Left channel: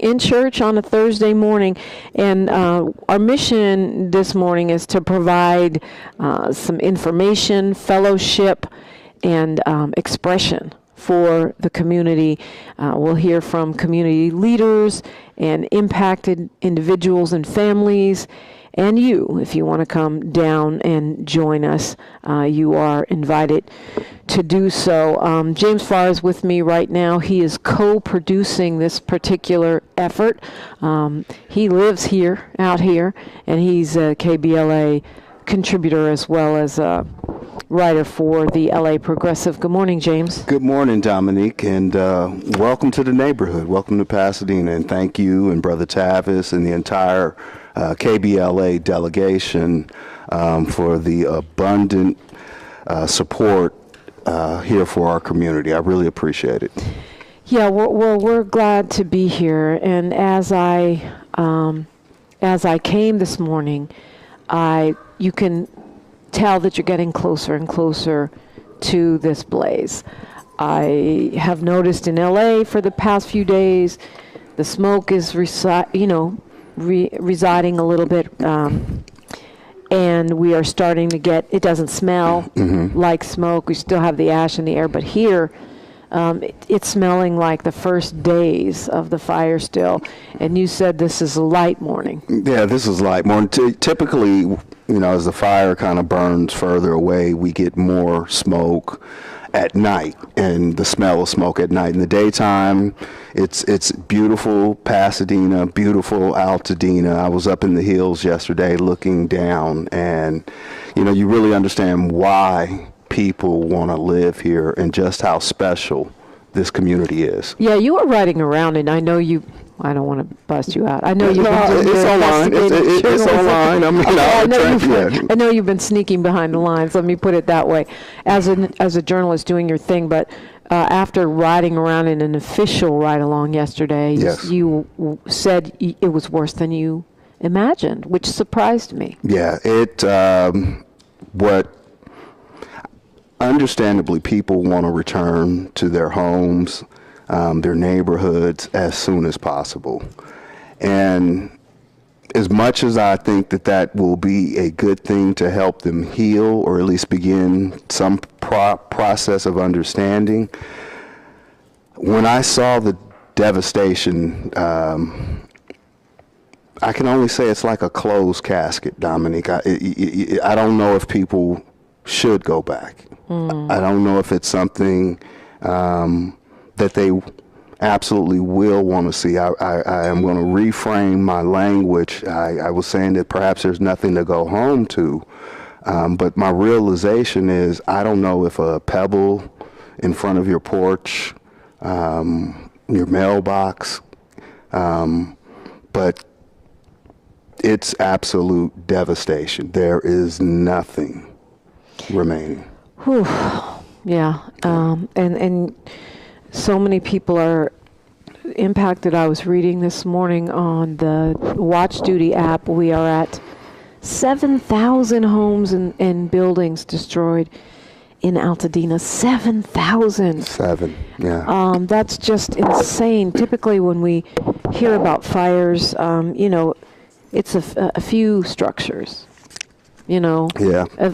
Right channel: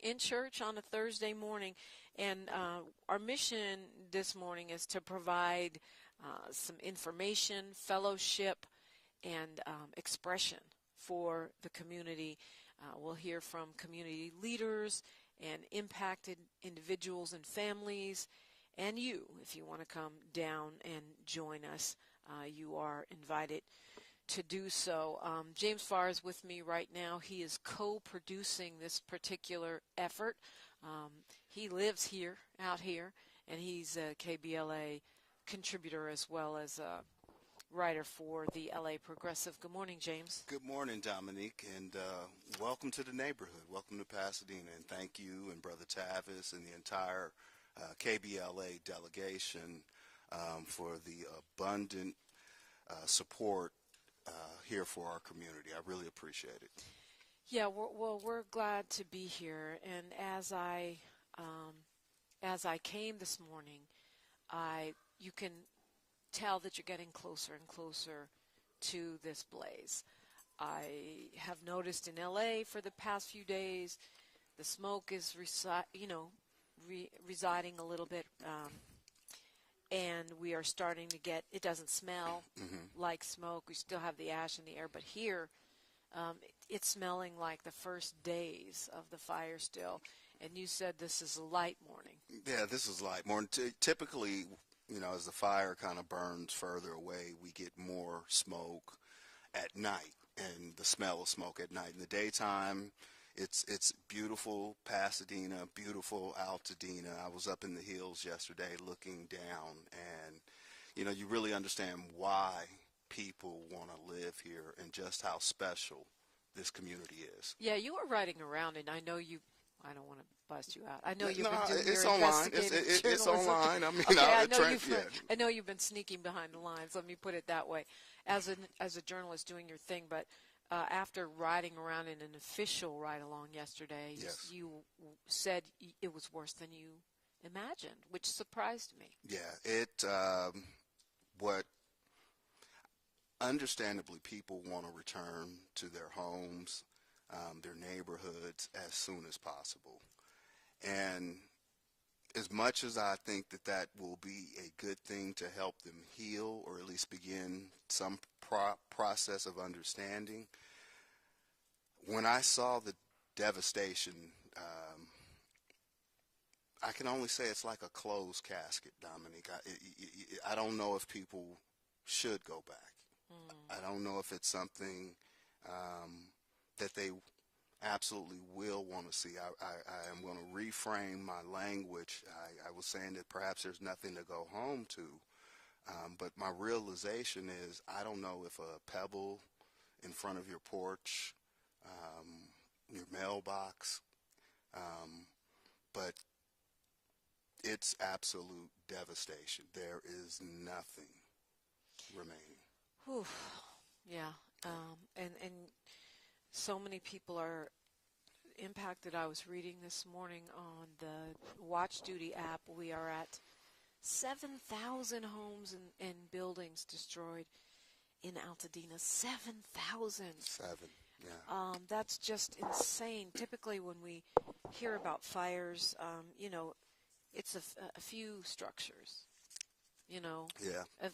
in church on a Thursday morning. And our mission this morning is to provide some information, fellowship, and expression for the community. We'll hear from community leaders and impacted individuals and families. And you, if you want to come down and join us, you are invited to do so. James Farr is with me right now. He is co-producing this particular effort. He lives out here, and he's a KBLA contributor as well as a writer for the LA Progressive. Good morning, James. Good morning, Dominique, and welcome to the neighborhood. Welcome to Pasadena, and thank you and Brother Tavis and the entire KBLA delegation for the abundant support here for our community. I really appreciate it. Yeah, we're glad to be here. And as I came this morning, you can tell that you're getting closer and closer to this blaze. I have noticed in LA for the past few days, the smoke is residing a little bit, and we are starting to get, it doesn't smell like smoke. We still have the ash in the air, but here it's smelling like the first days of the fire still. And you said this is a light morning. Yeah, this is light morning. Typically, as the fire kind of burns further away, we get more smoke at night, and the smell of smoke at night. In the daytime, it's beautiful Pasadena, beautiful Altadena. I was up in the hills yesterday looking down, and you really understand why people want to live here and just how special this community is. Yeah, you were riding around, and I know you. I don't want to bust you out. I know you've been doing it's online. It's online. I know you've been sneaking behind the lines. Let me put it that way. As a journalist doing your thing, but after riding around in an official ride-along yesterday, yes, you said it was worse than you imagined, which surprised me. Yeah, understandably, people want to return to their homes, their neighborhoods as soon as possible. And as much as I think that will be a good thing to help them heal, or at least begin some process of understanding, when I saw the devastation, I can only say it's like a closed casket, Dominique. I don't know if people should go back. I don't know if it's something that they absolutely will want to see. I am going to reframe my language. I was saying that perhaps there's nothing to go home to, but my realization is I don't know if a pebble in front of your porch, your mailbox, but it's absolute devastation. There is nothing remaining. Whew. Yeah, and so many people are impacted. I was reading this morning on the Watch Duty app. We are at 7,000 homes and buildings destroyed in Altadena. 7,000. Yeah. That's just insane. Typically when we hear about fires, it's a few structures. Yeah.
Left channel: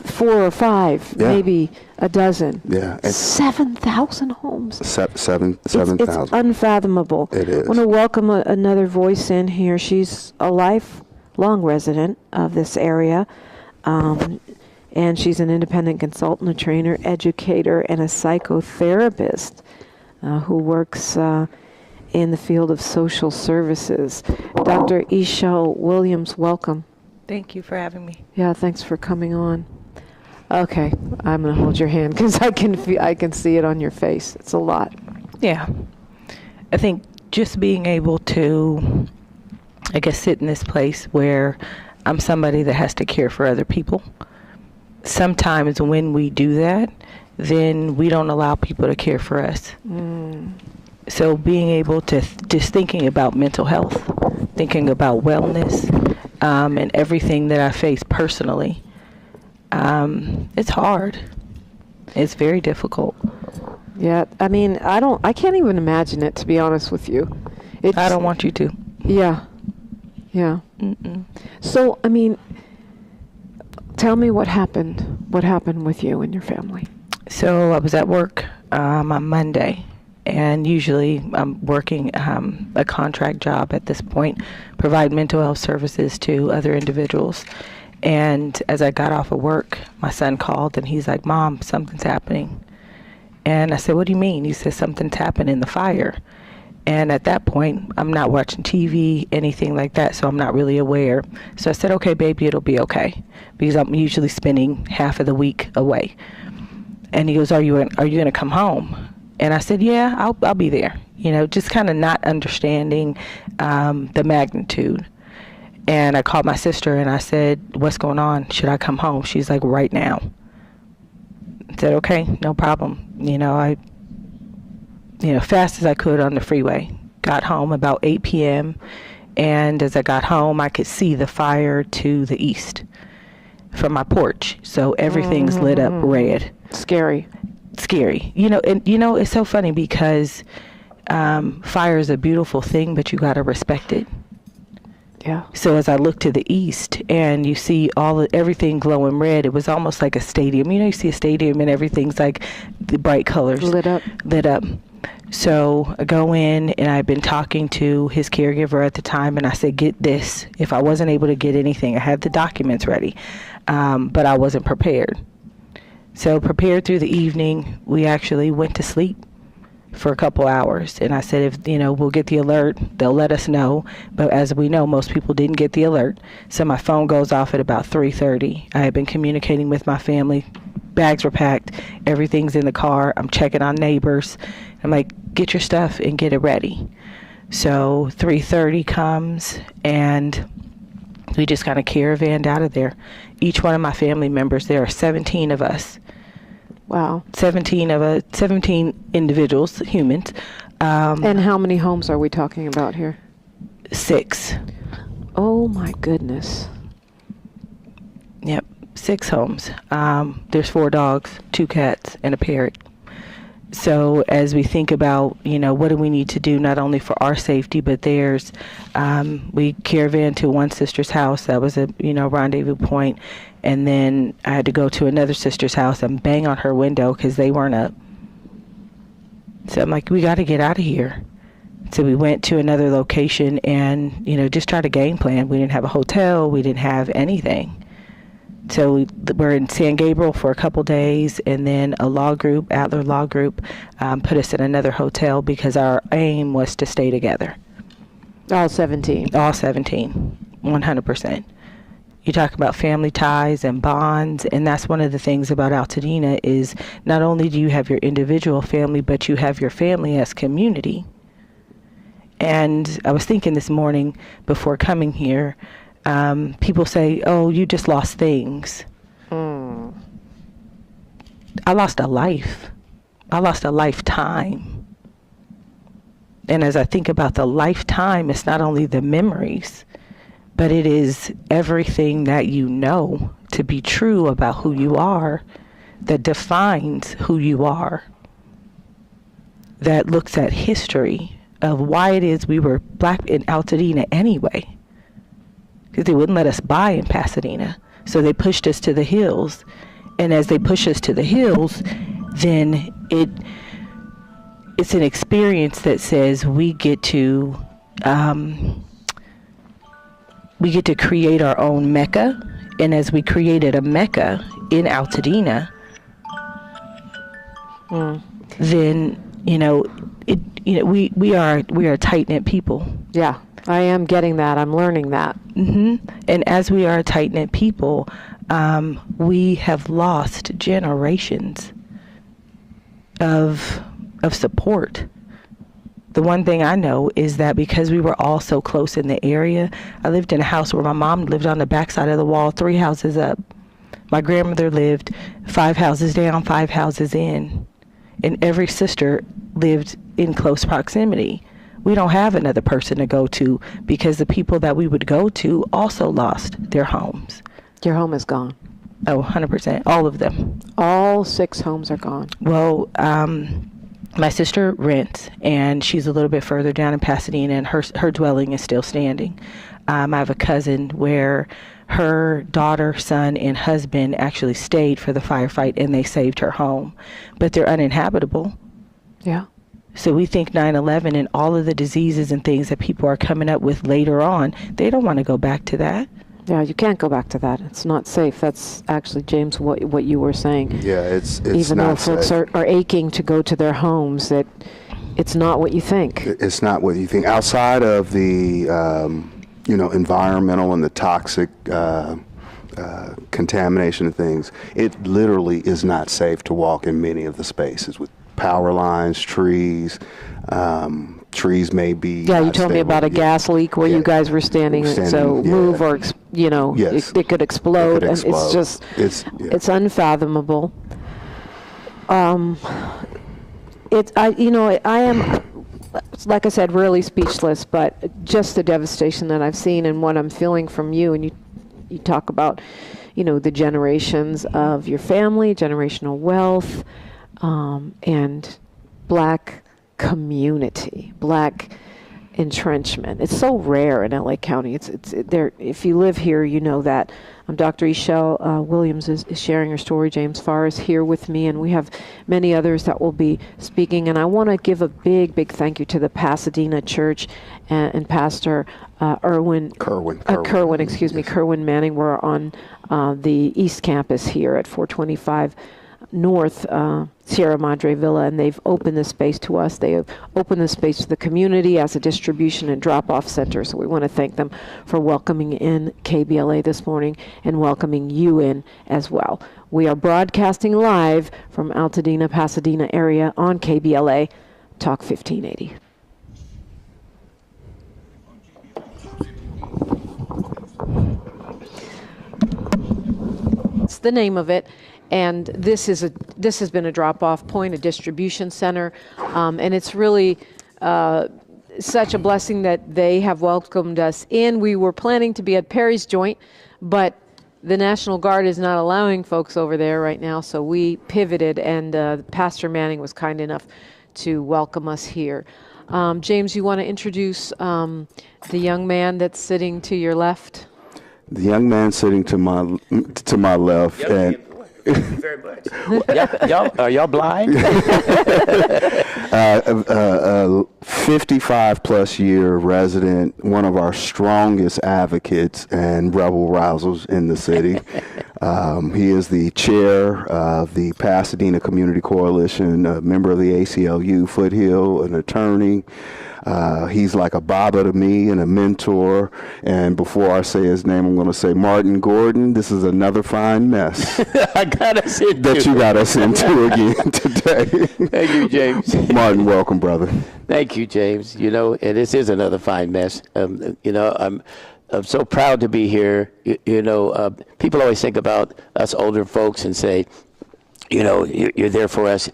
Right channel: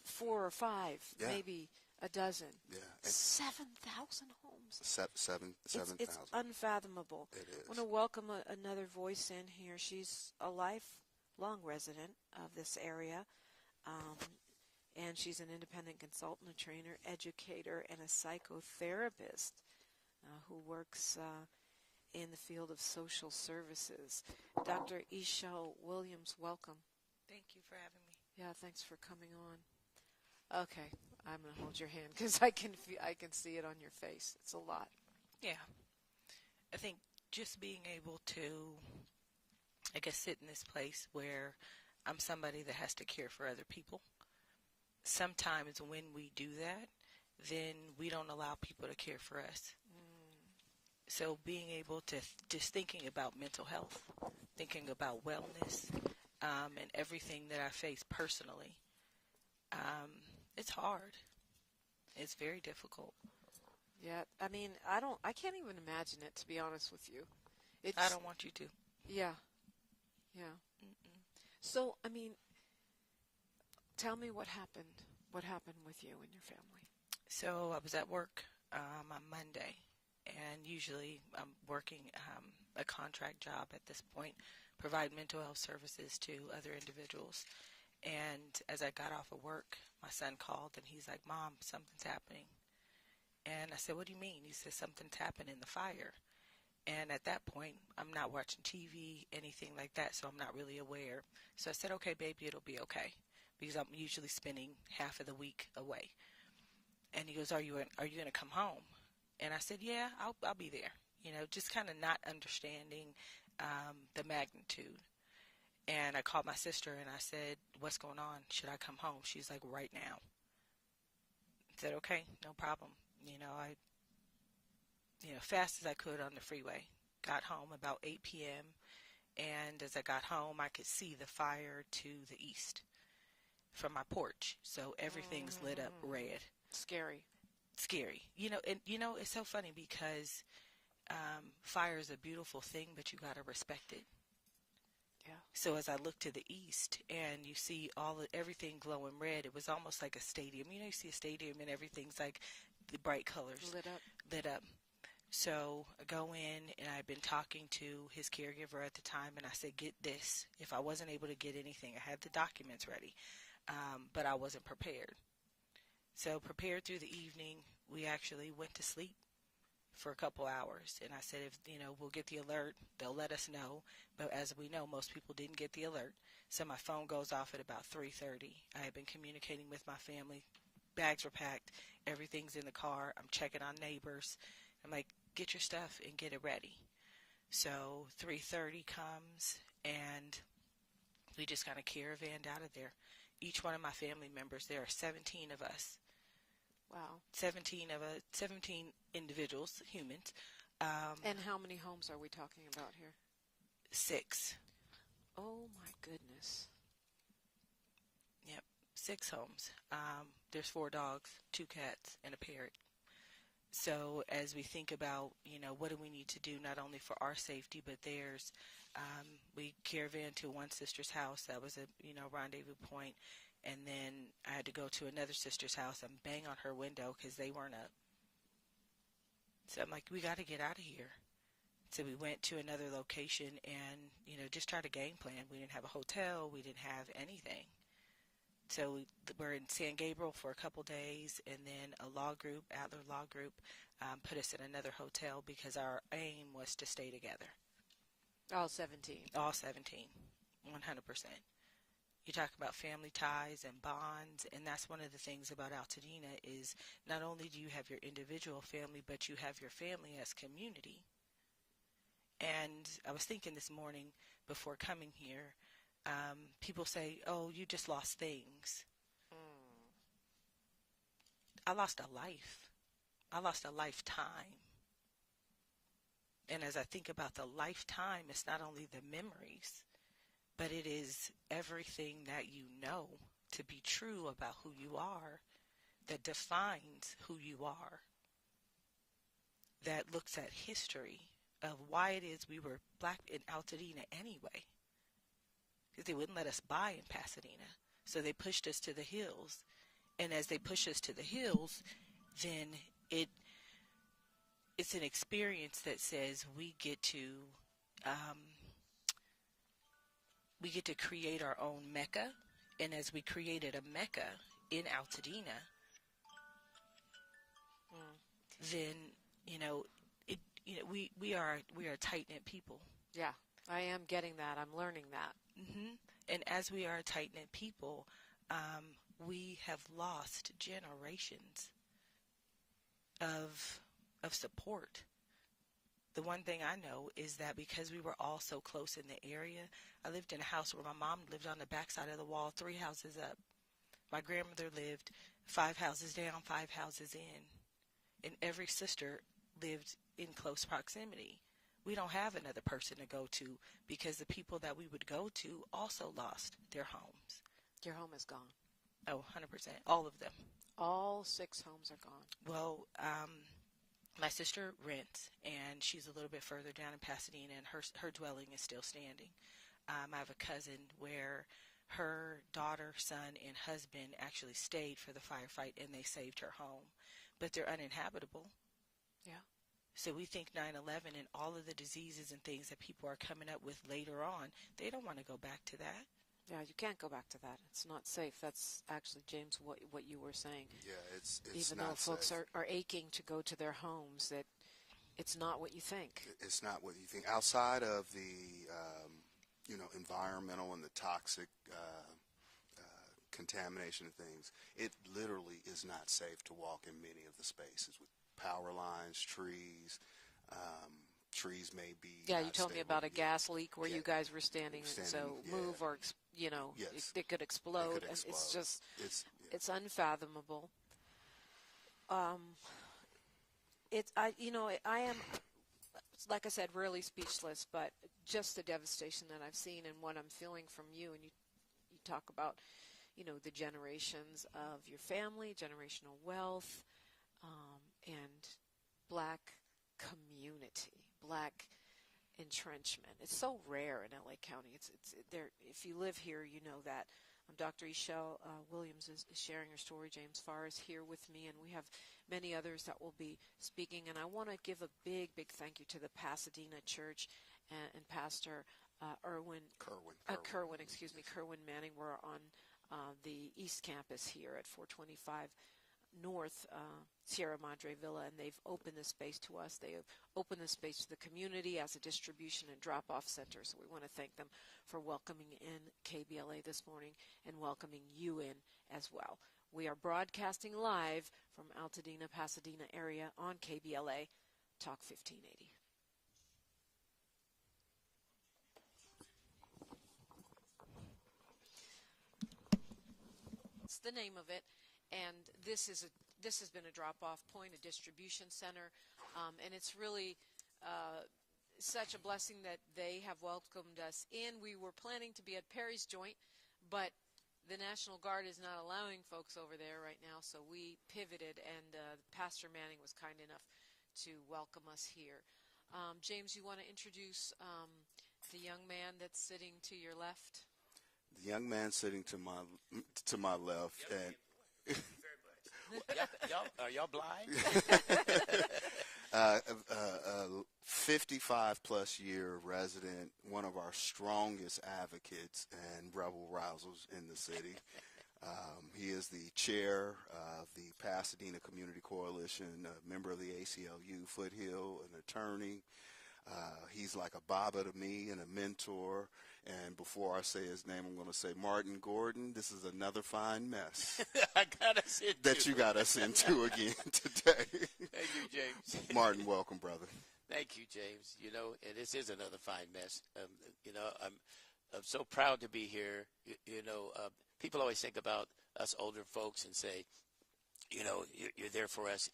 4 or 5, yeah, maybe a dozen. Yeah. 7,000 homes. 7,000. It's unfathomable. It is. I want to welcome another voice in here. She's a lifelong resident of this area, and she's an independent consultant, a trainer, educator, and a psychotherapist who works in the field of social services. Dr. Isha Williams, welcome. Thank you for having me. Yeah, thanks for coming on. Okay, I'm going to hold your hand because I can see it on your face. It's a lot. Yeah. I think just being able to, sit in this place where I'm somebody that has to care for other people. Sometimes when we do that, then we don't allow people to care for us. So being able to, just thinking about mental health, thinking about wellness, and everything that I face personally, it's hard. It's very difficult. Yeah, I can't even imagine it, to be honest with you. I don't want you to. Yeah. Yeah. Mm-mm. So, I mean, tell me what happened. What happened with you and your family? So I was at work on Monday, and usually I'm working a contract job at this point, provide mental health services to other individuals. And as I got off of work, my son called and he's like, "Mom, something's happening." And I said, "What do you mean?" He said, "Something's happened in the fire." And at that point, I'm not watching TV, anything like that, so I'm not really aware. So I said, "Okay, baby, it'll be okay," because I'm usually spending half of the week away. And he goes, Are you gonna come home?" And I said, "Yeah, I'll be there." You know, just kind of not understanding the magnitude. And I called my sister and I said, "What's going on? Should I come home?" She's like, "Right now." I said, "Okay, no problem." I fast as I could on the freeway. Got home about 8 p.m. And as I got home, I could see the fire to the east from my porch. So everything's lit up red. Scary. It's so funny because fire is a beautiful thing, but you got to respect it. Yeah. So as I look to the east and you see everything glowing red, it was almost like a stadium. You see a stadium and everything's like the bright colors. Lit up. So I go in and I've been talking to his caregiver at the time and I said, "Get this." If I wasn't able to get anything, I had the documents ready, but I wasn't prepared. So prepared through the evening, we actually went to sleep for a couple hours. And I said, if, we'll get the alert, they'll let us know. But as we know, most people didn't get the alert. So my phone goes off at about 3:30. I had been communicating with my family. Bags were packed. Everything's in the car. I'm checking on neighbors. I'm like, "Get your stuff and get it ready." So 3:30 comes and we just kind of caravanned out of there. Each one of my family members, there are 17 of us. Wow. 17 individuals, humans. And how many homes are we talking about here? 6. Oh my goodness. Yep, 6 homes. There's 4 dogs, 2 cats, and a parrot. So as we think about, what do we need to do not only for our safety, but theirs, we caravanned to one sister's house. That was a, rendezvous point. And then I had to go to another sister's house and bang on her window because they weren't up. So I'm like, we got to get out of here. So we went to another location and, just tried to game plan. We didn't have a hotel. We didn't have anything. So we're in San Gabriel for a couple days, and then a law group, Adler Law Group, put us in another hotel because our aim was to stay together. All 17. All 17, 100%. You talk about family ties and bonds, and that's one of the things about Altadena is not only do you have your individual family, but you have your family as community. And I was thinking this morning before coming here, people say, "Oh, you just lost things." I lost a life. I lost a lifetime. And as I think about the lifetime, it's not only the memories, but it is everything that you know to be true about who you are, that defines who you are, that looks at history of why it is we were black in Altadena anyway. Because they wouldn't let us buy in Pasadena. So they pushed us to the hills. And as they push us to the hills, then it's an experience that says we get to create our own Mecca. And as we created a Mecca in Altadena, then we are a tight-knit people. Yeah, I am getting that. I'm learning that. And as we are a tight-knit people, we have lost generations of support. The one thing I know is that because we were all so close in the area, I lived in a house where my mom lived on the backside of the wall, 3 houses up. My grandmother lived 5 houses down, 5 houses in. And every sister lived in close proximity. We don't have another person to go to because the people that we would go to also lost their homes. Your home is gone. Oh, 100%. All of them. All 6 homes are gone. Well, My sister rents, and she's a little bit further down in Pasadena, and her dwelling is still standing. I have a cousin where her daughter, son, and husband actually stayed for the firefight, and they saved her home. But they're uninhabitable. Yeah. So we think 9/11 and all of the diseases and things that people are coming up with later on, they don't want to go back to that. Yeah, you can't go back to that. It's not safe. That's actually, James, what you were saying. Yeah, it's even not though folks safe. are aching to go to their homes, that it's not what you think. It's not what you think. Outside of the environmental and the toxic contamination of things, it literally is not safe to walk in many of the spaces with power lines, trees. Trees may be. Yeah, you told me about a gas leak where you guys were standing, so move or, Yes. it could explode. It could And it's just, it's unfathomable. I am, like I said, really speechless, but just the devastation that I've seen and what I'm feeling from you, and you talk about, the generations of your family, generational wealth, and Black community, Black entrenchment. It's so rare in LA County. It's there. If you live here, you know that. Dr. Eshel Williams is sharing her story. James Farr is here with me, and we have many others that will be speaking. And I want to give a big thank you to the Pasadena Church and Pastor Kerwin Manning. We're on the East Campus here at 425 North Sierra Madre Villa, and they've opened this space to us. They have opened this space to the community as a distribution and drop-off center, so we want to thank them for welcoming in KBLA this morning and welcoming you in as well. We are broadcasting live from Altadena, Pasadena area on KBLA Talk 1580. It's the name of it. And this has been a drop-off point, a distribution center, and it's really such a blessing that they have welcomed us in. We were planning to be at Perry's Joint, but the National Guard is not allowing folks over there right now, so we pivoted, and Pastor Manning was kind enough to welcome us here. James, you want to introduce the young man that's sitting to your left? The young man sitting to my left, and Thank you very much. Are y'all blind? 55-plus year resident, one of our strongest advocates and rebel rousers in the city. He is the chair of the Pasadena Community Coalition, a member of the ACLU, Foothill, an attorney. He's like a Baba to me and a mentor. And before I say his name, I'm going to say Martin Gordon. This is another fine mess that you got us into again today. Thank you, James. Martin, welcome, brother. Thank you, James. And this is another fine mess. I'm so proud to be here. People always think about us older folks and say, you're there for us.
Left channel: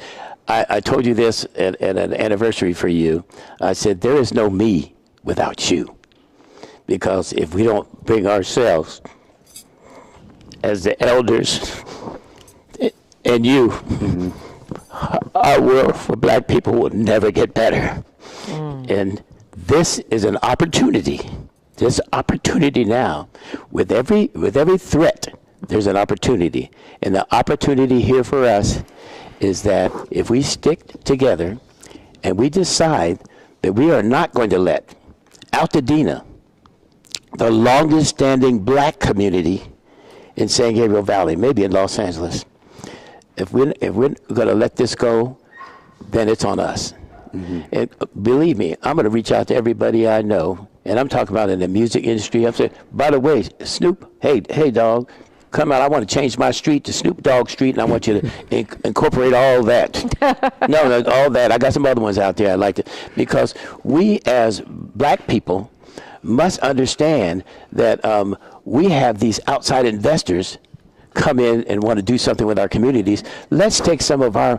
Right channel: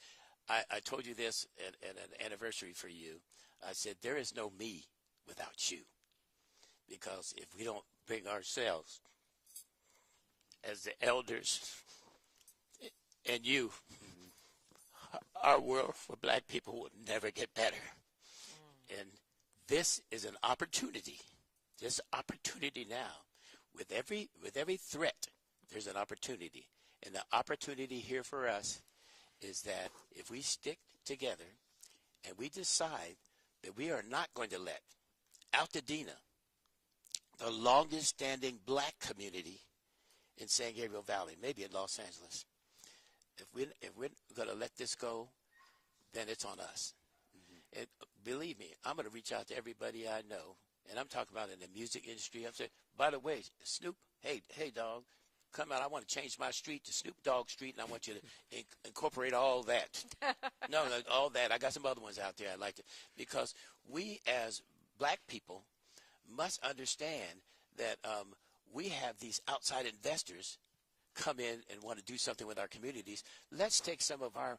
I told you this at an anniversary for you. I said, there is no me without you. Because if we don't bring ourselves as the elders and you, our world for Black people will never get better. And this is an opportunity. This opportunity now, with every threat, there's an opportunity. And the opportunity here for us is that if we stick together and we decide that we are not going to let Altadena, the longest standing Black community in San Gabriel Valley, maybe in Los Angeles, if we're going to let this go, then it's on us. And believe me, I'm going to reach out to everybody I know, and I'm talking about in the music industry. I'm saying, by the way, Snoop, hey dog, come out. I want to change my street to Snoop Dogg Street, and I want you to incorporate all that. No, all that. I got some other ones out there I'd like to, because we as Black people must understand that we have these outside investors come in and want to do something with our communities. Let's take some of our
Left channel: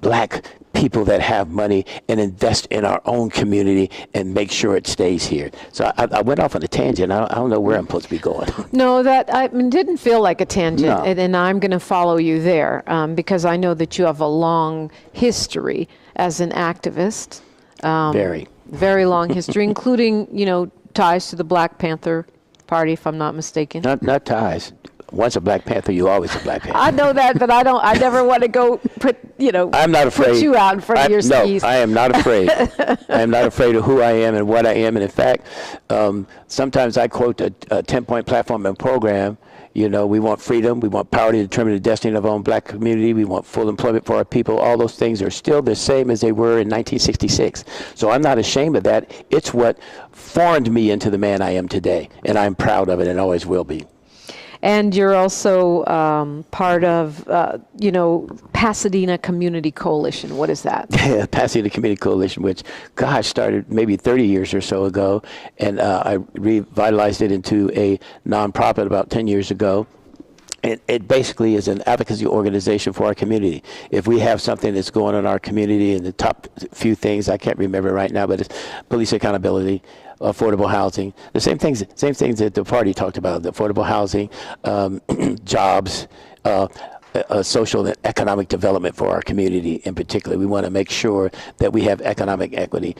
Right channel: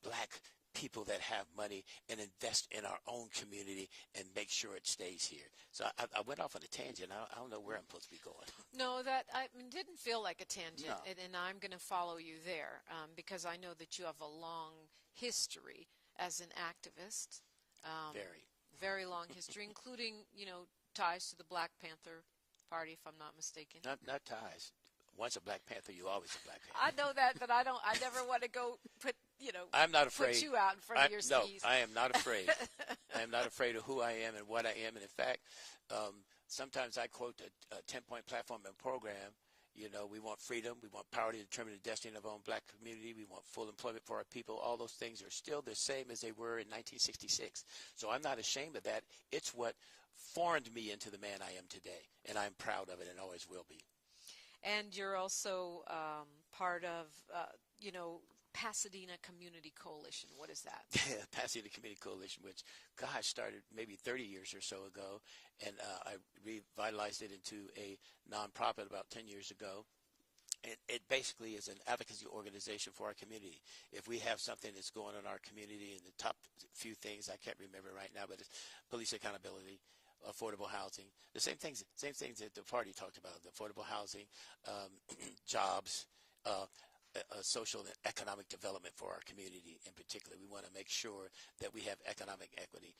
Black people that have money and invest in our own community and make sure it stays here. So I went off on a tangent. I don't know where I'm supposed to be going. No, that didn't feel like a tangent, No. and I'm going to follow you there because I know that you have a long history as an activist. Very long history, including, ties to the Black Panther Party, if I'm not mistaken. Not ties. Once a Black Panther, you always a Black Panther. I know that, but I never want to go I'm not afraid. Put you out in front of your skis. No, I am not afraid. I am not afraid of who I am and what I am. And in fact, sometimes I quote a 10-point platform and program. We want freedom. We want power to determine the destiny of our own Black community. We want full employment for our people. All those things are still the same as they were in 1966. So I'm not ashamed of that. It's what formed me into the man I am today. And I'm proud of it and always will be. And you're also part of, Pasadena Community Coalition. What is that? Yeah, Pasadena Community Coalition, which, started maybe 30 years or so ago. And I revitalized it into a nonprofit about 10 years ago. It basically is an advocacy organization for our community. If we have something that's going on in our community, and the top few things, I can't remember right now, but it's police accountability, affordable housing, the same things that the party talked about, the affordable housing, jobs, social and economic development for our community in particular. We want to make sure that we have economic equity.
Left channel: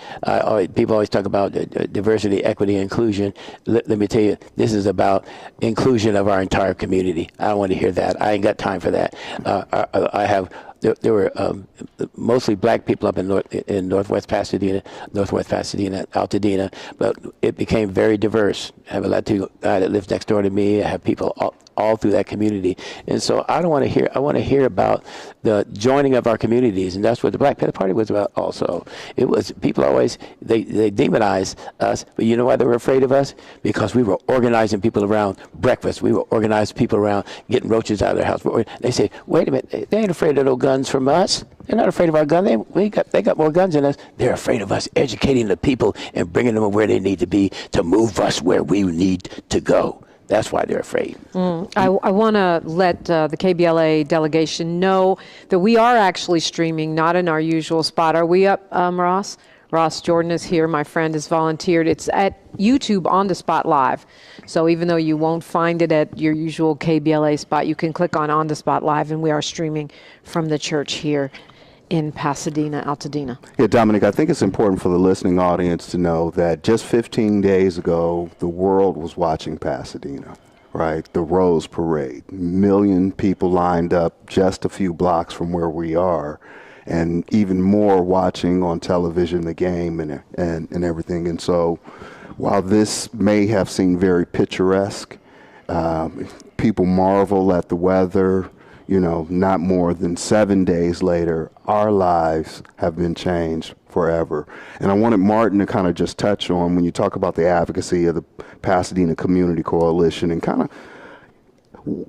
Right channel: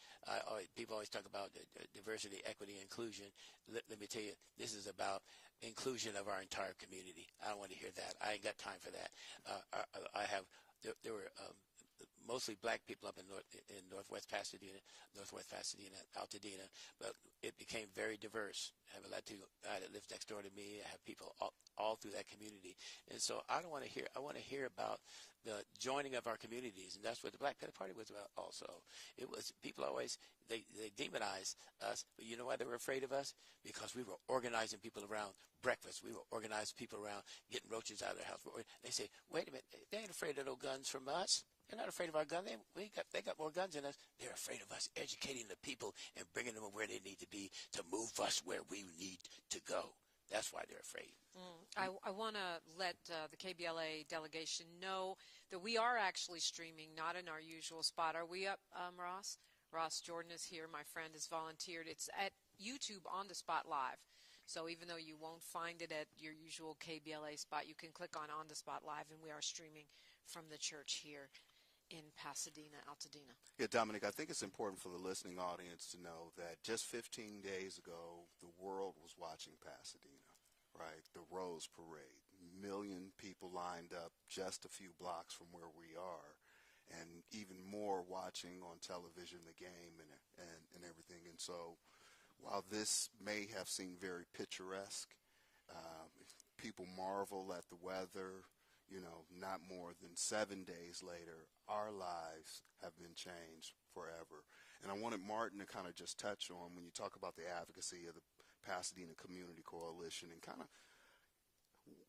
People always talk about diversity, equity, and inclusion. Let me tell you, this is about inclusion of our entire community. I don't want to hear that. I ain't got time for that. There were mostly Black people up in Northwest Pasadena, Altadena, but it became very diverse. I have a Latino guy that lives next door to me. I have people all through that community. And so I want to hear about the joining of our communities, and that's what the Black Panther Party was about also. It was, people always, they demonize us, but you know why they were afraid of us? Because we were organizing people around breakfast. We were organizing people around getting roaches out of their house. They say, wait a minute, they ain't afraid of no guns from us. They're not afraid of our gun. They got more guns than us. They're afraid of us educating the people and bringing them where they need to be to move us where we need to go. That's why they're afraid. I want to let the KBLA delegation know that we are actually streaming, not in our usual spot. Are we up, Ross? Ross Jordan is here. My friend has volunteered. It's at YouTube On the Spot Live. So even though you won't find it at your usual KBLA spot, you can click on the Spot Live, and we are streaming from the church here in Pasadena, Altadena. Yeah, Dominique, I think it's important for the listening audience to know that just 15 days ago, the world was watching Pasadena, right? The Rose Parade. 1 million people lined up just a few blocks from where we are, and even more watching on television the game and everything. And so while this may have seemed very picturesque, people marvel at the weather. Not more than 7 days later, our lives have been changed forever. And I wanted Martin to kind of just touch on, when you talk about the advocacy of the Pasadena Community Coalition, and kind of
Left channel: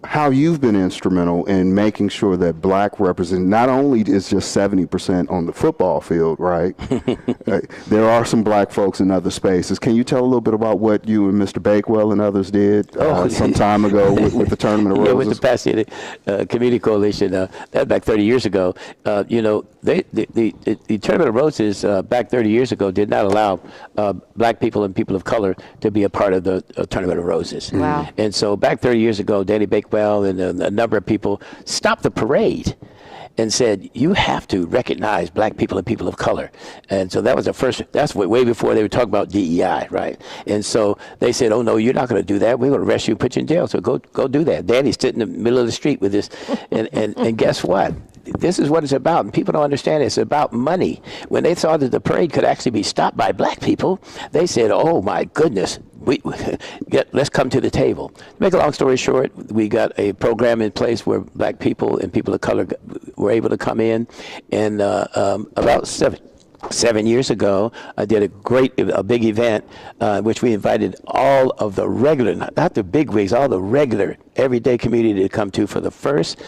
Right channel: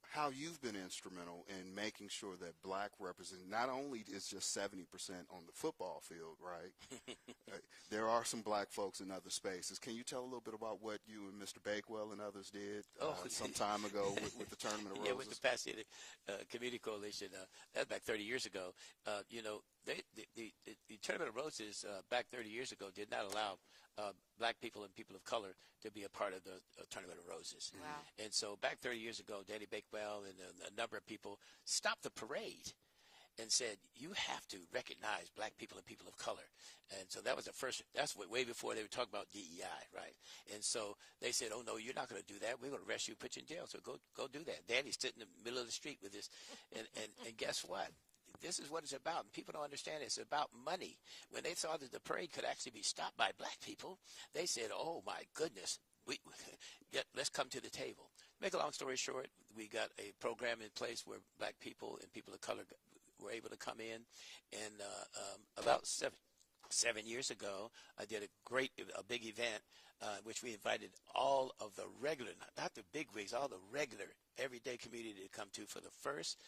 how you've been instrumental in making sure that Black represent, not only is just 70% on the football field, right? There are some Black folks in other spaces. Can you tell a little bit about what you and Mr. Bakewell and others did some time ago with the Tournament of Roses? Yeah, with the Pasadena Community Coalition, that was back 30 years ago. The Tournament of Roses back 30 years ago did not allow Black people and people of color to be a part of the Tournament of Roses. Wow. And so back 30 years ago, Danny Bakewell and a number of people stopped the parade and said, you have to recognize Black people and people of color. And so that was the first, that's way before they were talking about DEI, right? And so they said, oh no, you're not going to do that. We're going to arrest you and put you in jail. So go do that. Danny stood in the middle of the street with this. And guess what? This is what it's about, and people don't understand it. It's about money. When they saw that the parade could actually be stopped by Black people, they said, oh my goodness, let's come to the table. To make a long story short, we got a program in place where Black people and people of color were able to come in, and about 7 years ago, I did a big event in which we invited all of the regular, not the big wigs, all the regular everyday community to come to for the first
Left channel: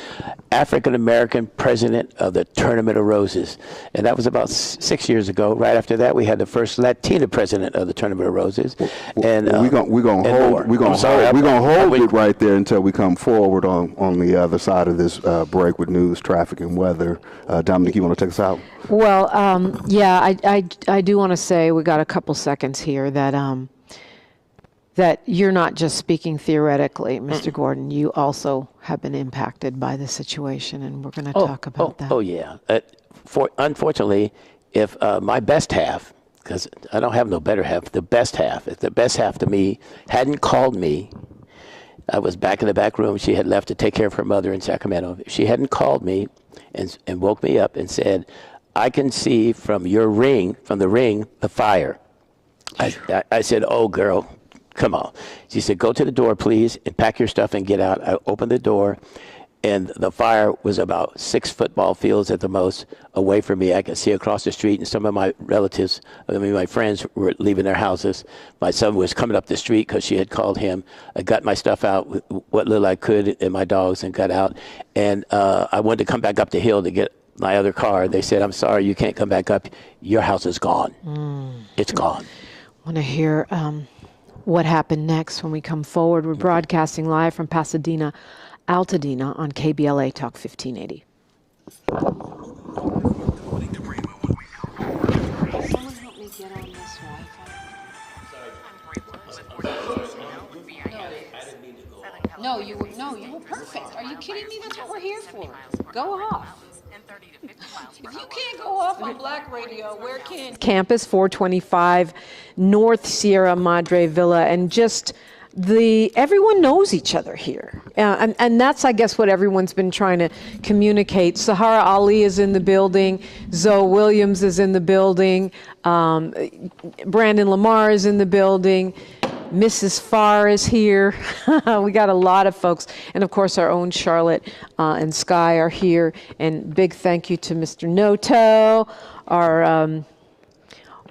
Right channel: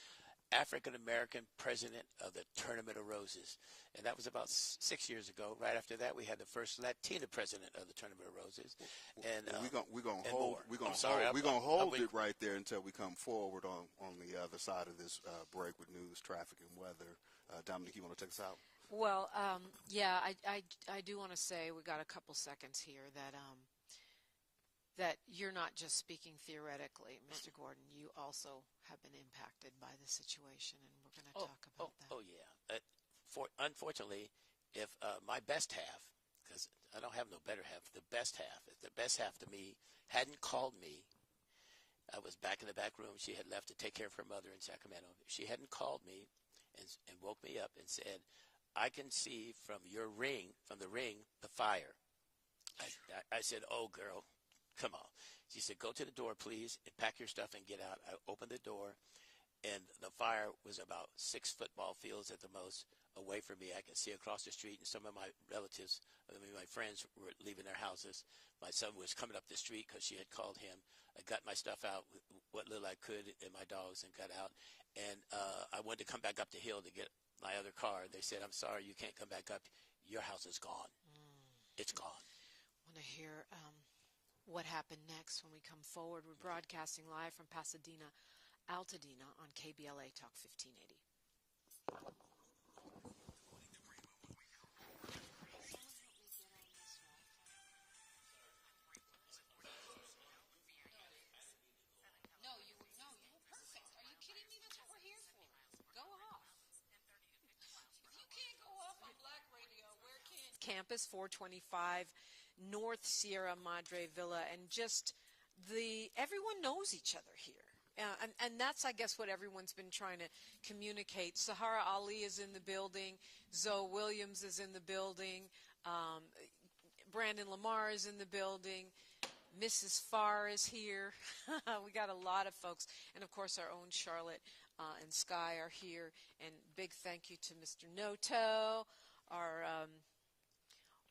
African-American president of the Tournament of Roses. And that was about 6 years ago. Right after that, we had the first Latina president of the Tournament of Roses. And we're gonna hold it right there until we come forward on the other side of this break with news, traffic, and weather. Dominique, you want to take us out? Well, yeah, I do want to say, we got a couple seconds here, that you're not just speaking theoretically, Mr. Gordon. You also have been impacted by the situation, and we're going to talk about that. Oh, yeah. Unfortunately, if my best half, because I don't have no better half, the best half, if the best half to me hadn't called me, I was back in the back room. She had left to take care of her mother in Sacramento. If she hadn't called me and woke me up and said, I can see from your ring, from the ring, the fire. I said, oh, girl, come on. She said, go to the door, please, and pack your stuff and get out. I opened the door, and the fire was about 6 football fields at the most away from me. I could see across the street, and some of my relatives, my friends were leaving their houses. My son was coming up the street because she had called him. I got my stuff out, with what little I could, and my dogs, and got out. And I wanted to come back up the hill to get my other car. They said, I'm sorry, you can't come back up. Your house is gone. It's gone. I want to hear what happened next when we come forward. We're broadcasting live from Pasadena, Altadena on KBLA Talk 1580. Someone help me get on this Wi-Fi. No, you were perfect. Are you kidding me? That's what we're here for. Go off. If you can't go off on Black Radio, where can? Campus 425 North Sierra Madre Villa, and just everyone knows each other here. And that's, I guess, what everyone's been trying to communicate. Sahara Ali is in the building. Zoe Williams is in the building. Brandon Lamar is in the building. Mrs. Farr is here. We got a lot of folks. And of course, our own Charlotte and Sky are here. And big thank you to Mr. Noto, our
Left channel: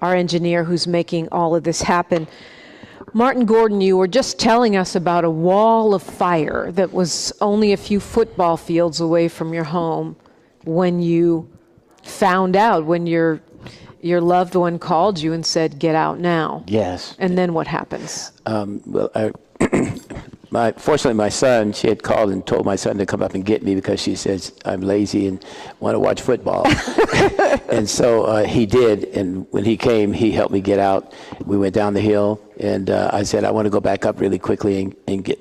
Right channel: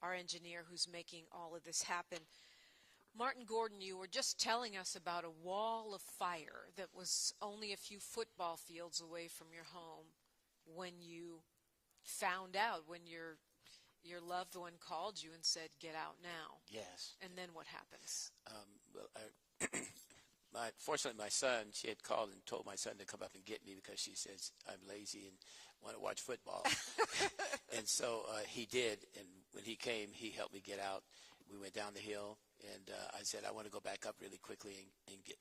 engineer who's making all of this happen. Martin Gordon, you were just telling us about a wall of fire that was only a few football fields away from your home when you found out, when your loved one called you and said, get out now. Yes. And then what happens? Fortunately, my son, she had called and told my son to come up and get me because she says I'm lazy and want to watch football. And so he did. And when he came, he helped me get out. We went down the hill, and I said, I want to go back up really quickly and get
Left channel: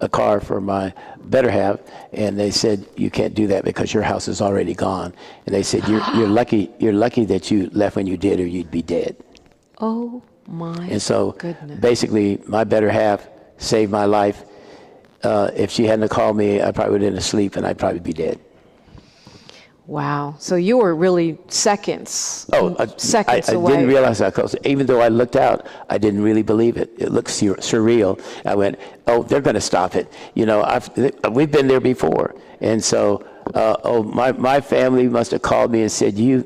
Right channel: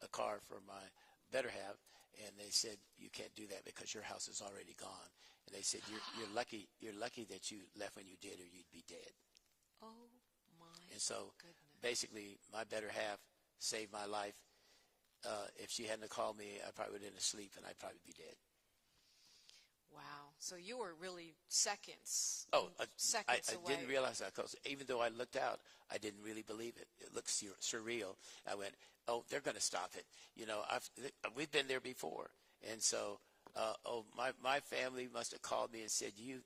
a car for my better half. And they said, you can't do that because your house is already gone. And they said, you're lucky that you left when you did, or you'd be dead. Oh my And so goodness. basically, my better half saved my life. If she hadn't called me, I probably would have been asleep, and I'd probably be dead. Wow. So you were really seconds away. I didn't realize that close. Even though I looked out, I didn't really believe it. It looked surreal. I went, oh, they're going to stop it. We've been there before. And so, my family must have called me and said, you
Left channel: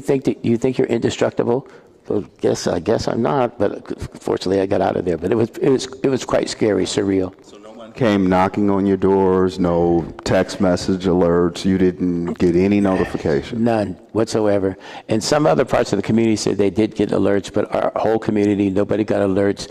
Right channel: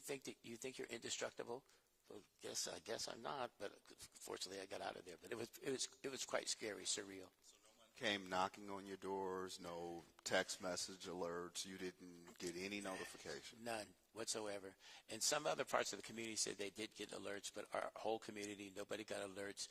think you're indestructible? Well, I guess I'm not, but fortunately I got out of there. But it was quite scary, surreal. So no one came knocking on your doors, no text message alerts, you didn't get any notification? None whatsoever. And some other parts of the community said they did get alerts, but our whole community, nobody got alerts.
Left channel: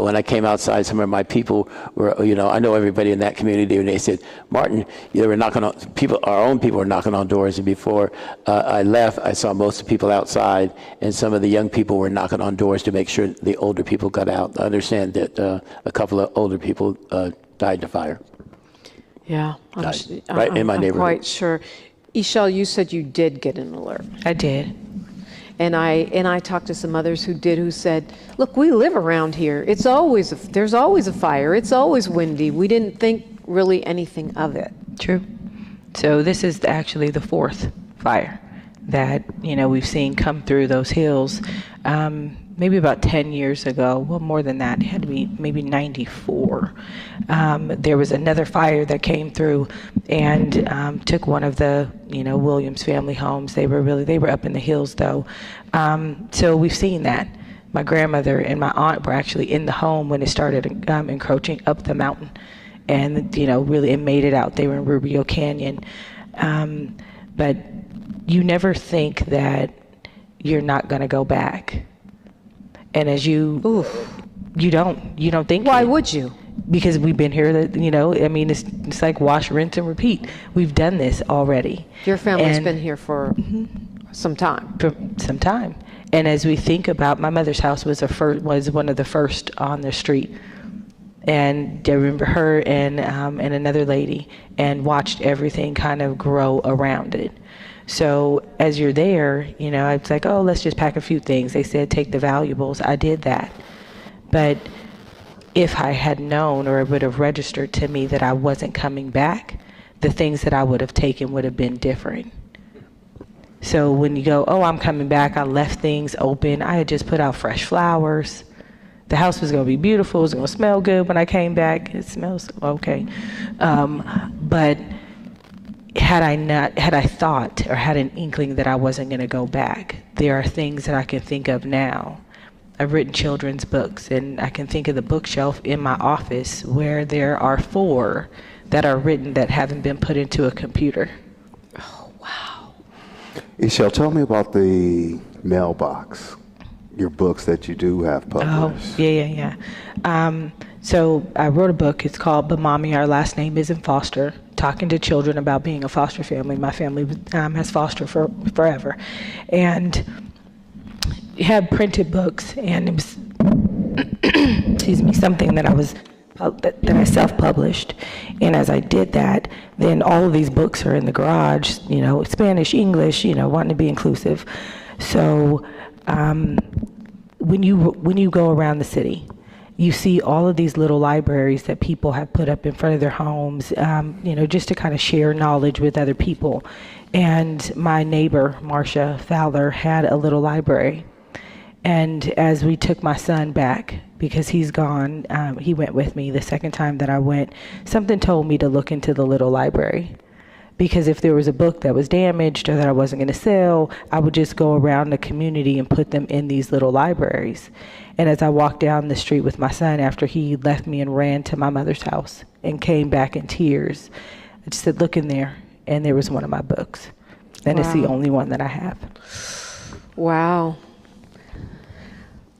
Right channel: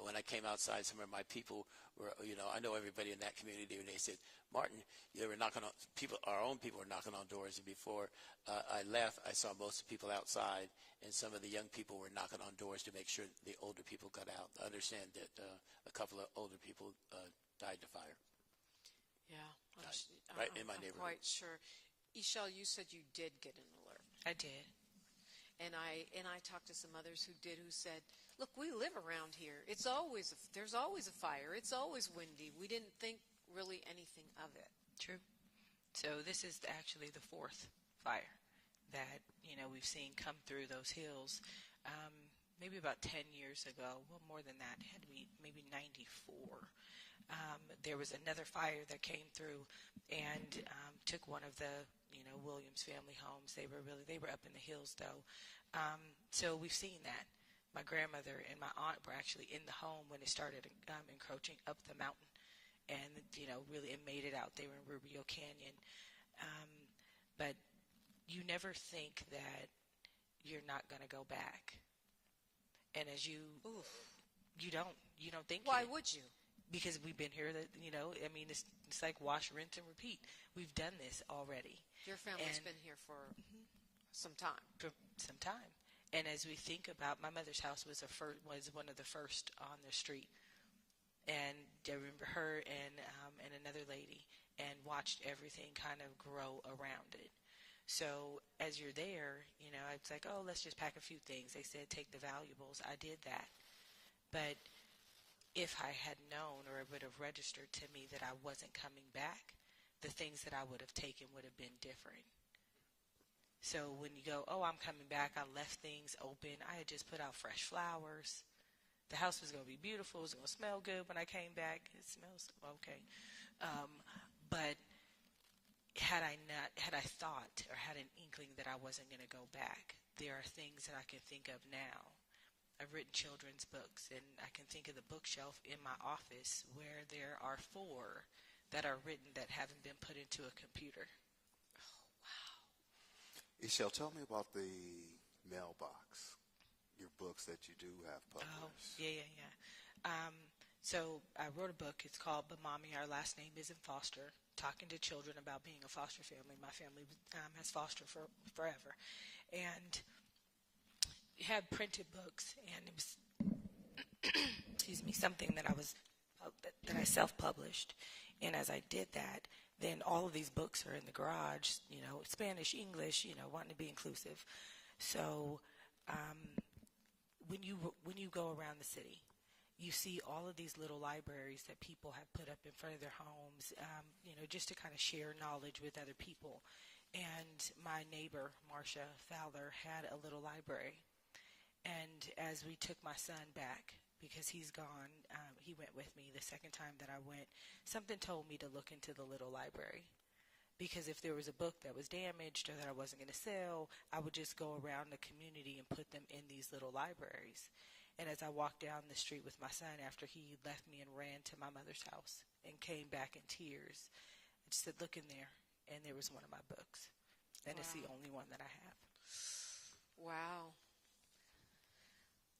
When I came outside, some of my people were, I know everybody in that community, and they said, Martin, they were knocking on, our own people were knocking on doors, and before I left, I saw most of the people outside, and some of the young people were knocking on doors to make sure the older people got out. I understand that a couple of older people died in the fire. Yeah. Right in my neighborhood. I'm quite sure. Ishel, you said you did get an alert. I did. And I talked to some others who said, look, we live around here. There's always a fire. It's always windy. We didn't think really anything of it. True. So this is actually the 4th fire that, we've seen come through those hills. Maybe about 10 years ago, well, more than that, it had to be maybe 94. There was another fire that came through and took one of the, Williams family homes. They were up in the hills though. So we've seen that. My grandmother and my aunt were actually in the home when it started encroaching up the mountain, and, really it made it out. They were in Rubio Canyon. But you never think that you're not going to go back. And as you don't think. Why would you? Because we've been here, it's like wash, rinse, and repeat. We've done this already. Your family's been here for some time. For some time. And as we think about, my mother's house was one of the first on the street. And I remember her and another lady, and watched everything kind of grow around it. So as you're there, you know, it's like, oh, let's just pack a few things. They said take the valuables. I did that. But if I had known, or it would have registered to me that I wasn't coming back, the things that I would have taken would have been different. So when you go, oh, I'm coming back, I left things open. I had just put out fresh flowers. The house was going to be beautiful. It was going to smell good when I came back. It smells okay. But had I thought or had an inkling that I wasn't going to go back, there are things that I can think of now. I've written children's books, and I can think of the bookshelf in my office where there are 4 that are written that haven't been put into a computer. Oh, wow. Ishel, tell me about the mailbox, your books that you do have published. Oh, yeah. So I wrote a book. It's called But Mommy, Our Last Name Isn't Foster, talking to children about being a foster family. My family has fostered for forever. And had printed books, and it was excuse me, something that I self-published. And as I did that, then all of these books are in the garage, you know, Spanish, English, you know, wanting to be inclusive. So when you go around the city, you see all of these little libraries that people have put up in front of their homes, you know, just to kind of share knowledge with other people. And my neighbor, Marcia Fowler, had a little library. And as we took my son back, because he's gone, he went with me the second time that I went, something told me to look into the little library. Because if there was a book that was damaged or that I wasn't going to sell, I would just go around the community and put them in these little libraries. And as I walked down the street with my son after he left me and ran to my mother's house and came back in tears, I just said, look in there. And there was one of my books. And It's the only one that I have. Wow.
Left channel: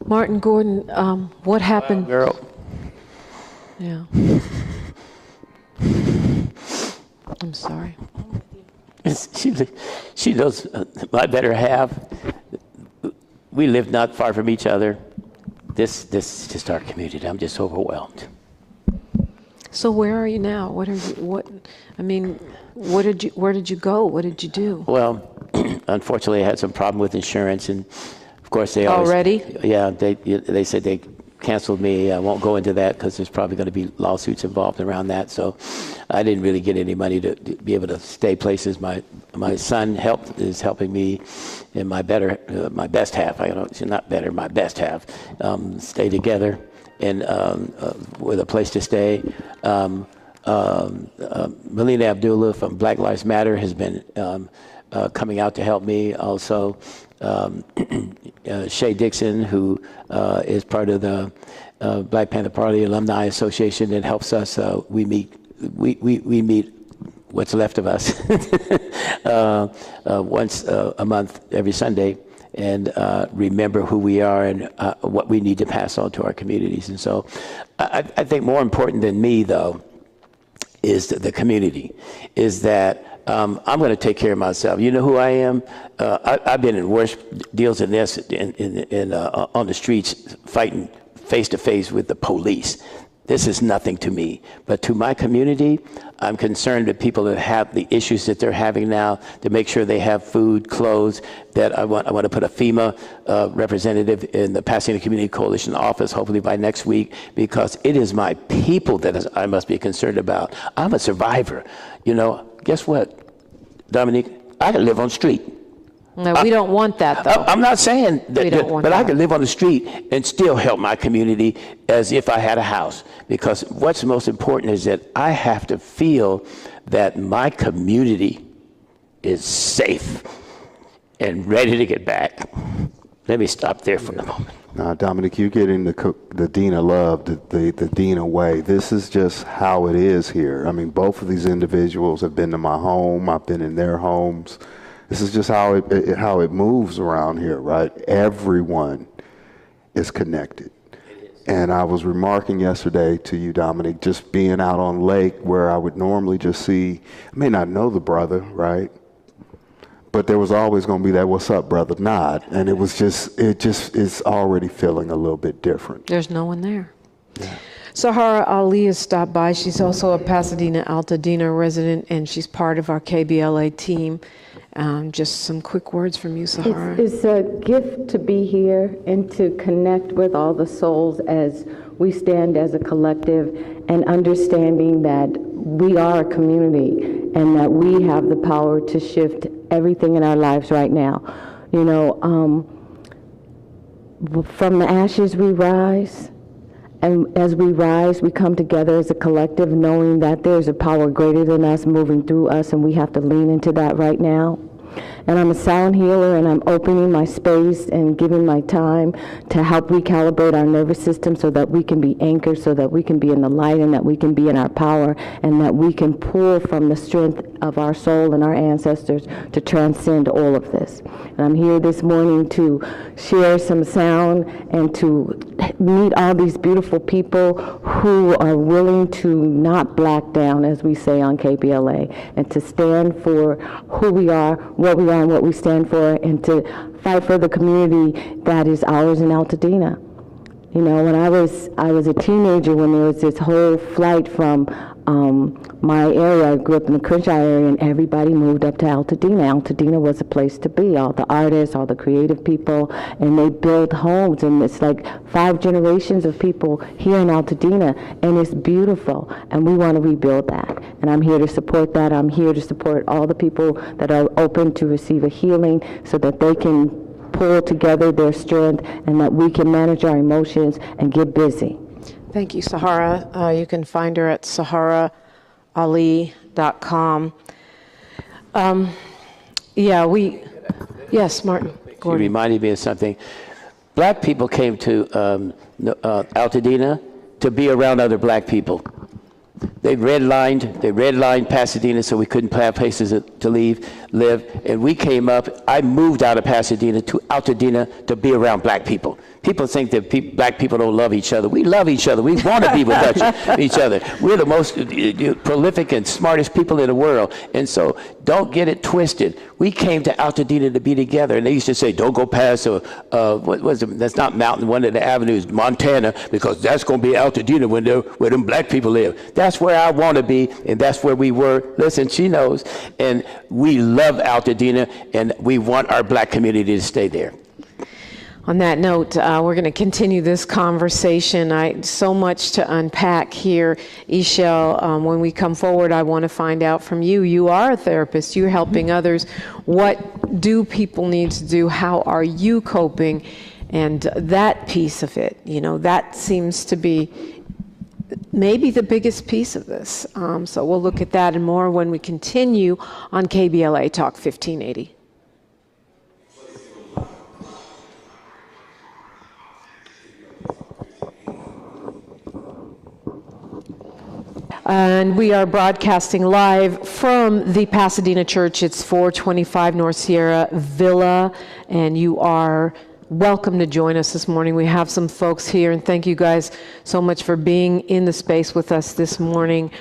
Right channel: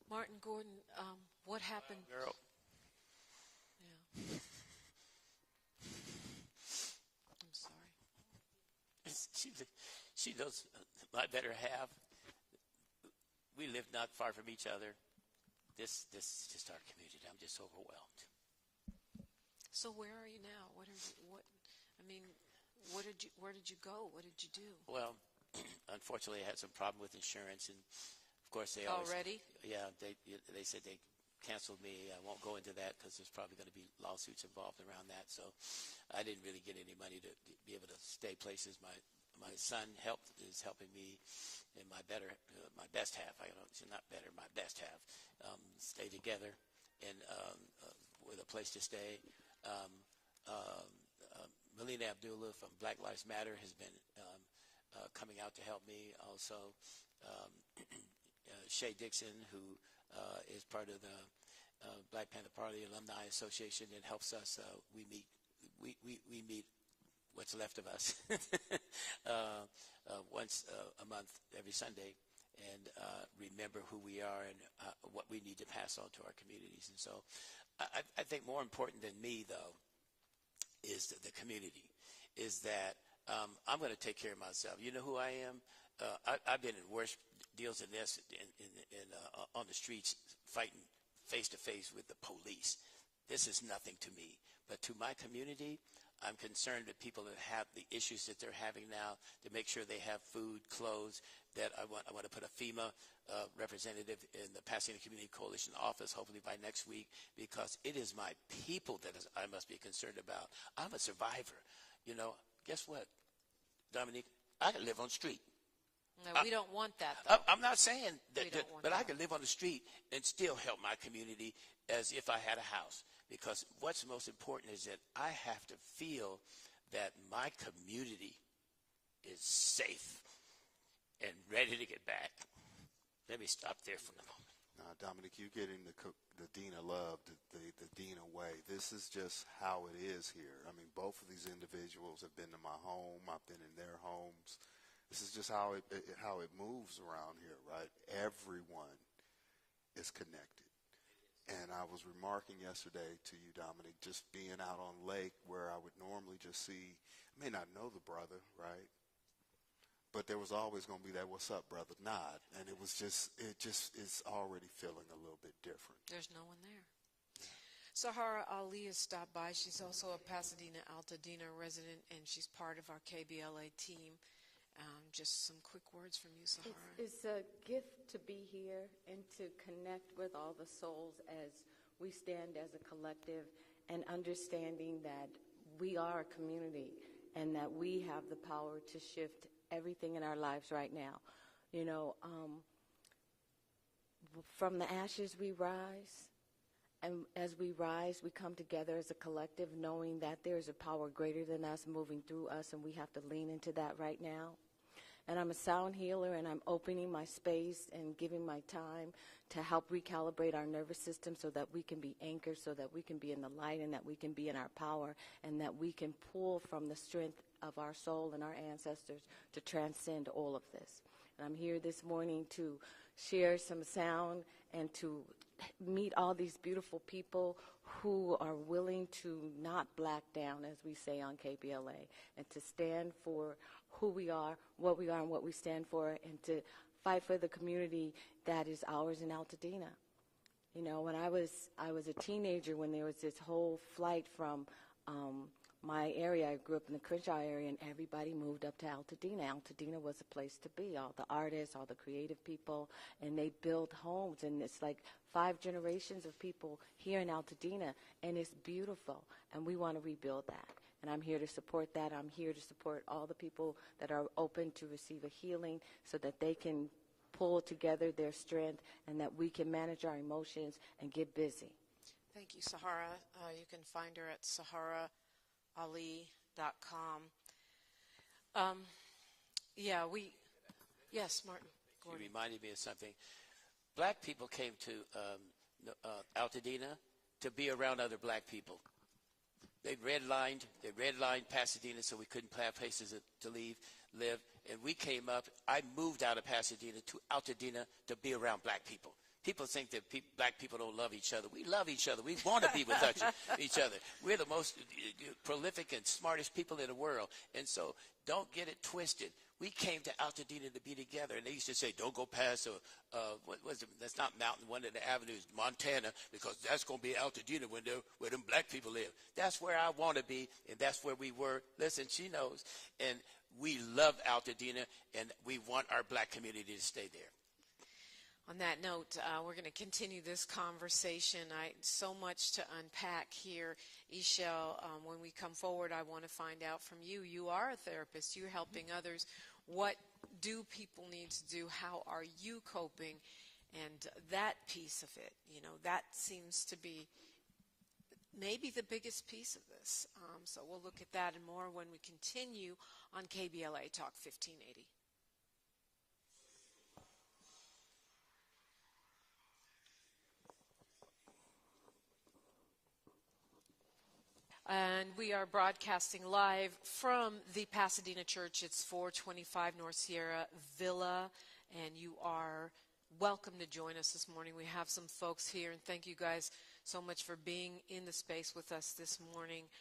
Martin Gordon, what happened? Wow, girl. Yeah. I'm sorry. She knows my better half. We live not far from each other. This is just our community. I'm just overwhelmed. So where are you now? Where did you go? What did you do? Well, unfortunately, I had some problem with insurance, and of course they always, already. Yeah, they said they canceled me. I won't go into that because there's probably going to be lawsuits involved around that. So I didn't really get any money to be able to stay places. My son is helping me in my best half. I don't know, she's not better, my best half. Stay together and with a place to stay. Melina Abdullah from Black Lives Matter has been coming out to help me. Also, Shay Dixon, who is part of the Black Panther Party Alumni Association, that helps us. We meet what's left of us once a month, every Sunday, and remember who we are and what we need to pass on to our communities. And so I think more important than me, though, is the community, is that I'm going to take care of myself. You know who I am? I've been in worse deals than this on the streets, fighting face-to-face with the police. This is nothing to me. But to my community, I'm concerned with people that have the issues that they're having now, to make sure they have food, clothes, that I want to put a FEMA representative in the Pasadena Community Coalition office, hopefully by next week, because it is my people that I must be concerned about. I'm a survivor. You know, guess what, Dominique? I can live on the street. No, we don't want that, though. I'm not saying that, but that. I could live on the street and still help my community as if I had a house. Because what's most important is that I have to feel that my community is safe and ready to get back. Let me stop there for a moment. Now, Dominique, you're getting the Dina love, the Dina way. This is just how it is here. I mean, both of these individuals have been to my home. I've been in their homes. This is just how it moves around here, right? Everyone is connected. And I was remarking yesterday to you, Dominique, just being out on lake where I would normally just see, I may not know the brother, right? But there was always going to be that "what's up, brother" nod, and it is already feeling a little bit different. There's no one there. Yeah. Sahara Ali has stopped by. She's also a Pasadena Altadena resident, and she's part of our KBLA team. Just some quick words from you, Sahara. It's a gift to be here and to connect with all the souls as we stand as a collective, and understanding that we are a community and that we have the power to shift everything in our lives right now. You know, from the ashes we rise, and as we rise, we come together as a collective, knowing that there's a power greater than us moving through us, and we have to lean into that right now. And I'm a sound healer, and I'm opening my space and giving my time to help recalibrate our nervous system so that we can be anchored, so that we can be in the light, and that we can be in our power, and that we can pull from the strength of our soul and our ancestors to transcend all of this. And I'm here this morning to share some sound and to meet all these beautiful people who are willing to not black down, as we say on KBLA, and to stand for who we are, what we are, and what we stand for, and to fight for the community that is ours in Altadena. You know, when I was a teenager, when there was this whole flight from my area, I grew up in the Crenshaw area, and everybody moved up to Altadena. Altadena was a place to be, all the artists, all the creative people, and they built homes, and it's like 5 generations of people here in Altadena, and it's beautiful, and we want to rebuild that. And I'm here to support that. I'm here to support all the people that are open to receive a healing so that they can pull together their strength and that we can manage our emotions and get busy. Thank you, Sahara. You can find her at saharali.com. Yes, Martin You Gordon. reminded me of something. Black people came to Altadena to be around other black people. They redlined Pasadena so we couldn't have places to live. And we came up, I moved out of Pasadena to Altadena to be around black people. People think that black people don't love each other. We love each other. We want to be with each other. We're the most prolific and smartest people in the world. And so don't get it twisted. We came to Altadena to be together. And they used to say, don't go past, what was it? That's not Mountain, one of the avenues, Montana, because that's going to be Altadena where them black people live. That's where I want to be, and that's where we were. Listen, she knows. And we love Altadena, and we want our black community to stay there. On that note, we're going to continue this conversation. So much to unpack here. Ishel, when we come forward, I want to find out from you. You are a therapist. You're helping others. What do people need to do? How are you coping? And that piece of it, you know, that seems to be maybe the biggest piece of this. So we'll look at that and more when we continue on KBLA Talk 1580. And we are broadcasting live from the Pasadena Church. It's 425 North Sierra Villa, and you are welcome to join us this morning. We have some folks here, and thank you guys so much for being in the space with us this morning.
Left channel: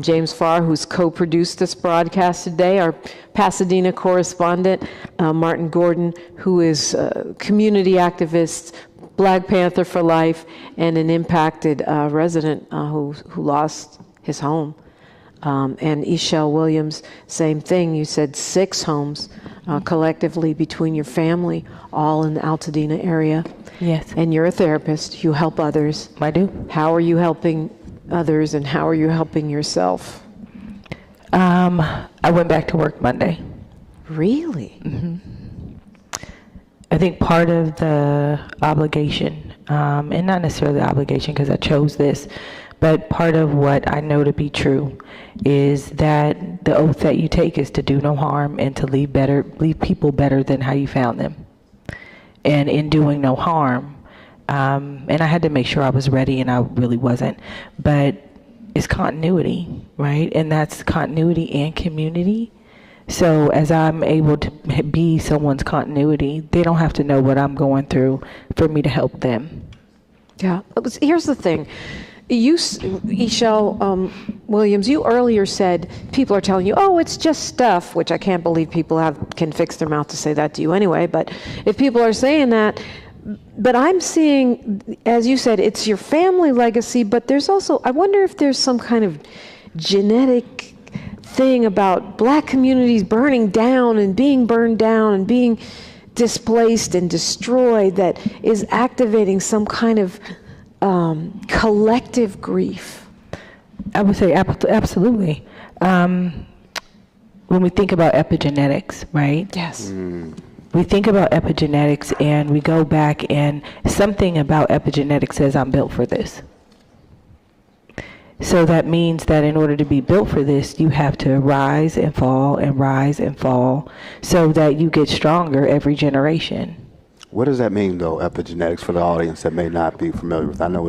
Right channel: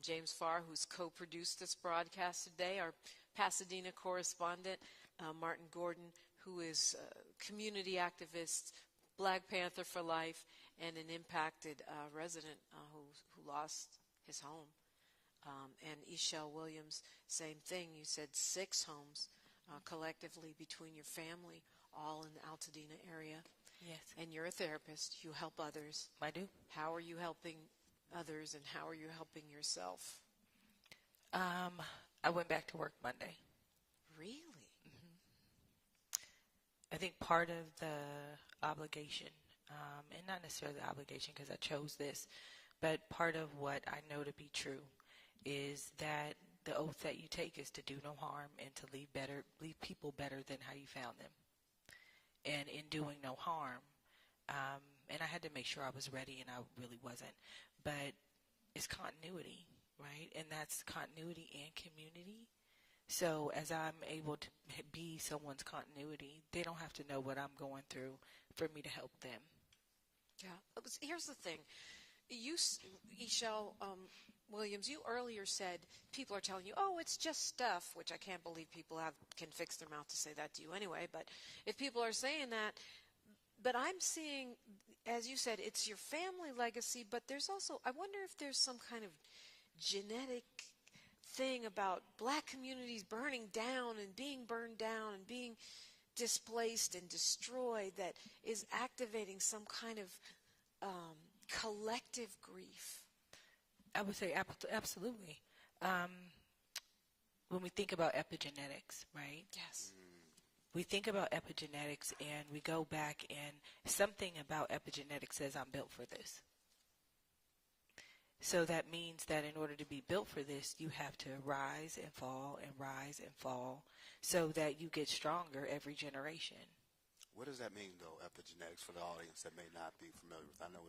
James Farr, who's co-produced this broadcast today, our Pasadena correspondent, Martin Gordon, who is a community activist, Black Panther for Life, and an impacted resident who lost his home. And Ishel Williams, same thing. You said 6 homes collectively between your family, all in the Altadena area. Yes. And you're a therapist. You help others. I do. How are you helping others, and how are you helping yourself? I went back to work Monday. Really? Mm-hmm. I think part of the obligation, and not necessarily the obligation because I chose this, but part of what I know to be true is that the oath that you take is to do no harm and to leave people better than how you found them. And in doing no harm, and I had to make sure I was ready, and I really wasn't, but it's continuity, right? And that's continuity and community. So as I'm able to be someone's continuity, they don't have to know what I'm going through for me to help them. Yeah. Here's the thing. You, Ishel Williams, you earlier said people are telling you, oh, it's just stuff, which I can't believe people can fix their mouth to say that to you anyway. But if people are saying that, but I'm seeing, as you said, it's your family legacy, but there's also, I wonder if there's some kind of genetic thing about black communities burning down and being burned down and being displaced and destroyed that is activating some kind of collective grief? I would say absolutely. When we think about epigenetics, right? Yes. We think about epigenetics and we go back, and something about epigenetics says I'm built for this. So that means that in order to be built for this, you have to rise and fall and rise and fall so that you get stronger every generation. What does that mean, though, epigenetics, for the audience that may not be familiar with? I know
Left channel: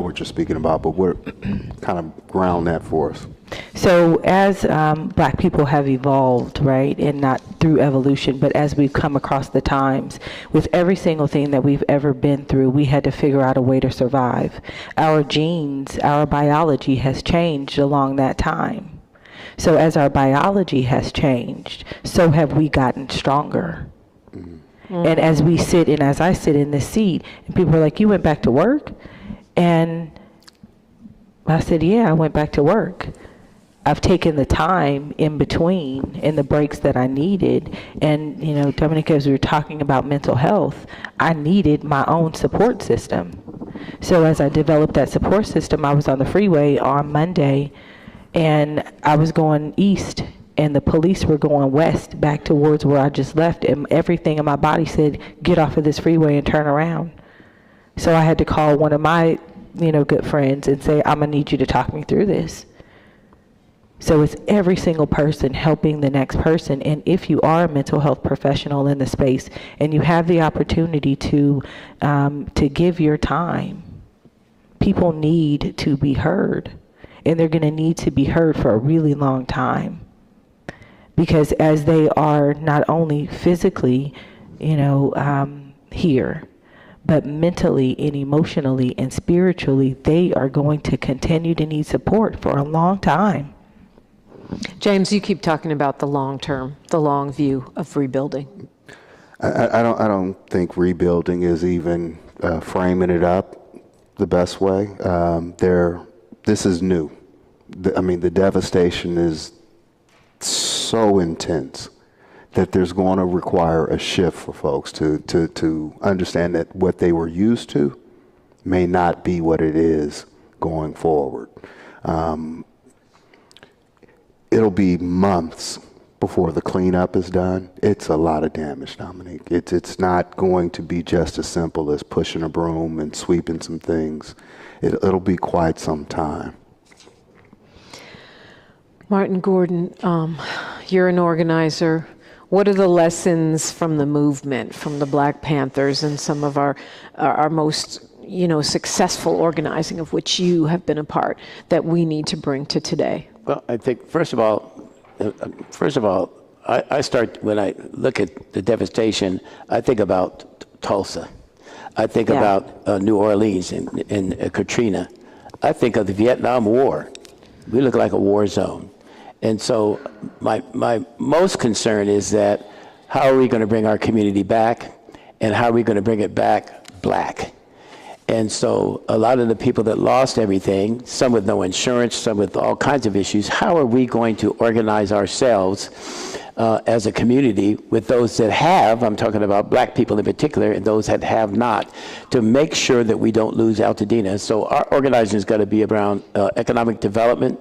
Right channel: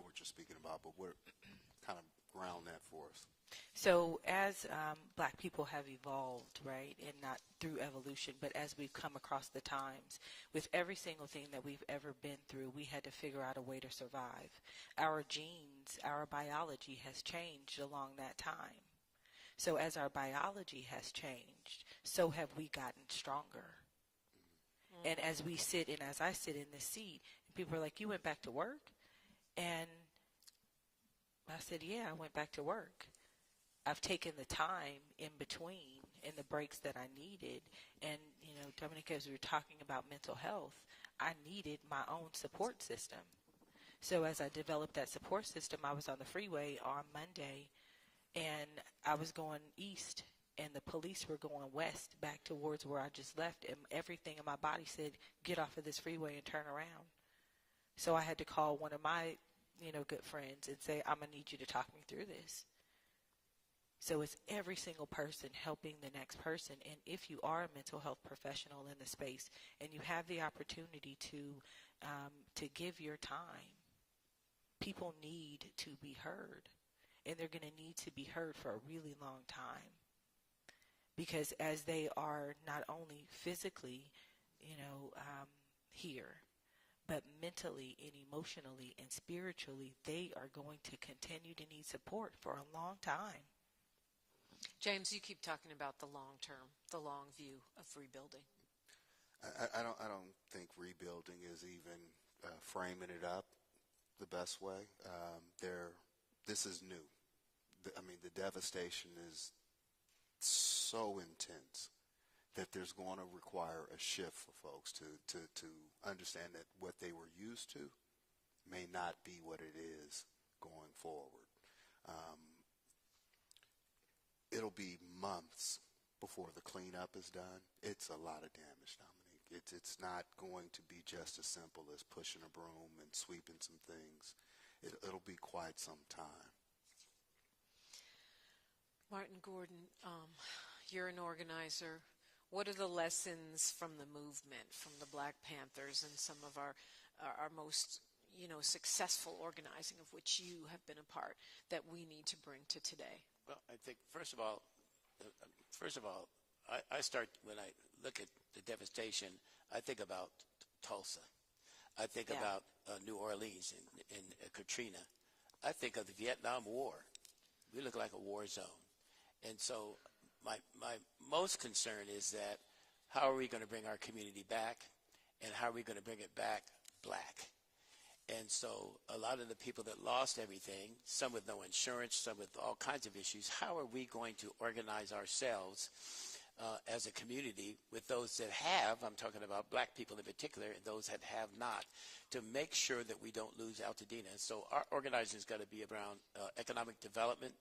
what you're speaking about, but kind of ground that for us. So as black people have evolved, right, and not through evolution, but as we've come across the times, with every single thing that we've ever been through, we had to figure out a way to survive. Our genes, our biology has changed along that time. So as our biology has changed, so have we gotten stronger. And as we sit, and as I sit in this seat, and people are like, you went back to work? And I said, yeah, I went back to work. I've taken the time in between and the breaks that I needed. And, you know, Dominique, as we were talking about mental health, I needed my own support system. So as I developed that support system, I was on the freeway on Monday, and I was going east, and the police were going west back towards where I just left, and everything in my body said, get off of this freeway and turn around. So I had to call one of my, good friends and say, I'm gonna need you to talk me through this. So it's every single person helping the next person. And if you are a mental health professional in the space and you have the opportunity to give your time, people need to be heard, and they're gonna need to be heard for a really long time. Because as they are not only physically, here, but mentally and emotionally and spiritually, they are going to continue to need support for a long time. James, you keep talking about the long term, the long view of rebuilding. I don't think rebuilding is even framing it up the best way. This is new. The devastation is so intense that there's going to require a shift for folks to understand that what they were used to may not be what it is going forward. It'll be months before the cleanup is done. It's a lot of damage, Dominique. It's not going to be just as simple as pushing a broom and sweeping some things. It'll be quite some time. Martin Gordon, you're an organizer. What are the lessons from the movement, from the Black Panthers and some of our most, successful organizing of which you have been a part, that we need to bring to today? Well, I think, first of all, I start, when I look at the devastation, I think about Tulsa. I think about New Orleans and Katrina. I think of the Vietnam War. We look like a war zone. And so my most concern is that how are we going to bring our community back, and how are we going to bring it back black? And so a lot of the people that lost everything, some with no insurance, some with all kinds of issues, how are we going to organize ourselves as a community with those that have, I'm talking about black people in particular, and those that have not, to make sure that we don't lose Altadena. So our organizing is going to be around economic development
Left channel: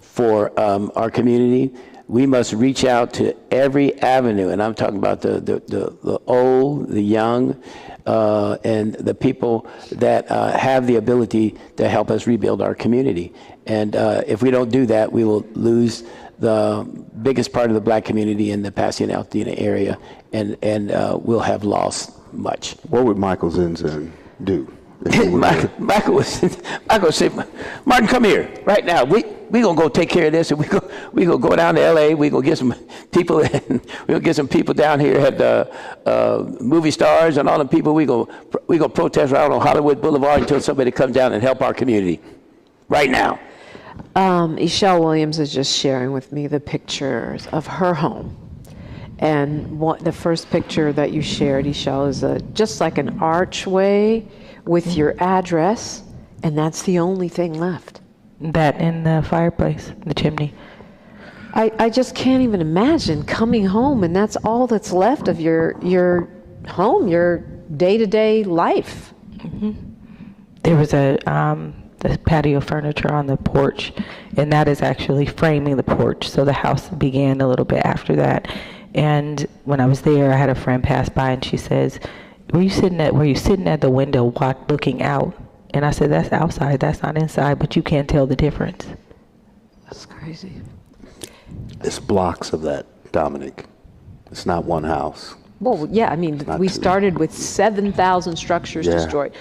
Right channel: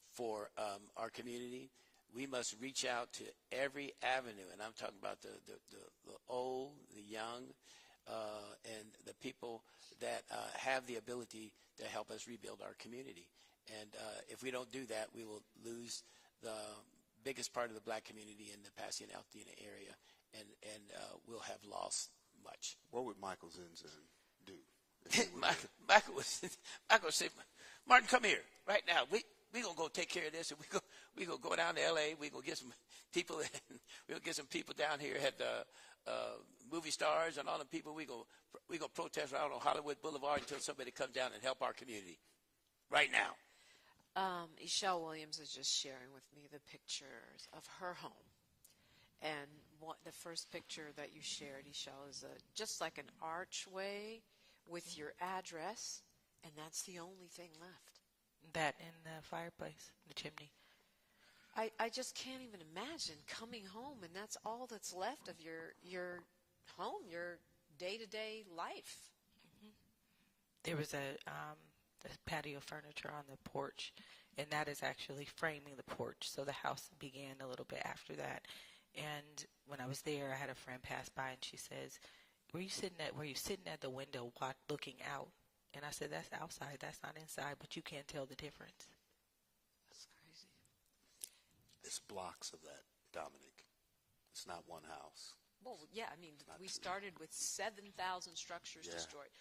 for our community. We must reach out to every avenue, and I'm talking about the old, the young, and the people that have the ability to help us rebuild our community. And if we don't do that, we will lose the biggest part of the black community in the Pasadena Altadena area, and we'll have lost much. What would Michael Zinzin do? Michael said, Martin, come here right now. We gonna go take care of this, and we gonna go down to L.A. We gonna get some people, and we gonna get some people down here at the movie stars and all the people. We gonna protest right on Hollywood Boulevard until somebody comes down and help our community. Right now. Ishelle Williams is just sharing with me the pictures of her home. And the first picture that you shared, Ishelle, is just like an archway with your address, and that's the only thing left. That in the fireplace, the chimney. I just can't even imagine coming home and that's all that's left of your home, your day-to-day life. Mm-hmm. There was the patio furniture on the porch, and that is actually framing the porch. So the house began a little bit after that. And when I was there, I had a friend pass by, and she says, were you sitting at the window looking out? And I said, that's outside, that's not inside, but you can't tell the difference. That's crazy. It's blocks of that, Dominique. It's not one house. Well, yeah, I mean, we started with 7,000 structures destroyed.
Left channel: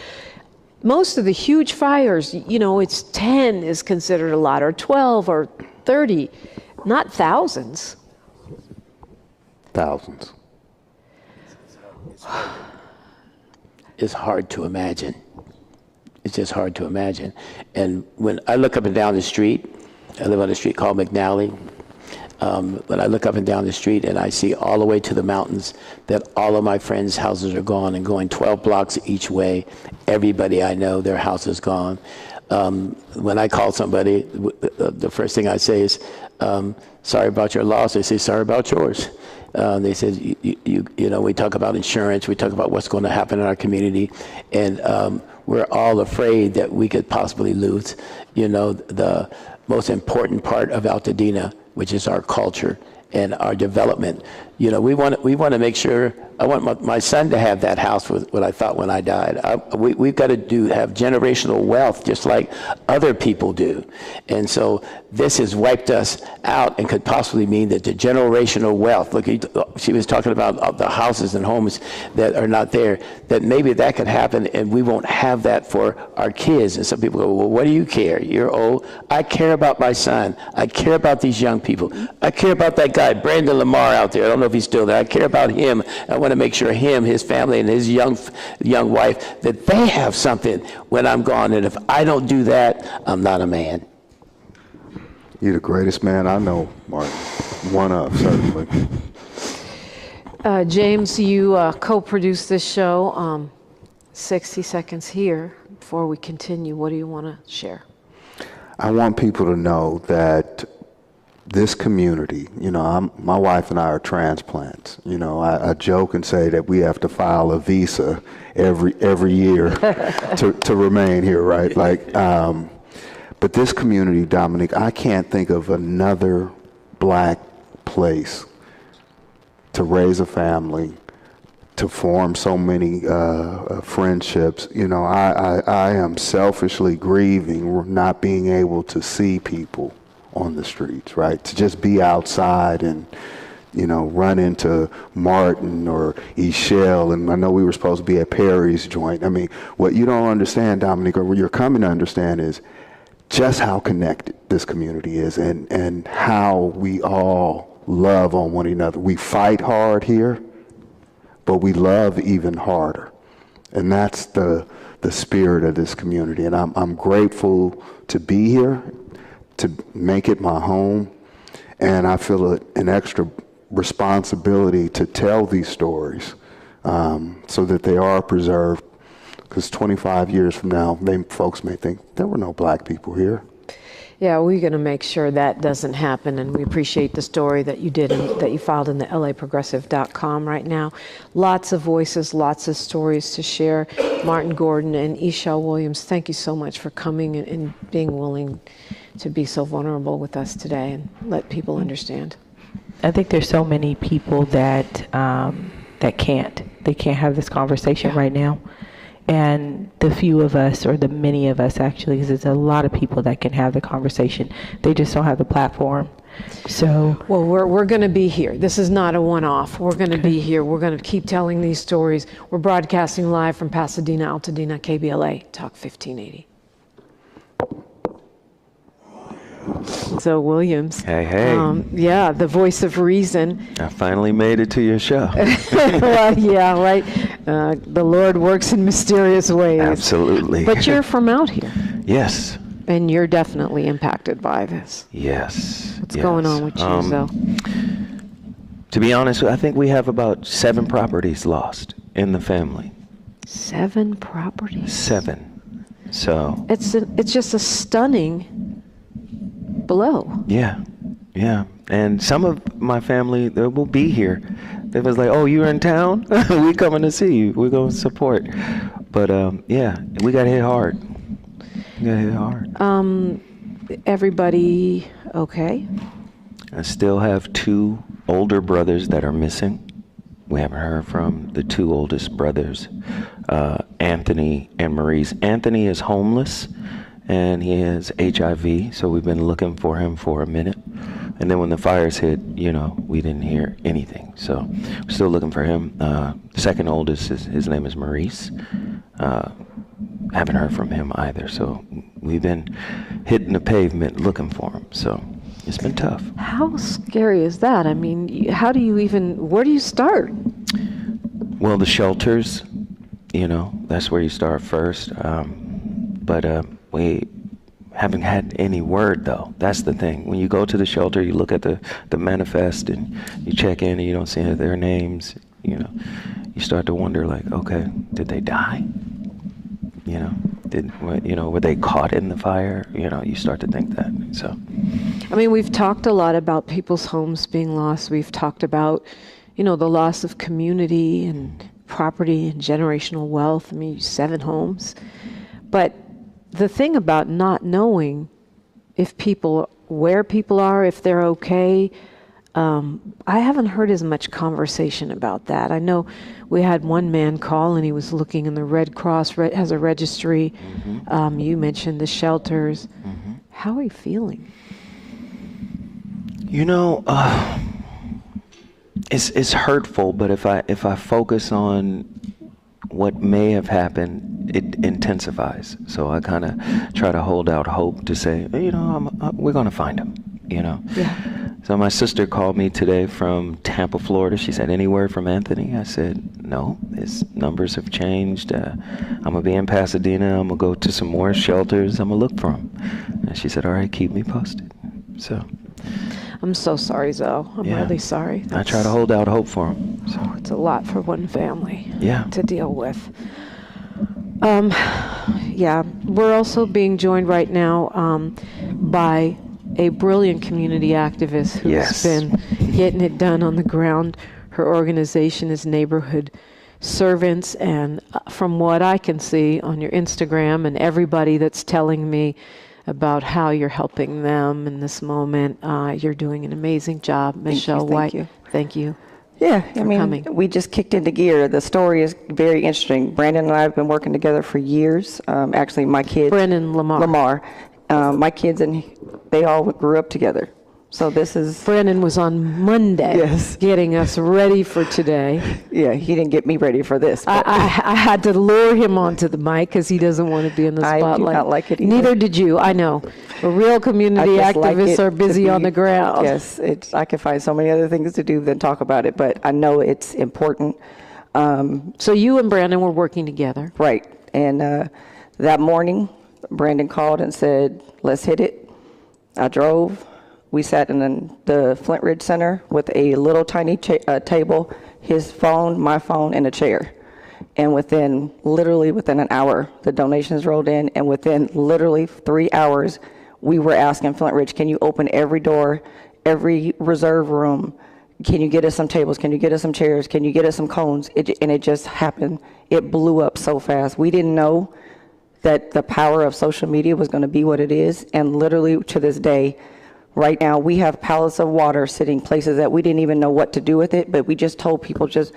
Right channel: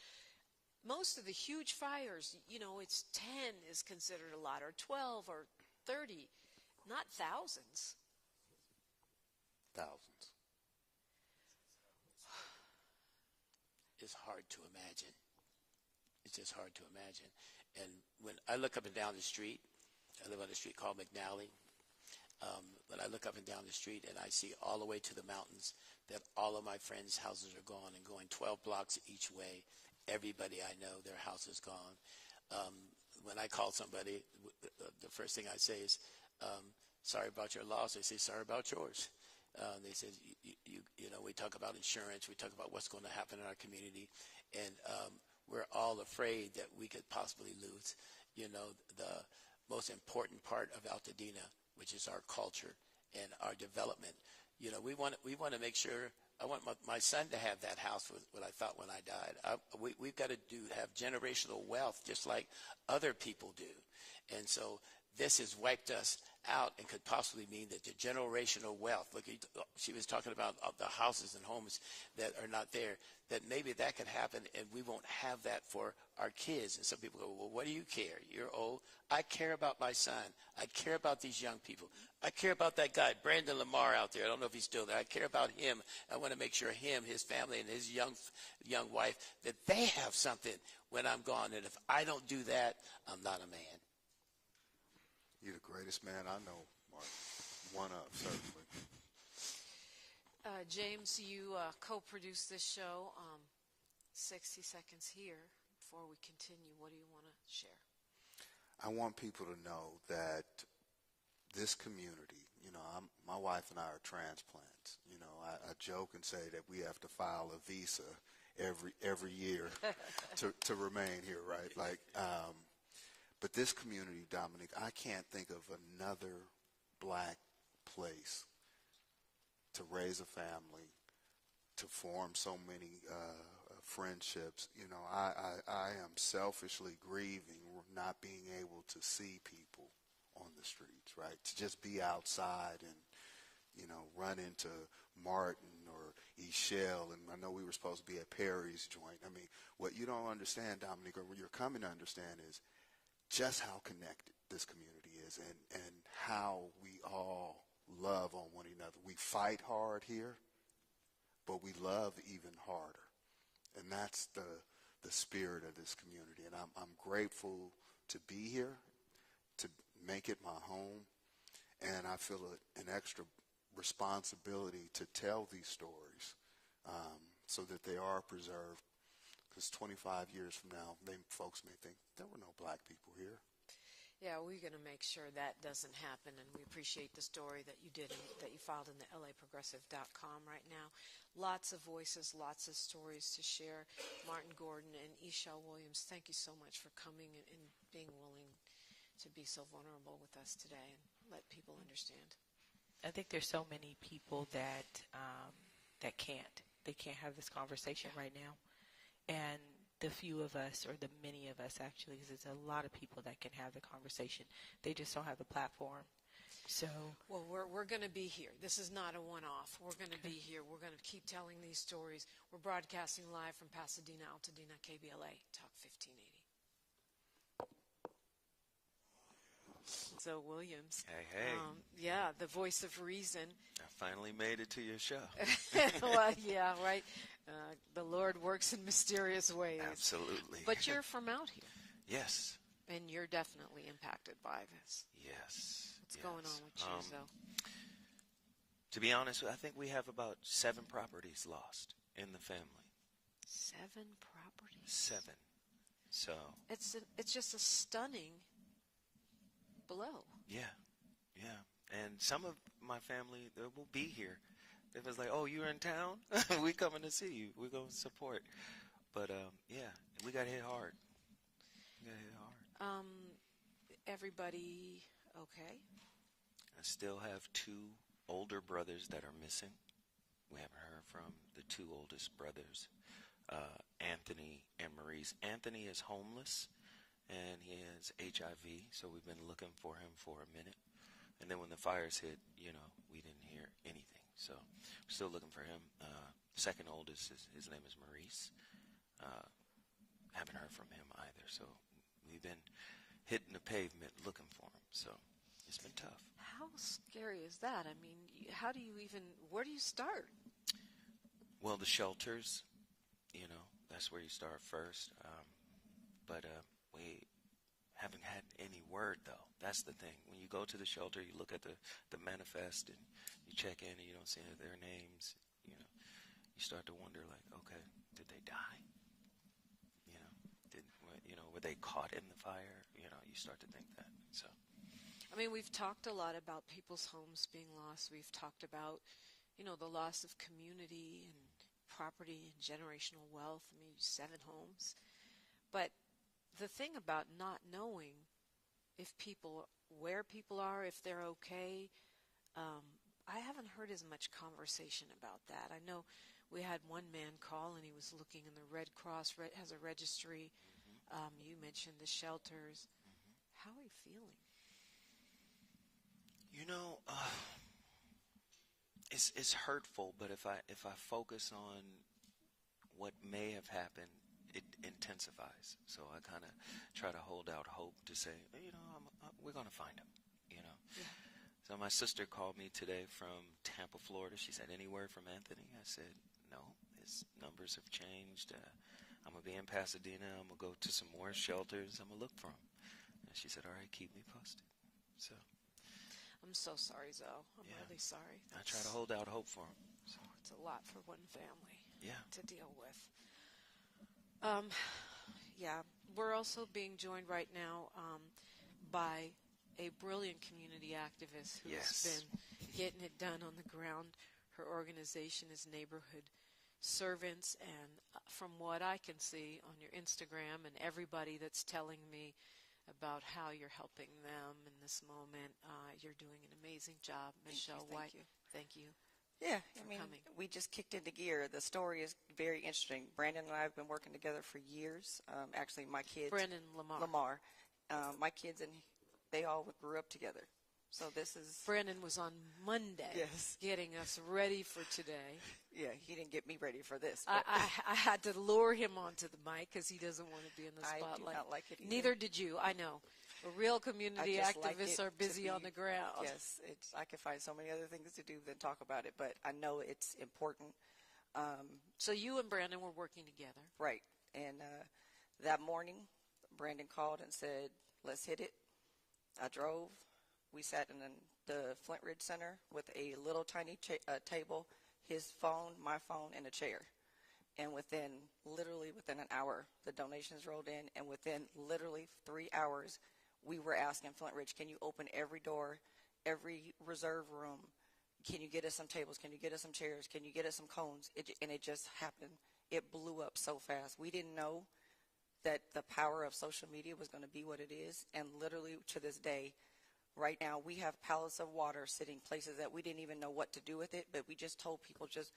Most of the huge fires, it's 10 is considered a lot, or 12 or 30, not thousands. Thousands. It's hard to imagine. It's just hard to imagine. And when I look up and down the street, I live on a street called McNally. When I look up and down the street and I see all the way to the mountains that all of my friends' houses are gone and going 12 blocks each way, everybody I know, their house is gone. When I call somebody, the first thing I say is, sorry about your loss. They say, sorry about yours. They said, we talk about insurance, we talk about what's going to happen in our community, and we're all afraid that we could possibly lose, the most important part of Altadena, which is our culture and our development. We want to make sure. I want my son to have that house with what I thought when I died. We've got to have generational wealth just like other people do. And so this has wiped us out and could possibly mean that the generational wealth, look, she was talking about the houses and homes that are not there, that maybe that could happen and we won't have that for our kids. And some people go, well, what do you care? You're old. I care about my son. I care about these young people. I care about that guy, Brandon Lamar out there. I don't know if he's still there. I care about him. I want to make sure him, his family, and his young wife, that they have something when I'm gone. And if I don't do that, I'm not a man. You're the greatest man I know, Martin. One of, certainly. James, you co-produced this show. 60 seconds here before we continue. What do you want to share? I want people to know that this community, my wife and I are transplants. I joke and say that we have to file a visa every year to remain here, right? But this community, Dominique, I can't think of another black place to raise a family, to form so many friendships. I am selfishly grieving not being able to see people on the streets, right? To just be outside and, run into Martin or Ishelle, and I know we were supposed to be at Perry's joint. I mean, what you don't understand, Dominique, or what you're coming to understand is just how connected this community is and how we all love on one another. We fight hard here, but we love even harder. And that's the spirit of this community. And I'm grateful to be here, to make it my home. And I feel an extra responsibility to tell these stories so that they are preserved. Because 25 years from now, folks may think there were no black people here. Yeah, we're going to make sure that doesn't happen, and we appreciate the story that you did and that you filed in the LAProgressive.com right now. Lots of voices, lots of stories to share. Martin Gordon and Ishelle Williams, thank you so much for coming and being willing to be so vulnerable with us today and let people understand. I think there's so many people that can't have this conversation right now. And the few of us, or the many of us actually, because there's a lot of people that can have the conversation, they just don't have the platform. So, well, we're going to be here. This is not a one-off. We're going to be here. We're going to keep telling these stories. We're broadcasting live from Pasadena, Altadena, KBLA Talk 1580. So Williams. Hey. Yeah, the voice of reason. I finally made it to your show. Well, yeah, right. The Lord works in mysterious ways. Absolutely. But you're from out here. Yes. And you're definitely impacted by this. Yes. What's going on with you, though? To be honest, I think we have about 7 properties lost in the family. 7 properties? 7. So. It's just a stunning blow. Yeah. And some of my family, they will be here. They was like, oh, you're in town? We coming to see you. We're going to support. But, yeah, we got hit hard. Everybody okay? I still have 2 older brothers that are missing. We haven't heard from the 2 oldest brothers, Anthony and Maurice. Anthony is homeless, and he has HIV, so we've been looking for him for a minute. And then when the fires hit, we didn't hear anything. So we're still looking for him. The second oldest, his name is Maurice. Haven't heard from him either. So we've been hitting the pavement looking for him. So it's been tough. How scary is that? I mean, where do you start? Well, the shelters, that's where you start first. But we haven't had any word, though. That's the thing. When you go to the shelter, you look at the manifest and you check in and you don't see their names, you start to wonder, like, okay, did they die? Were they caught in the fire? You start to think that. So, I mean, we've talked a lot about people's homes being lost. We've talked about, the loss of community and property and generational wealth. I mean, 7 homes. But the thing about not knowing where people are, if they're okay, I haven't heard as much conversation about that. I know we had one man call and he was looking, and the Red Cross has a registry. Mm-hmm. You mentioned the shelters. Mm-hmm. How are you feeling? It's hurtful, but if I focus on what may have happened, it intensifies. So I kind of try to hold out hope to say, we're going to find him, Yeah. So my sister called me today from Tampa, Florida. She said, any word from Anthony? I said, no, his numbers have changed. I'm going to be in Pasadena. I'm going to go to some more shelters. I'm going to look for him. And she said, all right, keep me posted. So. I'm so sorry, Zoe. I'm really sorry. I try to hold out hope for him. So. It's a lot for one family to deal with. We're also being joined right now by a brilliant community activist who's been getting it done on the ground. Her organization is Neighborhood Servants, and from what I can see on your Instagram and everybody that's telling me about how you're helping them in this moment, you're doing an amazing job. Michelle White, thank you. Yeah, coming. We just kicked into gear. The story is very interesting. Brandon and I have been working together for years. Actually, my kids... Brandon Lamar. My kids, and they all grew up together. So this is... Brandon was on Monday getting us ready for today. Yeah, he didn't get me ready for this. I had to lure him onto the mic because he doesn't want to be in the spotlight. I do not like it either. Neither did you, I know. But real community activists are busy on the ground. Yes, I can find so many other things to do than talk about it, but I know it's important. So you and Brandon were working together. Right. And that morning, Brandon called and said, let's hit it. I drove. We sat in the Flint Ridge Center with a little tiny table, his phone, my phone, and a chair. And literally within an hour, the donations rolled in. And within literally 3 hours, we were asking Flint Ridge, can you open every door, every reserve room? Can you get us some tables? Can you get us some chairs? Can you get us some cones? And it just happened. It blew up so fast. We didn't know that the power of social media was going to be what it is. And literally to this day, right now, we have pallets of water sitting places that we didn't even know what to do with it, but we just told people, just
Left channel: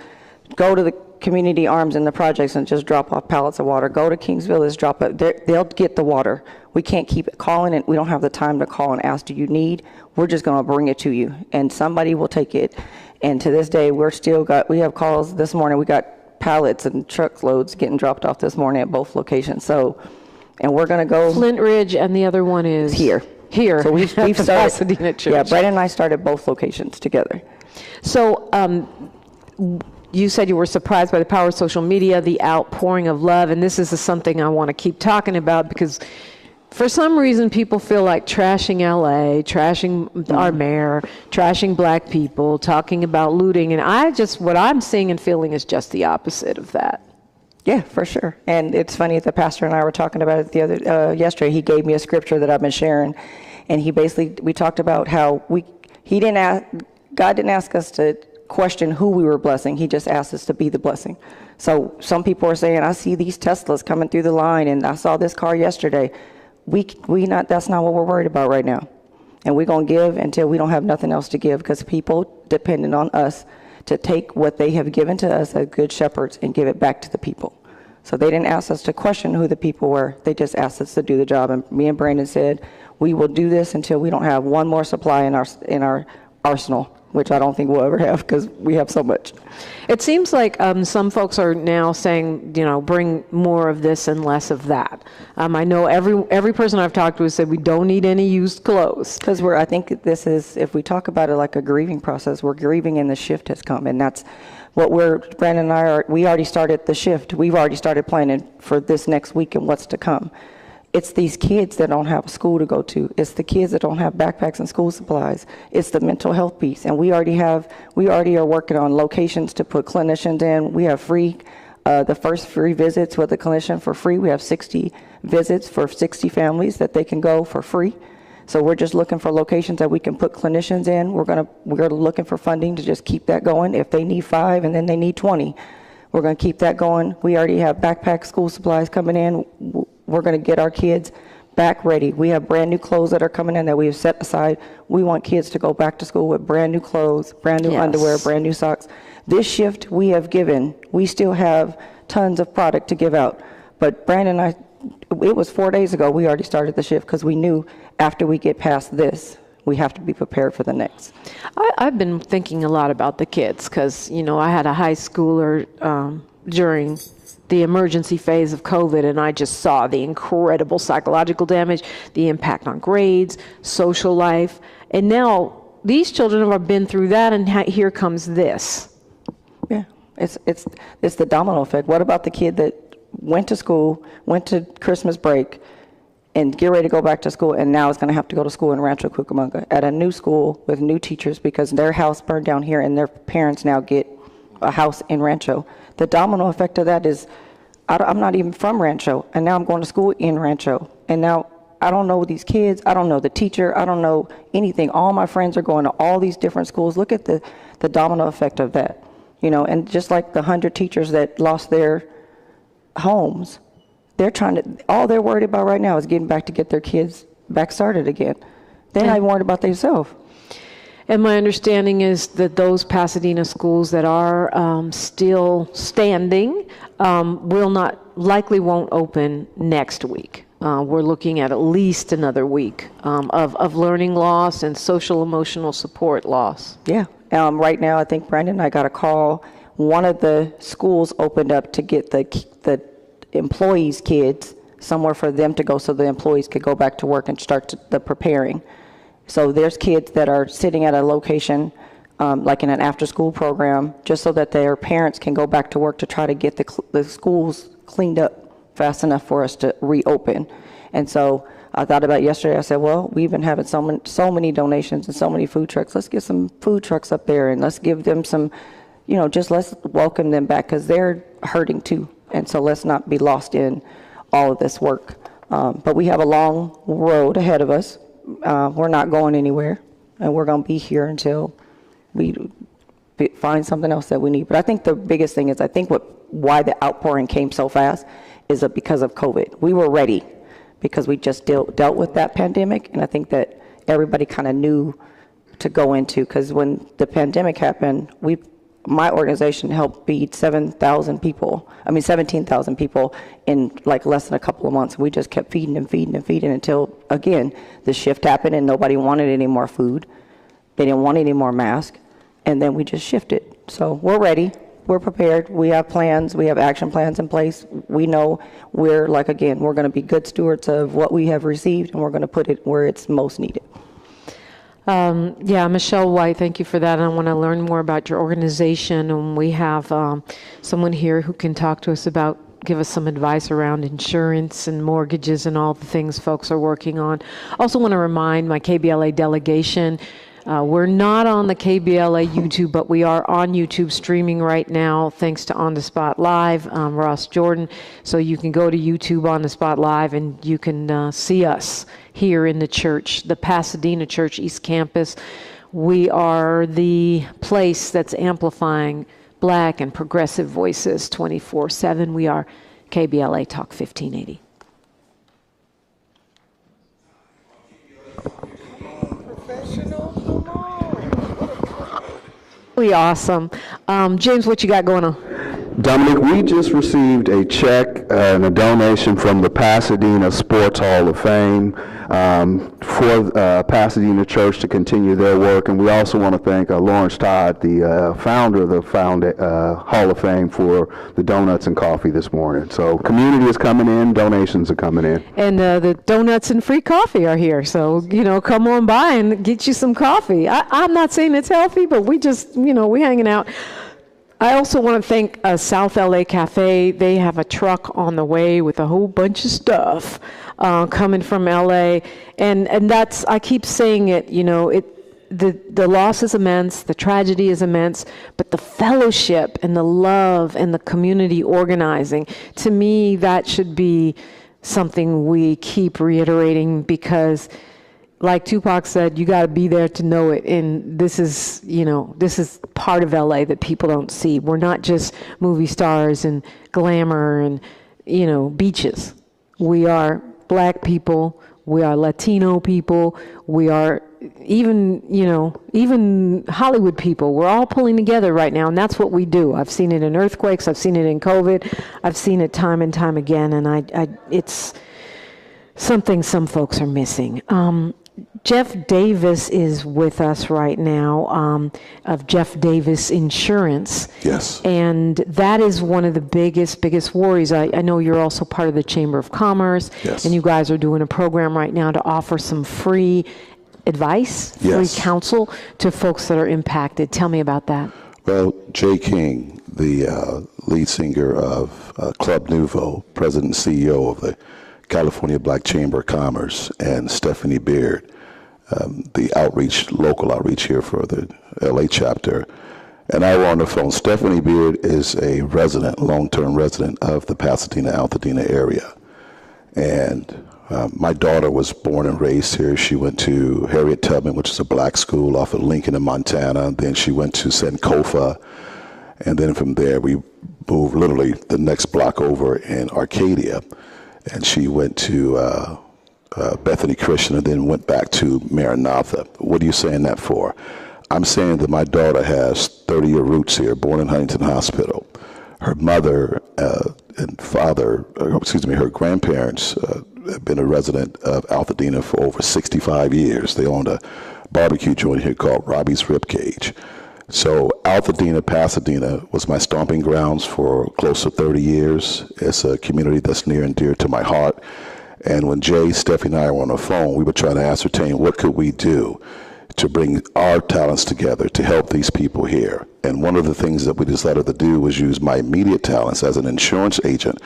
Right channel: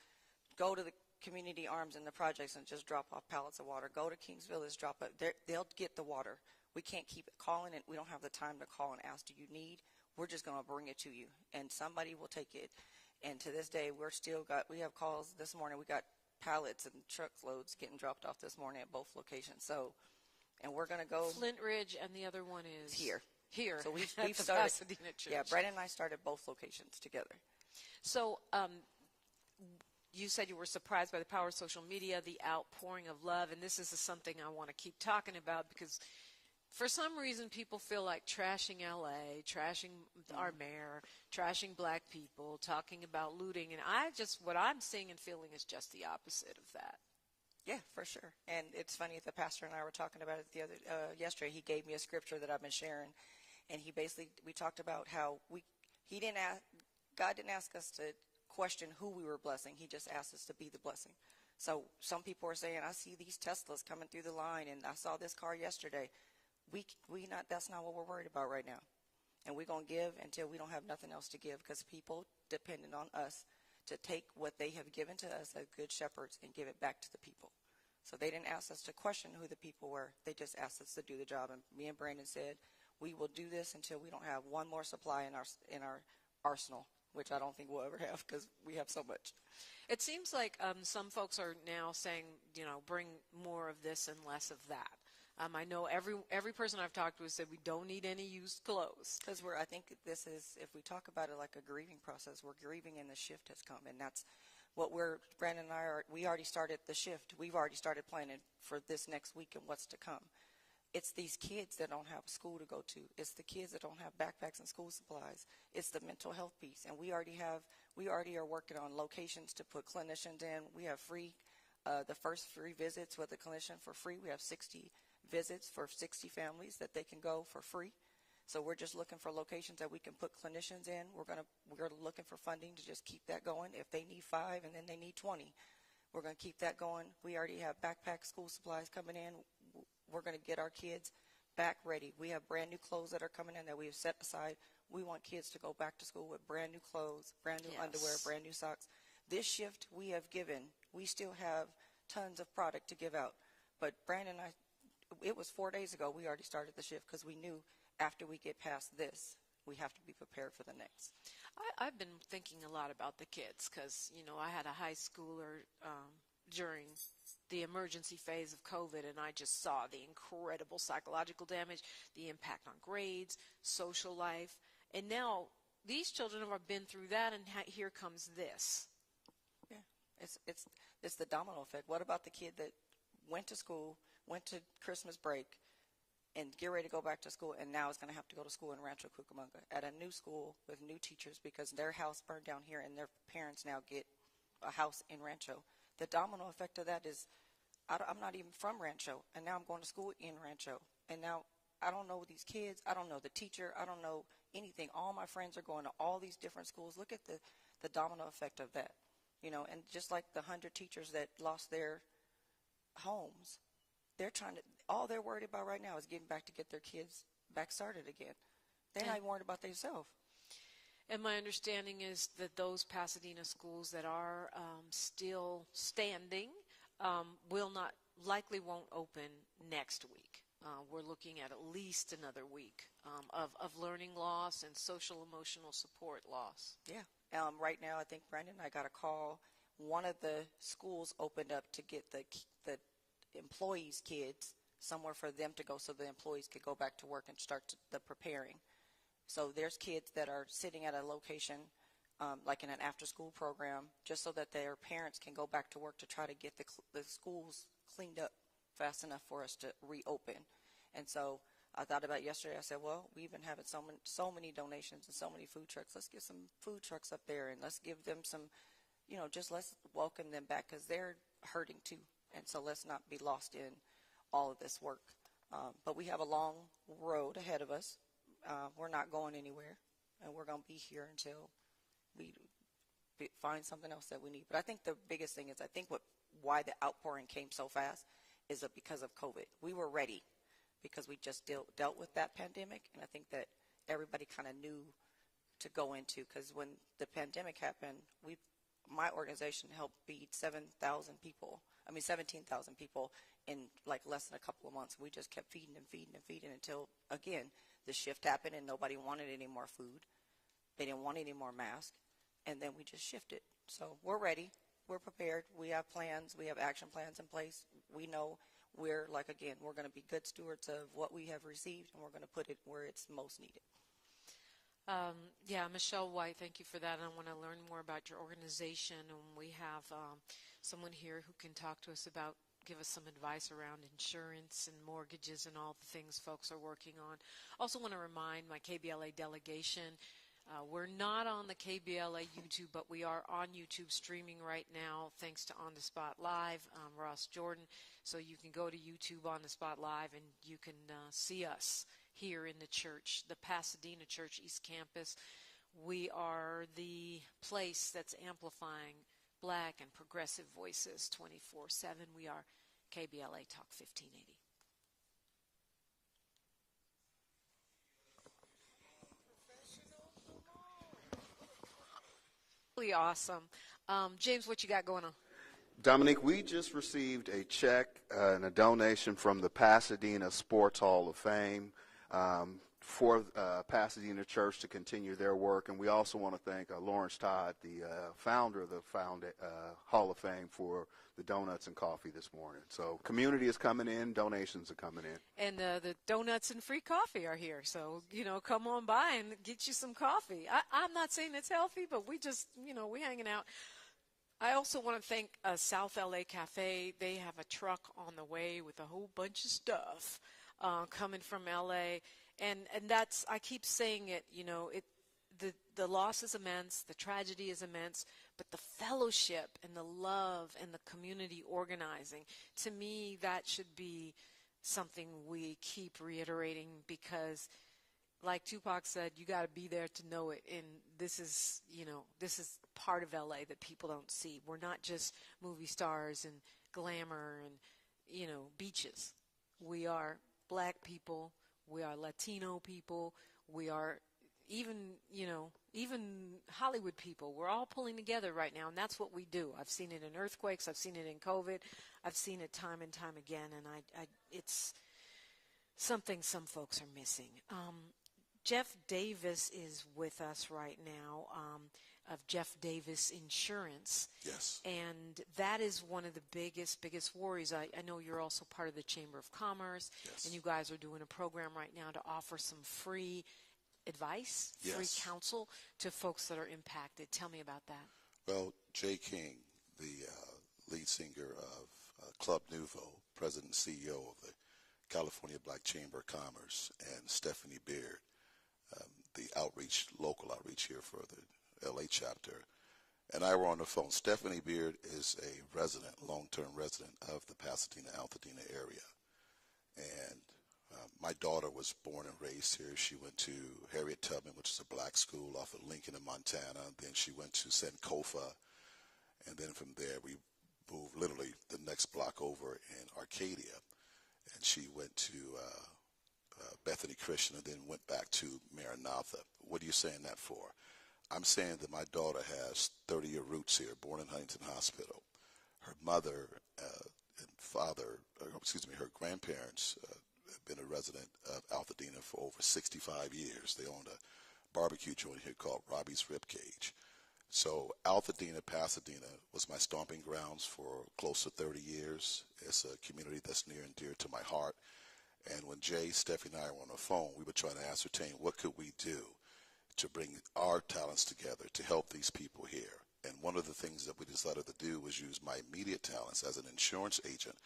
go to the community arms in the projects and just drop off pallets of water. Go to Kings Village, drop it. They'll get the water. We can't keep calling it. We don't have the time to call and ask, do you need? We're just going to bring it to you, and somebody will take it. And to this day, we have calls this morning. We got pallets and truckloads getting dropped off this morning at both locations. So, and we're going to go. Flint Ridge, and the other one is? Here. So we've started Pasadena Church. Yeah, Brandon and I started both locations together. So you said you were surprised by the power of social media, the outpouring of love, and this is something I want to keep talking about because for some reason people feel like trashing LA, trashing our mayor, trashing black people, talking about looting, and what I'm seeing and feeling is just the opposite of that. Yeah, for sure. And it's funny, the pastor and I were talking about it yesterday. He gave me a scripture that I've been sharing, and we talked about how God didn't ask us to question who we were blessing. He just asked us to be the blessing. So some people are saying, I see these Teslas coming through the line, and I saw this car yesterday. That's not what we're worried about right now. And we're going to give until we don't have nothing else to give, because people depended on us to take what they have given to us as good shepherds and give it back to the people. So they didn't ask us to question who the people were. They just asked us to do the job. And me and Brandon said, we will do this until we don't have one more supply in our arsenal, which I don't think we'll ever have, because we have so much. It seems like some folks are now saying, bring more of this and less of that. I know every person I've talked to has said we don't need any used clothes. Because I think this is, if we talk about it like a grieving process, we're grieving and the shift has come. And that's what Brandon and I we already started the shift. We've already started planning for this next week and what's to come. It's these kids that don't have a school to go to. It's the kids that don't have backpacks and school supplies. It's the mental health piece. And we already are working on locations to put clinicians in. We have the first free visits with a clinician for free. We have 60 visits for 60 families that they can go for free. So we're just looking for locations that we can put clinicians in. We're looking for funding to just keep that going. If they need 5 and then they need 20, we're going to keep that going. We already have backpack school supplies coming in. We're going to get our kids back ready. We have brand new clothes that are coming in that we have set aside. We want kids to go back to school with brand new clothes, brand new underwear, brand new socks. This shift we have given, we still have tons of product to give out. But Brandon and I, it was 4 days ago, we already started the shift, because we knew after we get past this, we have to be prepared for the next. I've been thinking a lot about the kids, because, I had a high schooler during the emergency phase of COVID, and I just saw the incredible psychological damage, the impact on grades, social life. And now these children have been through that, and here comes this. Yeah, it's the domino effect. What about the kid that went to school, went to Christmas break, and get ready to go back to school, and now is going to have to go to school in Rancho Cucamonga at a new school with new teachers because their house burned down here, and their parents now get a house in Rancho? The domino effect of that is, I'm not even from Rancho, and now I'm going to school in Rancho, and now I don't know these kids, I don't know the teacher, I don't know anything. All my friends are going to all these different schools. Look at the domino effect of that, and just like the 100 teachers that lost their homes, all they're worried about right now is getting back to get their kids back started again. They're not even worried about themselves. And my understanding is that those Pasadena schools that are still standing likely won't open next week. We're looking at least another week of learning loss and social emotional support loss. Yeah. Right now, I think Brandon and I got a call. One of the schools opened up to get the employees' kids somewhere for them to go, so the employees could go back to work and start the preparing. So there's kids that are sitting at a location, like in an after-school program, just so that their parents can go back to work to try to get the schools cleaned up fast enough for us to reopen. And so I thought about yesterday. I said, well, we've been having so many donations and so many food trucks. Let's get some food trucks up there, and let's give them some, let's welcome them back, because they're hurting too. And so let's not be lost in all of this work. But we have a long road ahead of us. We're not going anywhere, and we're going to be here until we find something else that we need. But I think the biggest thing is, why the outpouring came so fast is because of COVID. We were ready because we just dealt with that pandemic, and I think that everybody kind of knew to go into, because when the pandemic happened, my organization helped feed 17,000 people in like less than a couple of months. We just kept feeding until, again, the shift happened and nobody wanted any more food. They didn't want any more masks. And then we just shifted. So we're ready. We're prepared. We have plans. We have action plans in place. We know we're going to be good stewards of what we have received, and we're going to put it where it's most needed. Michelle White, thank you for that. I want to learn more about your organization, and we have someone here who can talk to us give us some advice around insurance and mortgages and all the things folks are working on. Also want to remind my KBLA delegation, we're not on the KBLA YouTube, but we are on YouTube streaming right now, thanks to On the Spot Live, Ross Jordan. So you can go to YouTube On the Spot Live, and you can see us here in the church, the Pasadena Church East Campus. We are the place that's amplifying Black and progressive voices 24/7. We are KBLA Talk 1580. Really awesome. James, what you got going on? Dominique, we just received a check and a donation from the Pasadena Sports Hall of Fame for Pasadena Church to continue their work. And we also want to thank Lawrence Todd, the founder of the Hall of Fame, for the donuts and coffee this morning. So community is coming in, donations are coming in. And the donuts and free coffee are here. So, come on by and get you some coffee. I'm not saying it's healthy, but we just, we hanging out. I also want to thank South LA Cafe. They have a truck on the way with a whole bunch of stuff coming from LA. And that's, I keep saying it, the loss is immense, the tragedy is immense, but the fellowship and the love and the community organizing, to me, that should be something we keep reiterating, because like Tupac said, you got to be there to know it. And this is part of LA that people don't see. We're not just movie stars and glamour and, beaches. We are Black people. We are Latino people. We are even Hollywood people. We're all pulling together right now, and that's what we do. I've seen it in earthquakes. I've seen it in COVID. I've seen it time and time again, and it's something some folks are missing. Jeff Davis is with us right now, of Jeff Davis Insurance. Yes. And that is one of the biggest worries. I know you're also part of the Chamber of Commerce. Yes. And you guys are doing a program right now to offer some free advice, free counsel to folks that are impacted. Tell me about that. Well, Jay King, the lead singer of Club Nouveau, president and CEO of the California Black Chamber of Commerce, and Stephanie Beard, the local outreach here for the LA chapter. And I were on the phone. Stephanie Beard is a long-term resident of the Pasadena, Altadena area. And my daughter was born and raised here. She went to Harriet Tubman, which is a black school off of Lincoln in Montana. Then she went to Sankofa. And then from there, we moved literally the next block over in Arcadia. And she went to Bethany Christian and then went back to Maranatha. What are you saying that for? I'm saying that my daughter has 30-year roots here, born in Huntington Hospital. Her mother and father, her grandparents have been a resident of Altadena for over 65 years. They owned a barbecue joint here called Robbie's Rib Cage. So Altadena, Pasadena was my stomping grounds for close to 30 years. It's a community that's near and dear to my heart. And when Jay, Stephanie, and I were on the phone, we were trying to ascertain what could we do to bring our talents together to help these people here. And one of the things that we decided to do was use my immediate talents as an insurance agent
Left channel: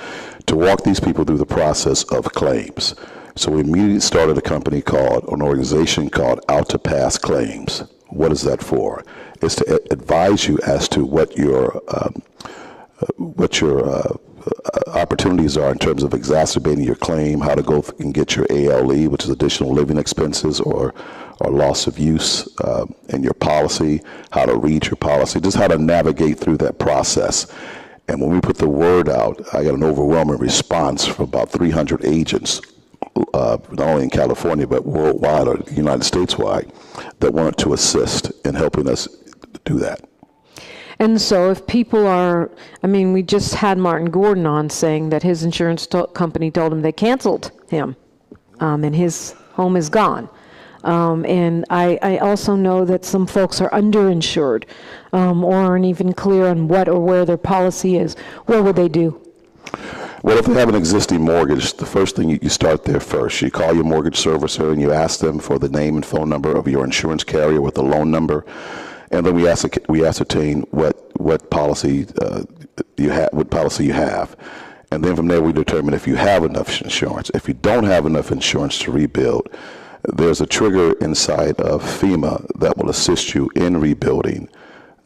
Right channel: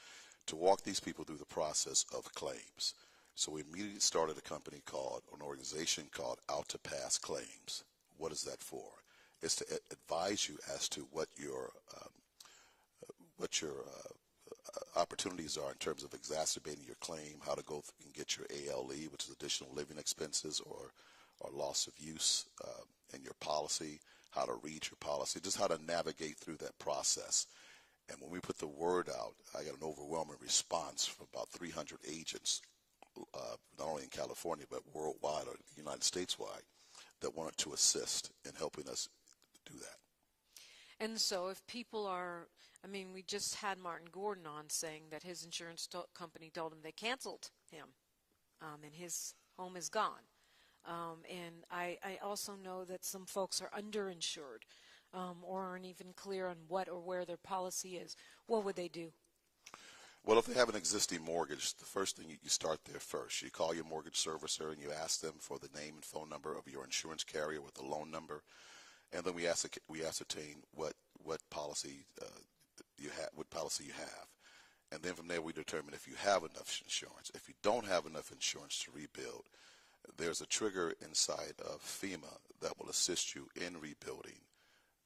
to walk these people through the process of claims. So we immediately started an organization called Out to Pass Claims. What is that for? It's to advise you as to what your opportunities are in terms of exacerbating your claim, how to go and get your ALE, which is additional living expenses, or loss of use in your policy, how to read your policy, just how to navigate through that process. And when we put the word out, I got an overwhelming response from about 300 agents, not only in California, but worldwide or United States-wide, that wanted to assist in helping us do that. And so if people are, we just had Martin Gordon on saying that his insurance company told him they canceled him, and his home is gone. And I also know that some folks are underinsured or aren't even clear on what or where their policy is. What would they do? Well, if they have an existing mortgage, the first thing you start there first. You call your mortgage servicer and you ask them for the name and phone number of your insurance carrier with the loan number. And then we ascertain what policy you have, and then from there we determine if you have enough insurance. If you don't have enough insurance to rebuild, there's a trigger inside of FEMA that will assist you in rebuilding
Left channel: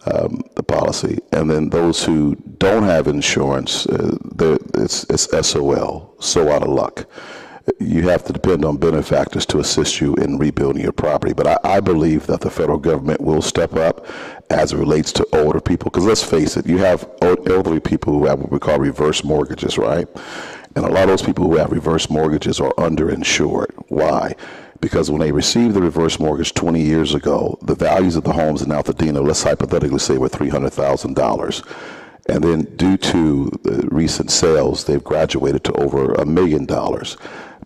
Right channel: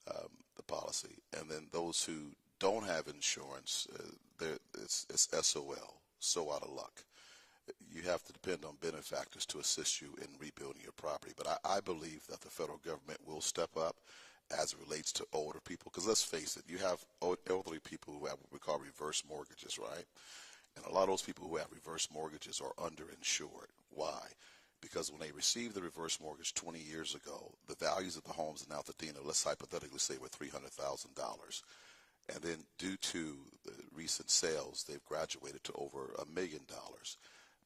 the policy. And then those who don't have insurance, it's SOL, so out of luck. you have to depend on benefactors to assist you in rebuilding your property. But I believe that the federal government will step up as it relates to older people, because let's face it, you have elderly people who have what we call reverse mortgages, right? And a lot of those people who have reverse mortgages are underinsured. Why? Because when they received the reverse mortgage 20 years ago, the values of the homes in Altadena, let's hypothetically say, were $300,000. And then due to the recent sales, they've graduated to over $1 million.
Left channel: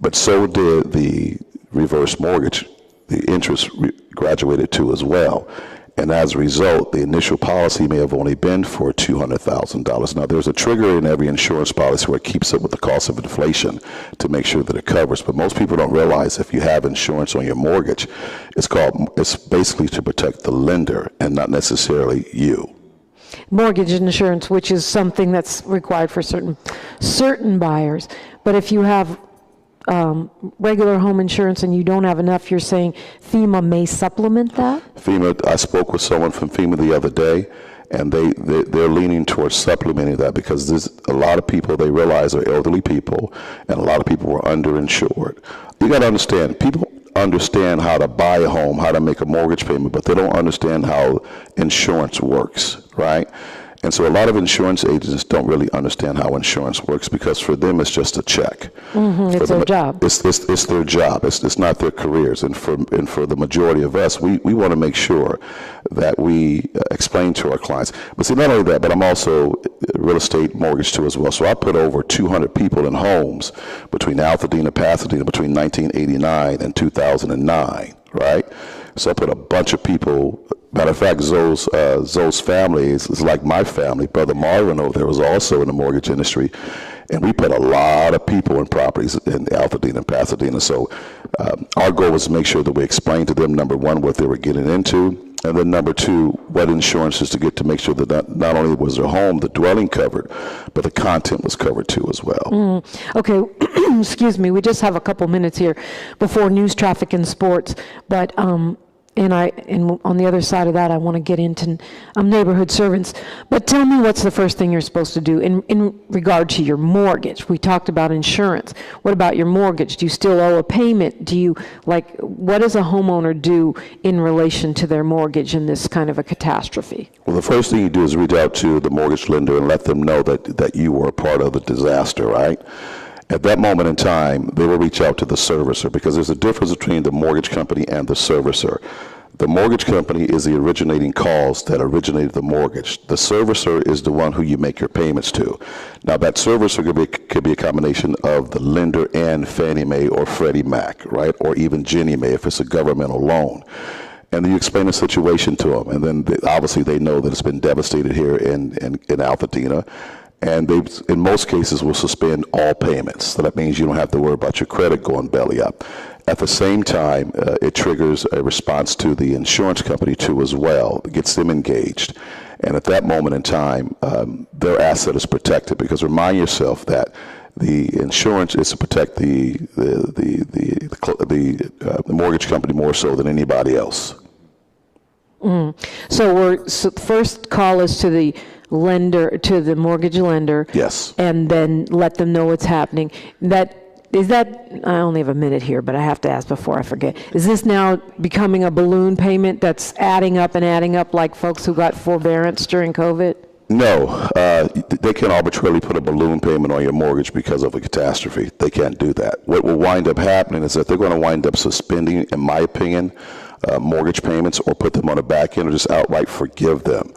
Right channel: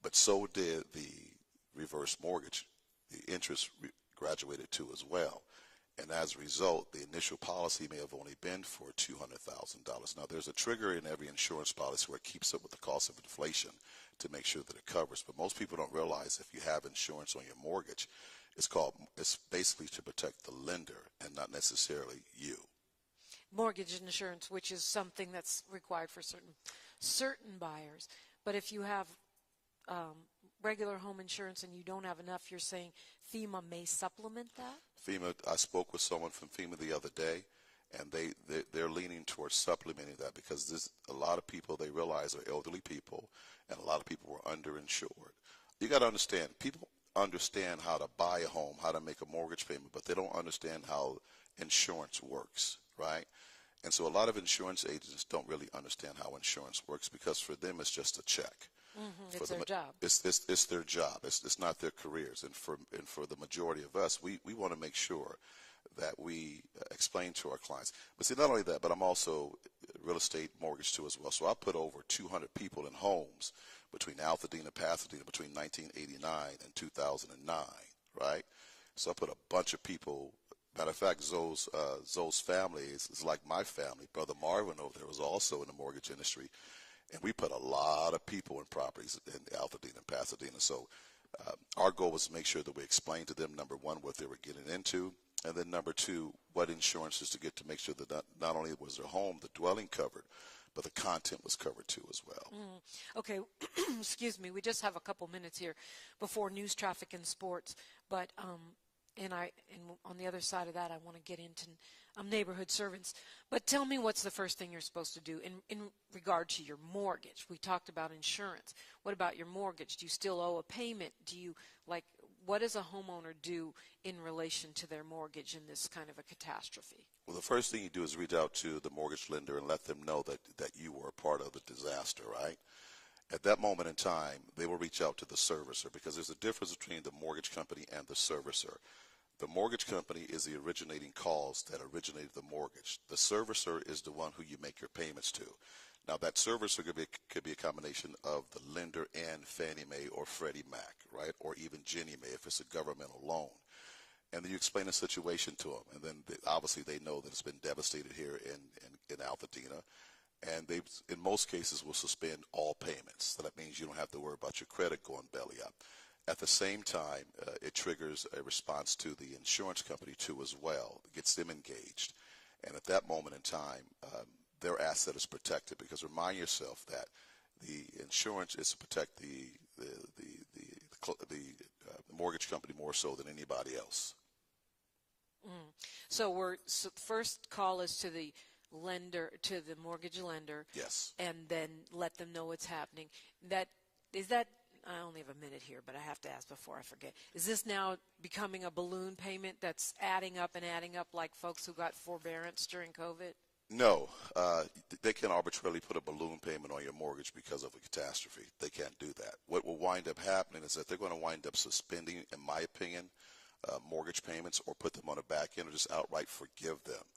But so did the reverse mortgage. The interest graduated to as well. And as a result, the initial policy may have only been for $200,000. Now, there's a trigger in every insurance policy where it keeps up with the cost of inflation to make sure that it covers. But most people don't realize if you have insurance on your mortgage, it's basically to protect the lender and not necessarily you. Mortgage insurance, which is something that's required for certain buyers. But if you have regular home insurance and you don't have enough, you're saying FEMA may supplement that? FEMA, I spoke with someone from FEMA the other day, and they're leaning towards supplementing that, because there's a lot of people they realize are elderly people, and a lot of people are underinsured. You got to understand, people understand how to buy a home, how to make a mortgage payment, but they don't understand how insurance works, right? And so a lot of insurance agents don't really understand how insurance works, because for them it's just a check. It's their job. It's their job. It's not their careers. And for the majority of us, we want to make sure that we explain to our clients. But see, not only that, but I'm also real estate mortgage too as well. So I put over 200 people in homes between Altadena, Pasadena, between 1989 and 2009, right? So I put a bunch of people. Matter of fact, Zoe's family is like my family. Brother Marvin over there was also in the mortgage industry. And we put a lot of people in properties in Altadena and Pasadena. So our goal was to make sure that we explained to them, number one, what they were getting into, and then number two, what insurances to get to make sure that not only was their home, the dwelling covered, but the content was covered too as well. Okay, excuse me, we just have a couple minutes here before news, traffic, and sports. But and on the other side of that, I want to get into neighborhood servants. But tell me, what's the first thing you're supposed to do in regard to your mortgage? We talked about insurance. What about your mortgage? Do you still owe a payment? What does a homeowner do in relation to their mortgage in this kind of a catastrophe? Well, the first thing you do is reach out to the mortgage lender and let them know that you were a part of the disaster, right? At that moment in time, they will reach out to the servicer, because there's a difference between the mortgage company and the servicer. The mortgage company is the originating cause that originated the mortgage. The servicer is the one who you make your payments to. Now, that servicer could be a combination of the lender and Fannie Mae or Freddie Mac, right? Or even Ginnie Mae if it's a governmental loan. And then you explain the situation to them. And then obviously they know that it's been devastated here in Altadena. And they, in most cases, will suspend all payments. So that means you don't have to worry about your credit going belly up. At the same time, it triggers a response to the insurance company too as well. It gets them engaged. And at that moment in time, their asset is protected, because remind yourself that the insurance is to protect the mortgage company more so than anybody else. So first call is to the lender, to the mortgage lender. Yes. And then let them know what's happening. I only have a minute here, but I have to ask before I forget. Is this now becoming a balloon payment that's adding up like folks who got forbearance during COVID? No, they can arbitrarily put a balloon payment on your mortgage because of a catastrophe. They can't do that. What will wind up happening is that they're going to wind up suspending, in my opinion, mortgage payments, or put them on the back end, or just outright forgive them.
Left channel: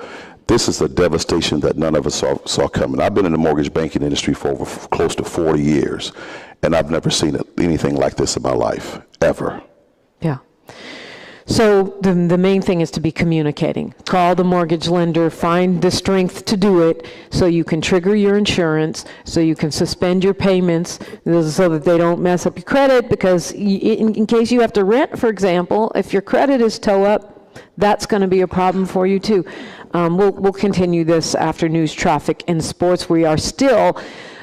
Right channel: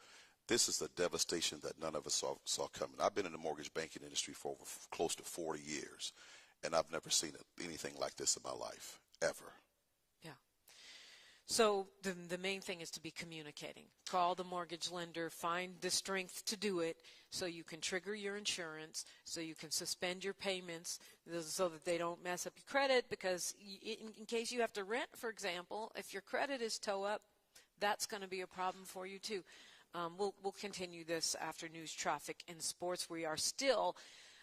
This is a devastation that none of us saw coming. I've been in the mortgage banking industry for over close to 40 years, and I've never seen anything like this in my life, ever. Yeah. So the main thing is to be communicating. Call the mortgage lender, find the strength to do it so you can trigger your insurance, so you can suspend your payments so that they don't mess up your credit, because in case you have to rent, for example, if your credit is toe up, that's going to be a problem for you too. We'll continue this after news, traffic, and sports. We are still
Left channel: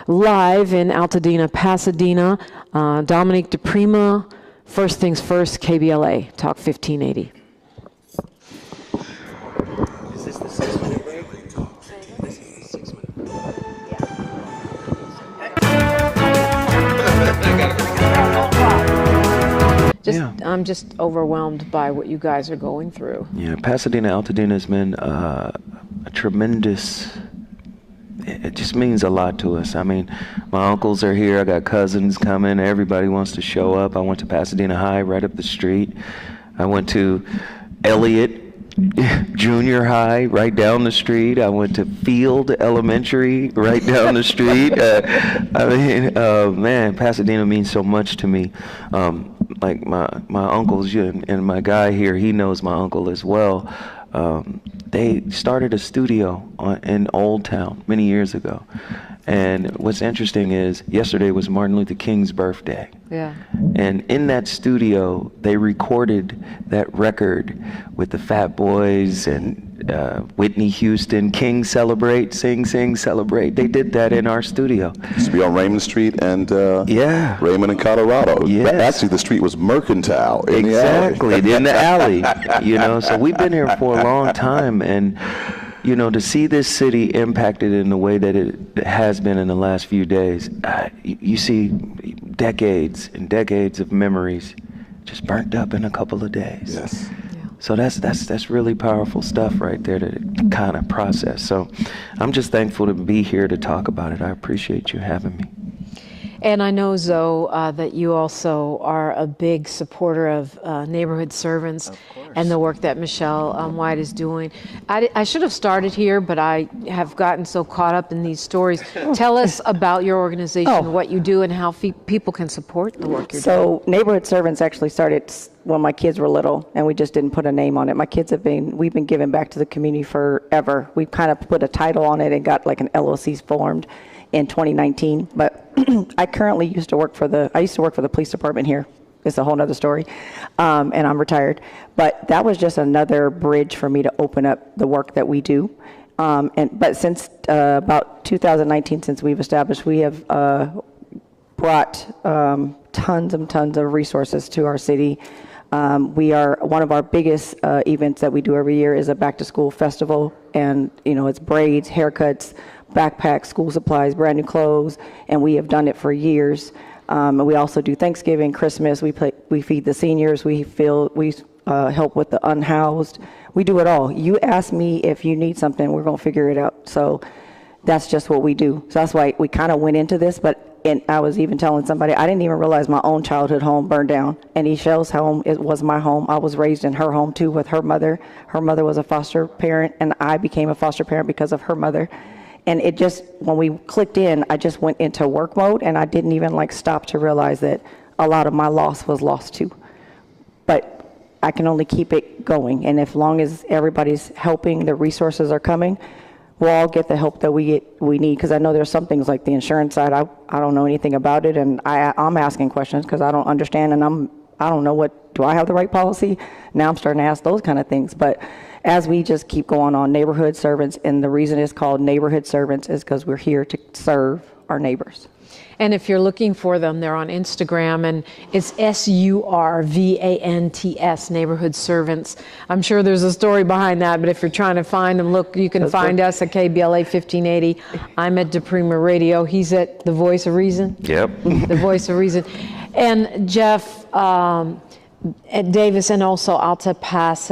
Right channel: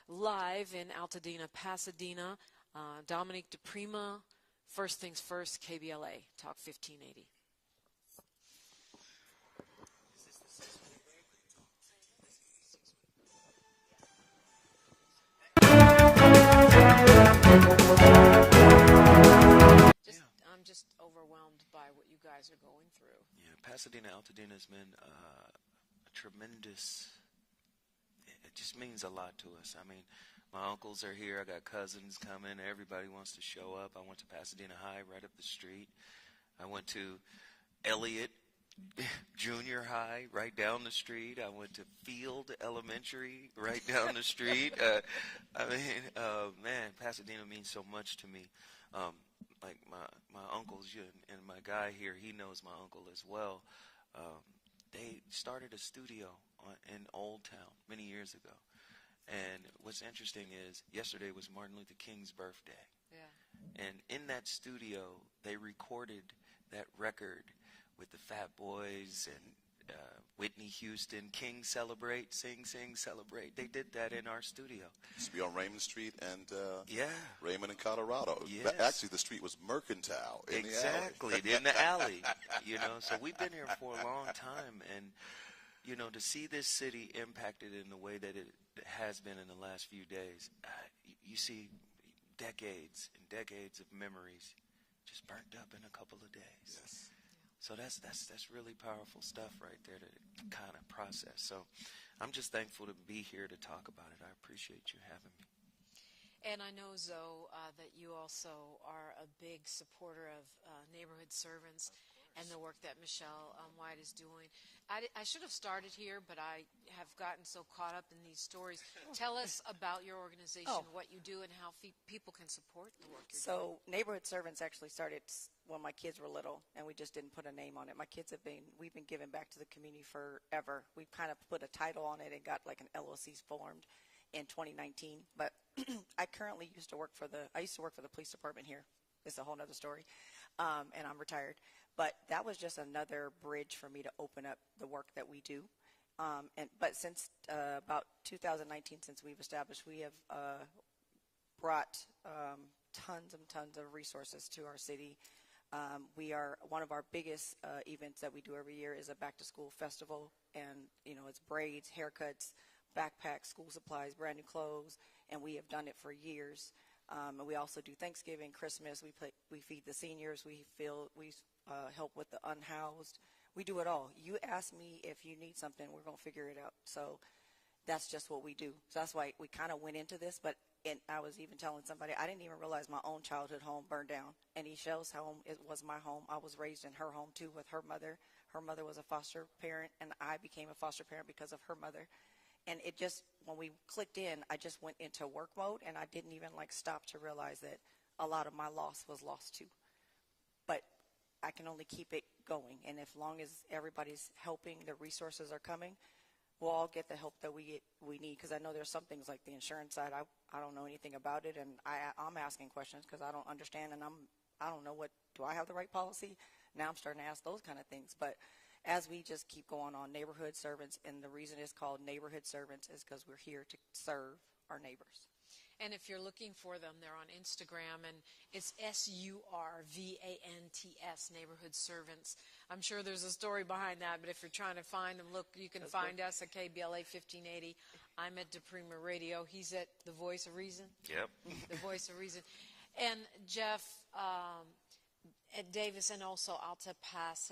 live in Altadena, Pasadena. Dominique DiPrima, First Things First, KBLA Talk 1580. Is this the 6-minute break? This is the 6-minute break. I'm just overwhelmed by what you guys are going through. Yeah, Pasadena, Altadena has been a tremendous. It just means a lot to us. I mean, my uncles are here. I got cousins coming. Everybody wants to show up. I went to Pasadena High right up the street. I went to Elliott Junior High right down the street. I went to Field Elementary right down the street. I mean, man, Pasadena means so much to me. Like my uncles and my guy here, he knows my uncle as well. They started a studio in Old Town many years ago. And what's interesting is yesterday was Martin Luther King's birthday. Yeah. And in that studio, they recorded that record with the Fat Boys and Whitney Houston, King Celebrate, Sing, Sing, Celebrate. They did that in our studio. Used to be on Raymond Street and Yeah. Raymond and Colorado. Yes. Actually, the street was Mercantile. Exactly, in the alley. You know, so we've been here for a long time, and you know, to see this city impacted in the way that it has been in the last few days, you see decades and decades of memories just burnt up in a couple of days. Yes. So that's really powerful stuff right there to kind of process. So I'm just thankful to be here to talk about it. I appreciate you having me. And I know, Zoe, that you also are a big supporter of neighborhood servants and the work that Michelle White is doing. I should have started here, but I have gotten so caught up in these stories. Tell us about your organization, what you do, and how people can support the work you're doing. So Neighborhood Servants actually started when my kids were little, and we just didn't put a name on it. My kids we've been giving back to the community forever. We've kind of put a title on it and got like an LLC formed in 2019, but I currently used to work for the police department here. It's a whole nother story, and I'm retired. But that was just another bridge for me to open up the work that we do. But since about 2019, since we've established, we have brought tons and tons of resources to our city. We are one of our biggest events that we do every year is a back to school festival, and it's braids, haircuts, backpacks, school supplies, brand new clothes, and we have done it for years. And we also do Thanksgiving, Christmas. We feed the seniors. We help with the unhoused. We do it all. You ask me if you need something, we're gonna figure it out. So that's just what we do. So that's why we kind of went into this. And I was even telling somebody, I didn't even realize my own childhood home burned down. And Michelle's home, it was my home. I was raised in her home too with her mother. Her mother was a foster parent, and I became a foster parent because of her mother. And it just, when we clicked in, I just went into work mode, and I didn't even stop to realize that a lot of my loss was lost too. But I can only keep it going. And as long as everybody's helping, the resources are coming, we'll all get the help that we need. Because I know there's some things like the insurance side, I don't know anything about it, and I'm asking questions because I don't understand, and I don't know do I have the right policy? Now I'm starting to ask those kind of things. But as we just keep going on, Neighborhood Servants, and the reason it's called Neighborhood Servants is because we're here to serve our neighbors. And if you're looking for them, they're on Instagram, and it's SURVANTS, Neighborhood Servants. I'm sure there's a story behind that, but if you're trying to find them, look, you can find us at KBLA 1580. I'm at DiPrima Radio. He's at the Voice of Reason. Yep. The Voice of Reason. And Jeff at Davis, and also Alta Pass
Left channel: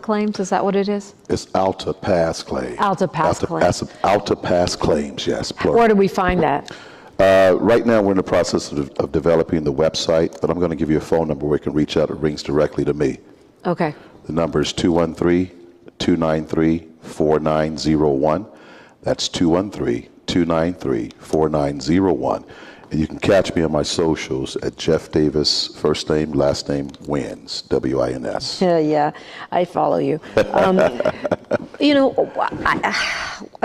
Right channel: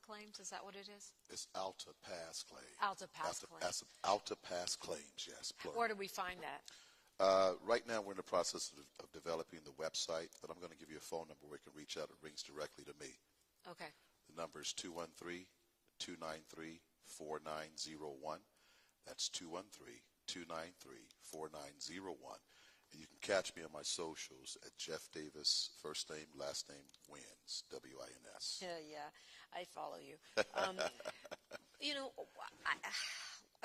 Claims, is that what it is? It's Alta Pass Claims. Alta Pass Claims. Alta Pass Claims, yes, plural. Where do we find that? Right now, we're in the process of developing the website, but I'm going to give you a phone number where you can reach out. It rings directly to me. Okay. The number is 213-293-4901. That's 213-293-4901. And you can catch me on my socials at Jeff Davis, first name, last name, Wins, W-I-N-S. Yeah, I follow you.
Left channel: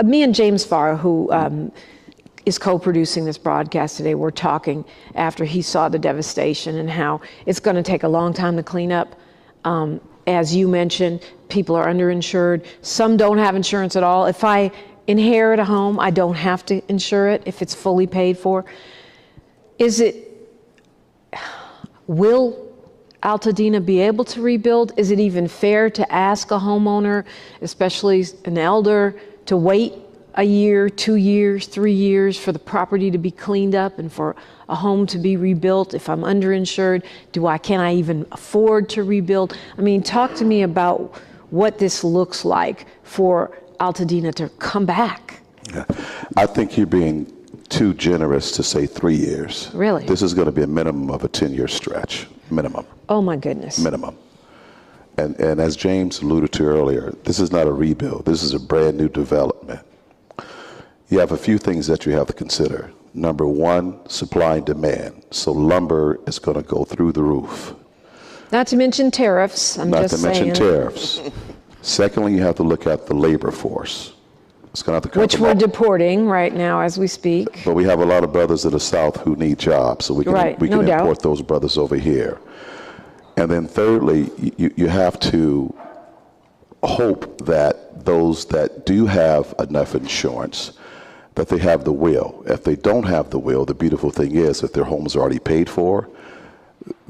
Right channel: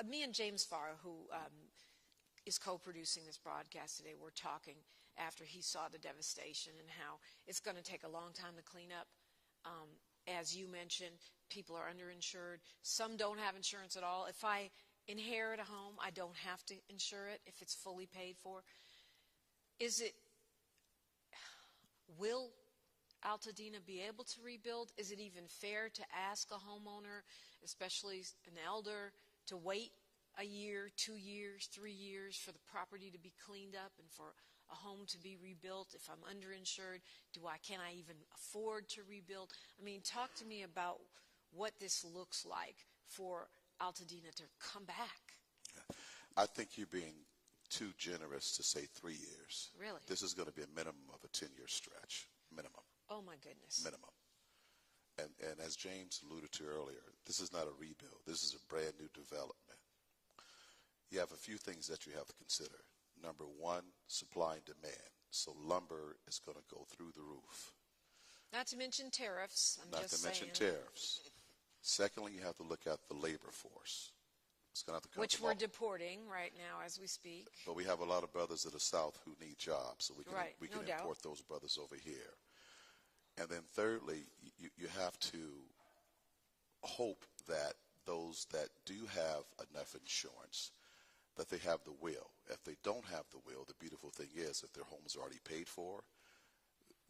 Me and James Farr, who is co-producing this broadcast today, we're talking after he saw the devastation and how it's going to take a long time to clean up. As you mentioned, people are underinsured. Some don't have insurance at all. If I inherit a home, I don't have to insure it if it's fully paid for. Will Altadena be able to rebuild? Is it even fair to ask a homeowner, especially an elder, to wait a year, 2 years, 3 years for the property to be cleaned up and for a home to be rebuilt if I'm underinsured? Can I even afford to rebuild? I mean, talk to me about what this looks like for Altadena to come back. Yeah. I think you're being too generous to say 3 years. Really? This is going to be a minimum of a 10-year stretch, minimum. Oh my goodness. Minimum. And as James alluded to earlier, this is not a rebuild. This is a brand new development. You have a few things that you have to consider. Number one, supply and demand. So lumber is going to go through the roof. Not to mention tariffs. Not to mention tariffs. Secondly, you have to look at the labor force. It's going to have to come which we're deporting right now as we speak. But we have a lot of brothers in the South who need jobs, so we can import those brothers over here. And then thirdly, you have to hope that those that do have enough insurance, that they have the will. If they don't have the will, the beautiful thing is if their home is already paid for,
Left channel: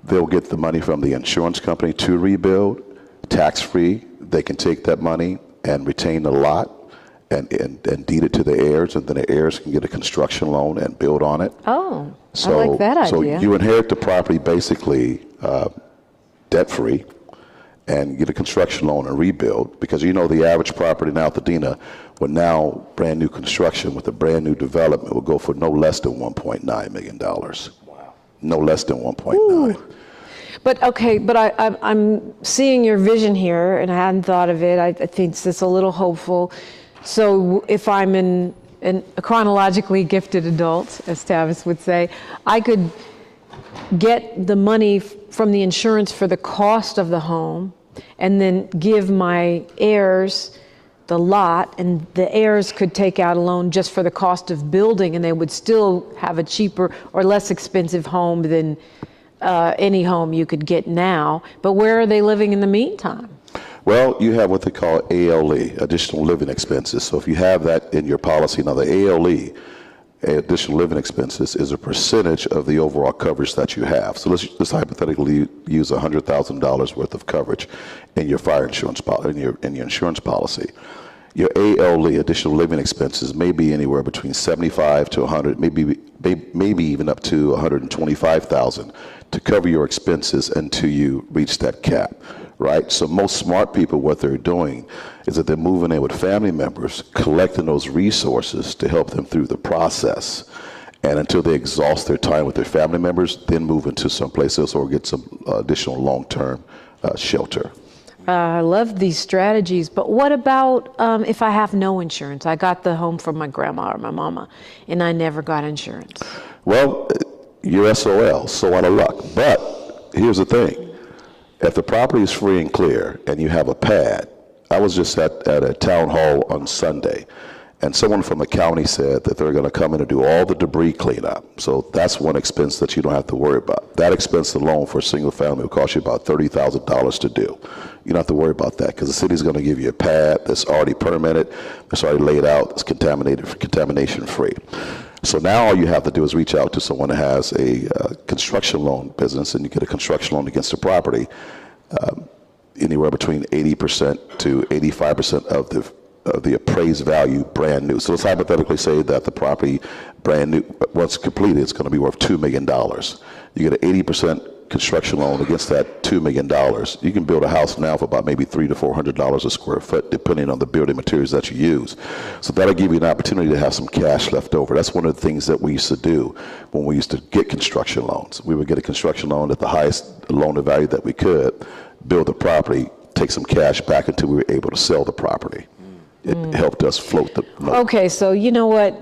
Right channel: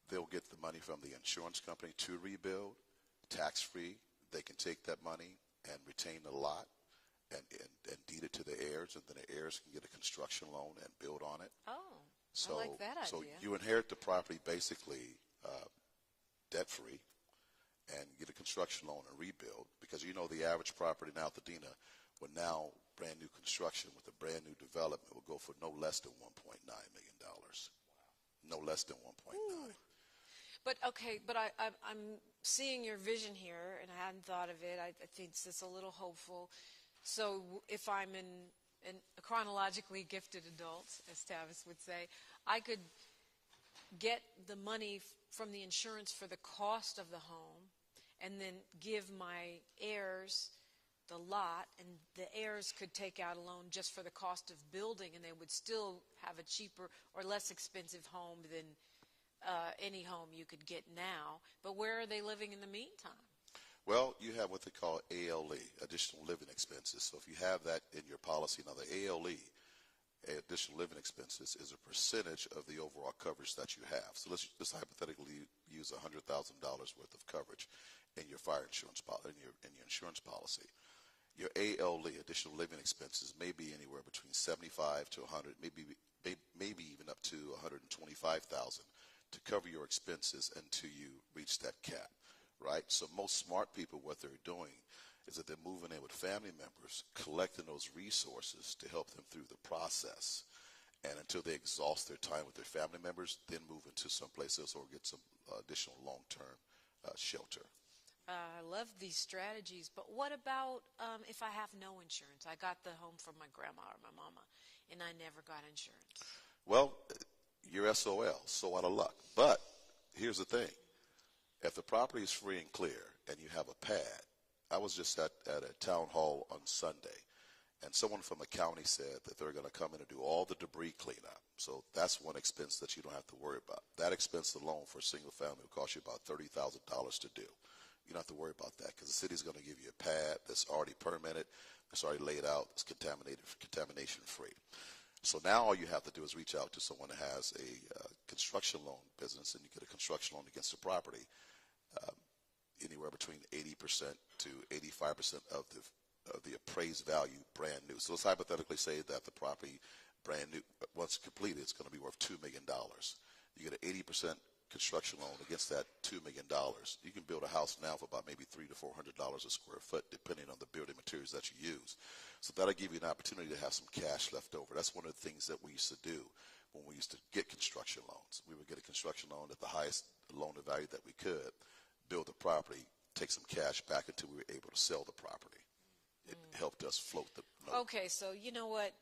they'll get the money from the insurance company to rebuild, tax-free. They can take that money and retain the lot and deed it to the heirs, and then the heirs can get a construction loan and build on it. Oh, I like that idea. So you inherit the property basically debt-free and get a construction loan and rebuild, because you know the average property in Altadena, with now brand new construction with a brand new development, will go for no less than $1.9 million. Wow. No less than 1.9. But I'm seeing your vision here, and I hadn't thought of it. I think it's a little hopeful. So if I'm a chronologically gifted adult, as Tavis would say, I could get the money from the insurance for the cost of the home and then give my heirs the lot, and the heirs could take out a loan just for the cost of building, and they would still have a cheaper or less expensive home than any home you could get now. But where are they living in the meantime? Well, you have what they call ALE, additional living expenses. So if you have that in your policy, now the ALE, additional living expenses, is a percentage of the overall coverage that you have. So let's hypothetically use $100,000 worth of coverage in your fire insurance in your insurance policy. Your ALE, additional living expenses, may be anywhere between 75 to 100, maybe even up to 125,000 to cover your expenses until you reach that cap. Right? So most smart people, what they're doing is that they're moving in with family members, collecting those resources to help them through the process. And until they exhaust their time with their family members, then move into someplace else or get some additional long-term shelter. I love these strategies, but what about if I have no insurance? I got the home from my grandma or my mama, and I never got insurance. Well, you're SOL, so out of luck. But here's the thing. If the property is free and clear and you have a pad, I was just at a town hall on Sunday, and someone from the county said that they're going to come in and do all the debris cleanup. So that's one expense that you don't have to worry about. That expense alone for a single family will cost you about $30,000 to do. You don't have to worry about that because the city's going to give you a pad that's already permitted, that's already laid out, that's contamination free. So now all you have to do is reach out to someone that has a construction loan business, and you get a construction loan against the property, anywhere between 80% to 85% of the appraised value brand new. So let's hypothetically say that the property brand new, once completed, it's going to be worth $2 million. You get an 80% construction loan against that $2 million. You can build a house now for about maybe $300 to $400 a square foot, depending on the building materials that you use. So that'll give you an opportunity to have some cash left over. That's one of the things that we used to do when we used to get construction loans. We would get a construction loan at the highest loan to value that we could, build the property, take some cash back until we were able to sell the property. It helped us float the note. Okay, so you know what?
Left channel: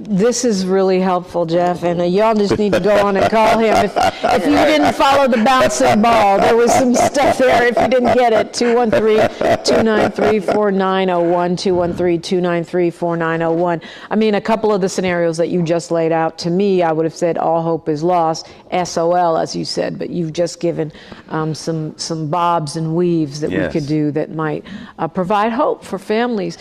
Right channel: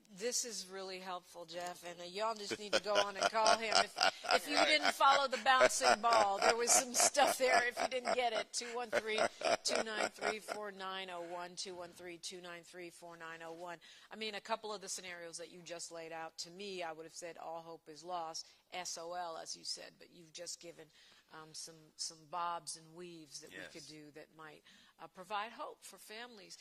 This is really helpful, Jeff, and y'all just need to go on and call him. If you didn't follow the bouncing ball, there was some stuff there if you didn't get it. 213-293-4901, 213-293-4901. I mean, a couple of the scenarios that you just laid out, to me, I would have said all hope is lost, SOL, as you said, but you've just given some bobs and weaves that we could do that might provide hope for families.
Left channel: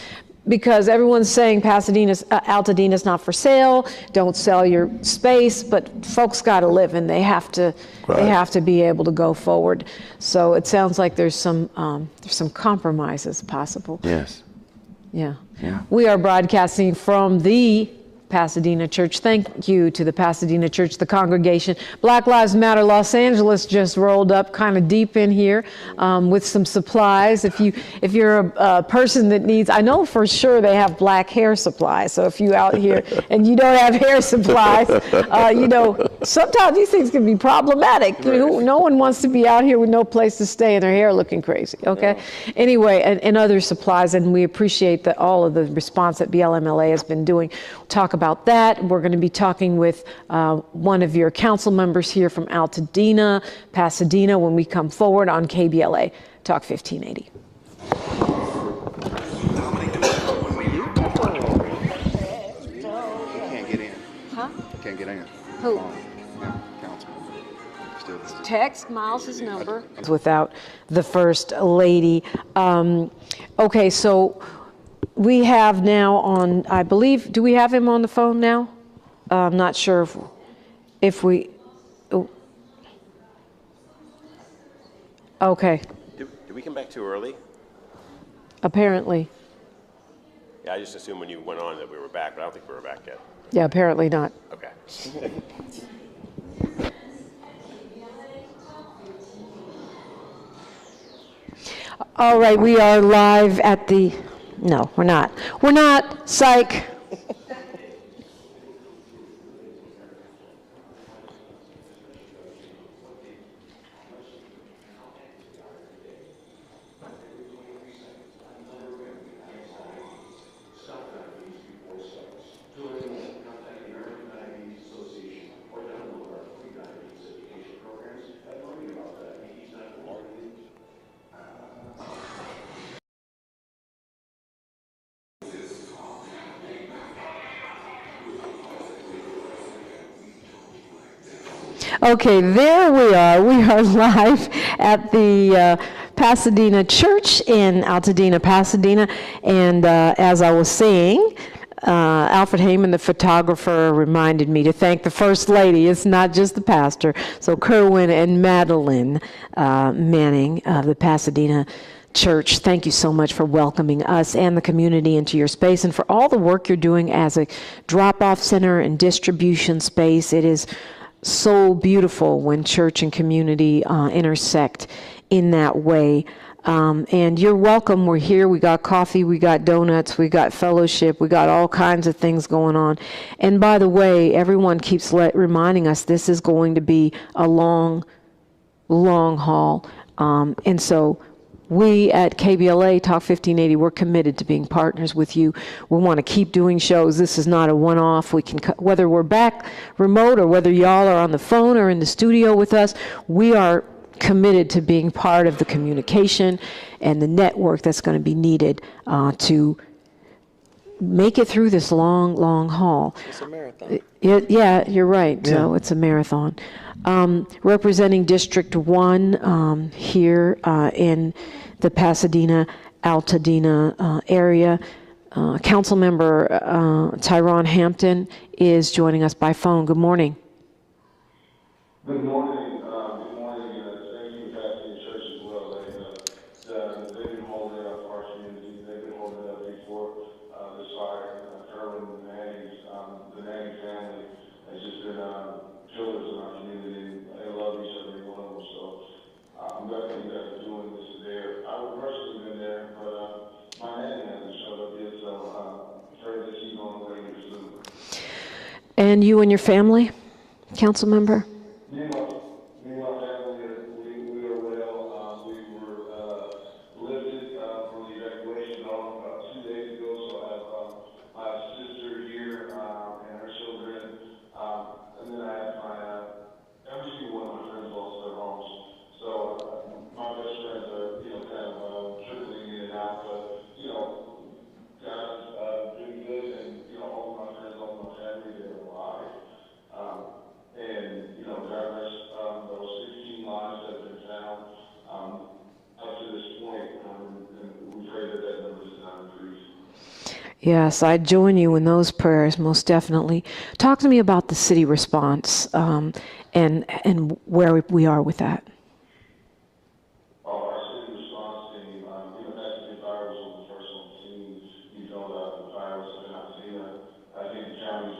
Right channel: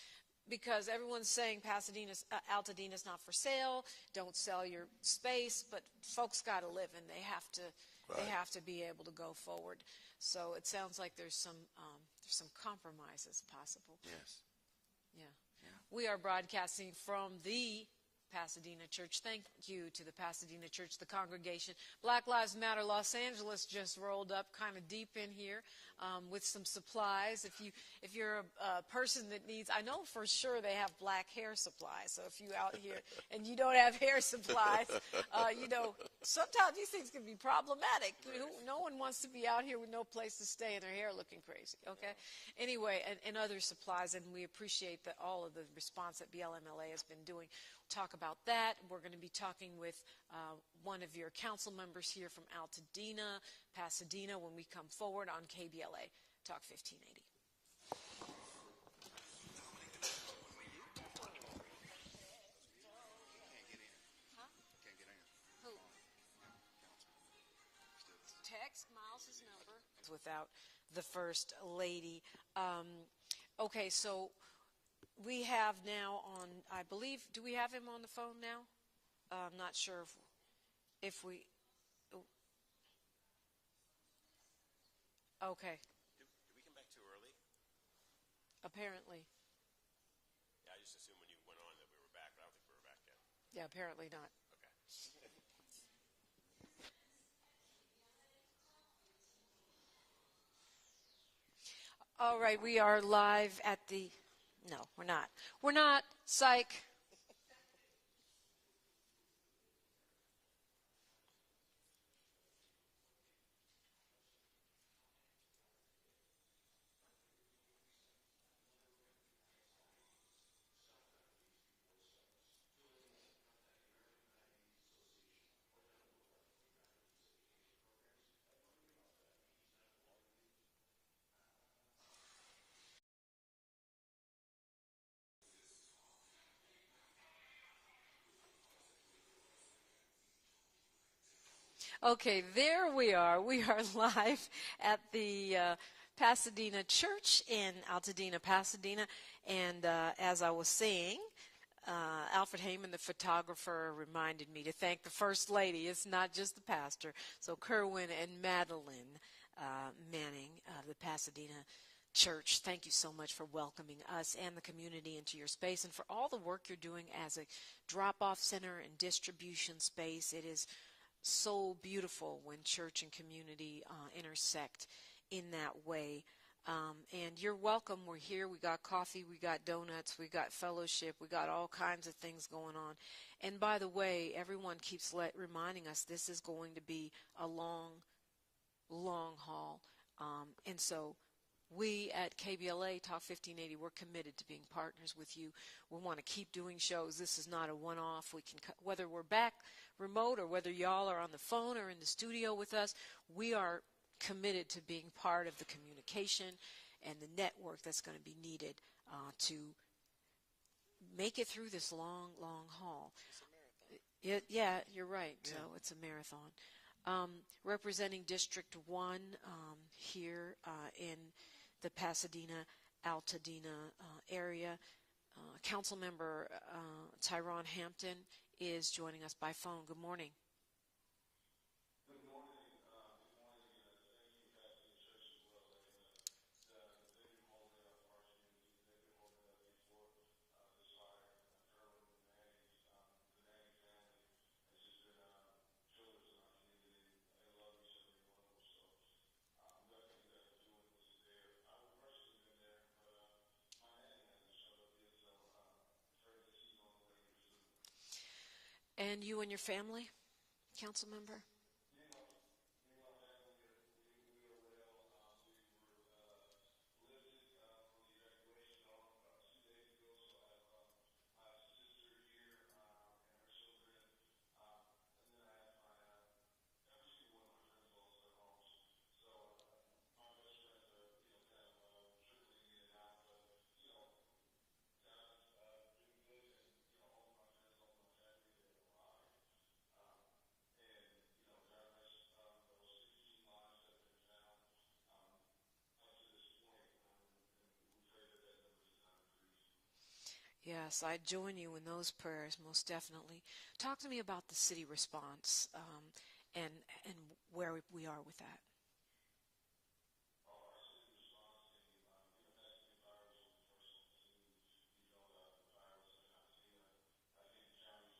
Because everyone's saying Altadena's not for sale, don't sell your space, but folks got to live and they have to be able to go forward. So it sounds like there's some compromises possible. Yes. Yeah. We are broadcasting from the Pasadena Church. Thank you to the Pasadena Church, the congregation. Black Lives Matter Los Angeles just rolled up kind of deep in here with some supplies. If you're a person that needs, I know for sure they have black hair supplies. So if you out here and you don't have hair supplies, sometimes these things can be problematic. No one wants to be out here with no place to stay and their hair looking crazy. Okay. No. Anyway, and other supplies, and we appreciate all of the response that BLMLA has been doing. We'll talk about that. We're going to be talking with one of your council members here from Altadena, Pasadena, when we come forward on KBLA Talk 1580. Can't get in. Huh? Can't get in. Who? Text Miles's number. Without the First Lady. Okay, so we have now on, I believe, do we have him on the phone now? I'm not sure if we, oh. Okay. Did we come back too early? Apparently. Yeah, I just assumed when you went on that we were back, but I don't think we were back yet. Yeah, apparently not. Okay. All right, we are live at the, no, we're not. We're not, psych. Okay, there we are. We are live at the Pasadena Church in Altadena, Pasadena. And as I was saying, Alfred Heyman, the photographer, reminded me to thank the First Lady. It's not just the pastor. So Kerwin and Madeline Manning of the Pasadena Church, thank you so much for welcoming us and the community into your space and for all the work you're doing as a drop-off center and distribution space. It is so beautiful when church and community intersect in that way. And you're welcome. We're here. We got coffee. We got donuts. We got fellowship. We got all kinds of things going on. And by the way, everyone keeps reminding us this is going to be a long, long haul. And so we at KBLA Talk 1580, we're committed to being partners with you. We want to keep doing shows. This is not a one-off. We can, whether we're back remote or whether y'all are on the phone or in the studio with us, we are committed to being part of the communication and the network that's going to be needed to make it through this long, long haul. It's a marathon. Yeah, you're right. Yeah. So it's a marathon. Representing District 1 here in the Pasadena, Altadena area, Councilmember Tyrone Hampton is joining us by phone. Good morning. Good morning. Good morning. Thank you, Pasadena Church as well. They've been holding up our community. They've been holding up before this fire. Kerwin and the Manning family has just been pillars in our community. They love each other, every one of them. So I'm glad that you guys are doing this there. I would personally been there, but my nanny hasn't showed up yet, so pray that she's on the way here soon. And you and your family, council member? Me and my family, we are well. We were lifted from the evacuation about 2 days ago, so I have my sister here and her children, and then I have every single one of my friends lost their homes. So my best friends are, kind of trickling in and out, but, God's been good, and, all of my friends, all of my family, they're alive. And, God bless those 16 lives that have been found up to this point, and we pray that that number does not increase. Yes, I join you in those prayers, most definitely. Talk to me about the city response and where we are with that. Our city response team, Pasadena Fire was one of the first on the scene. The fire was in Altadena. I think the county's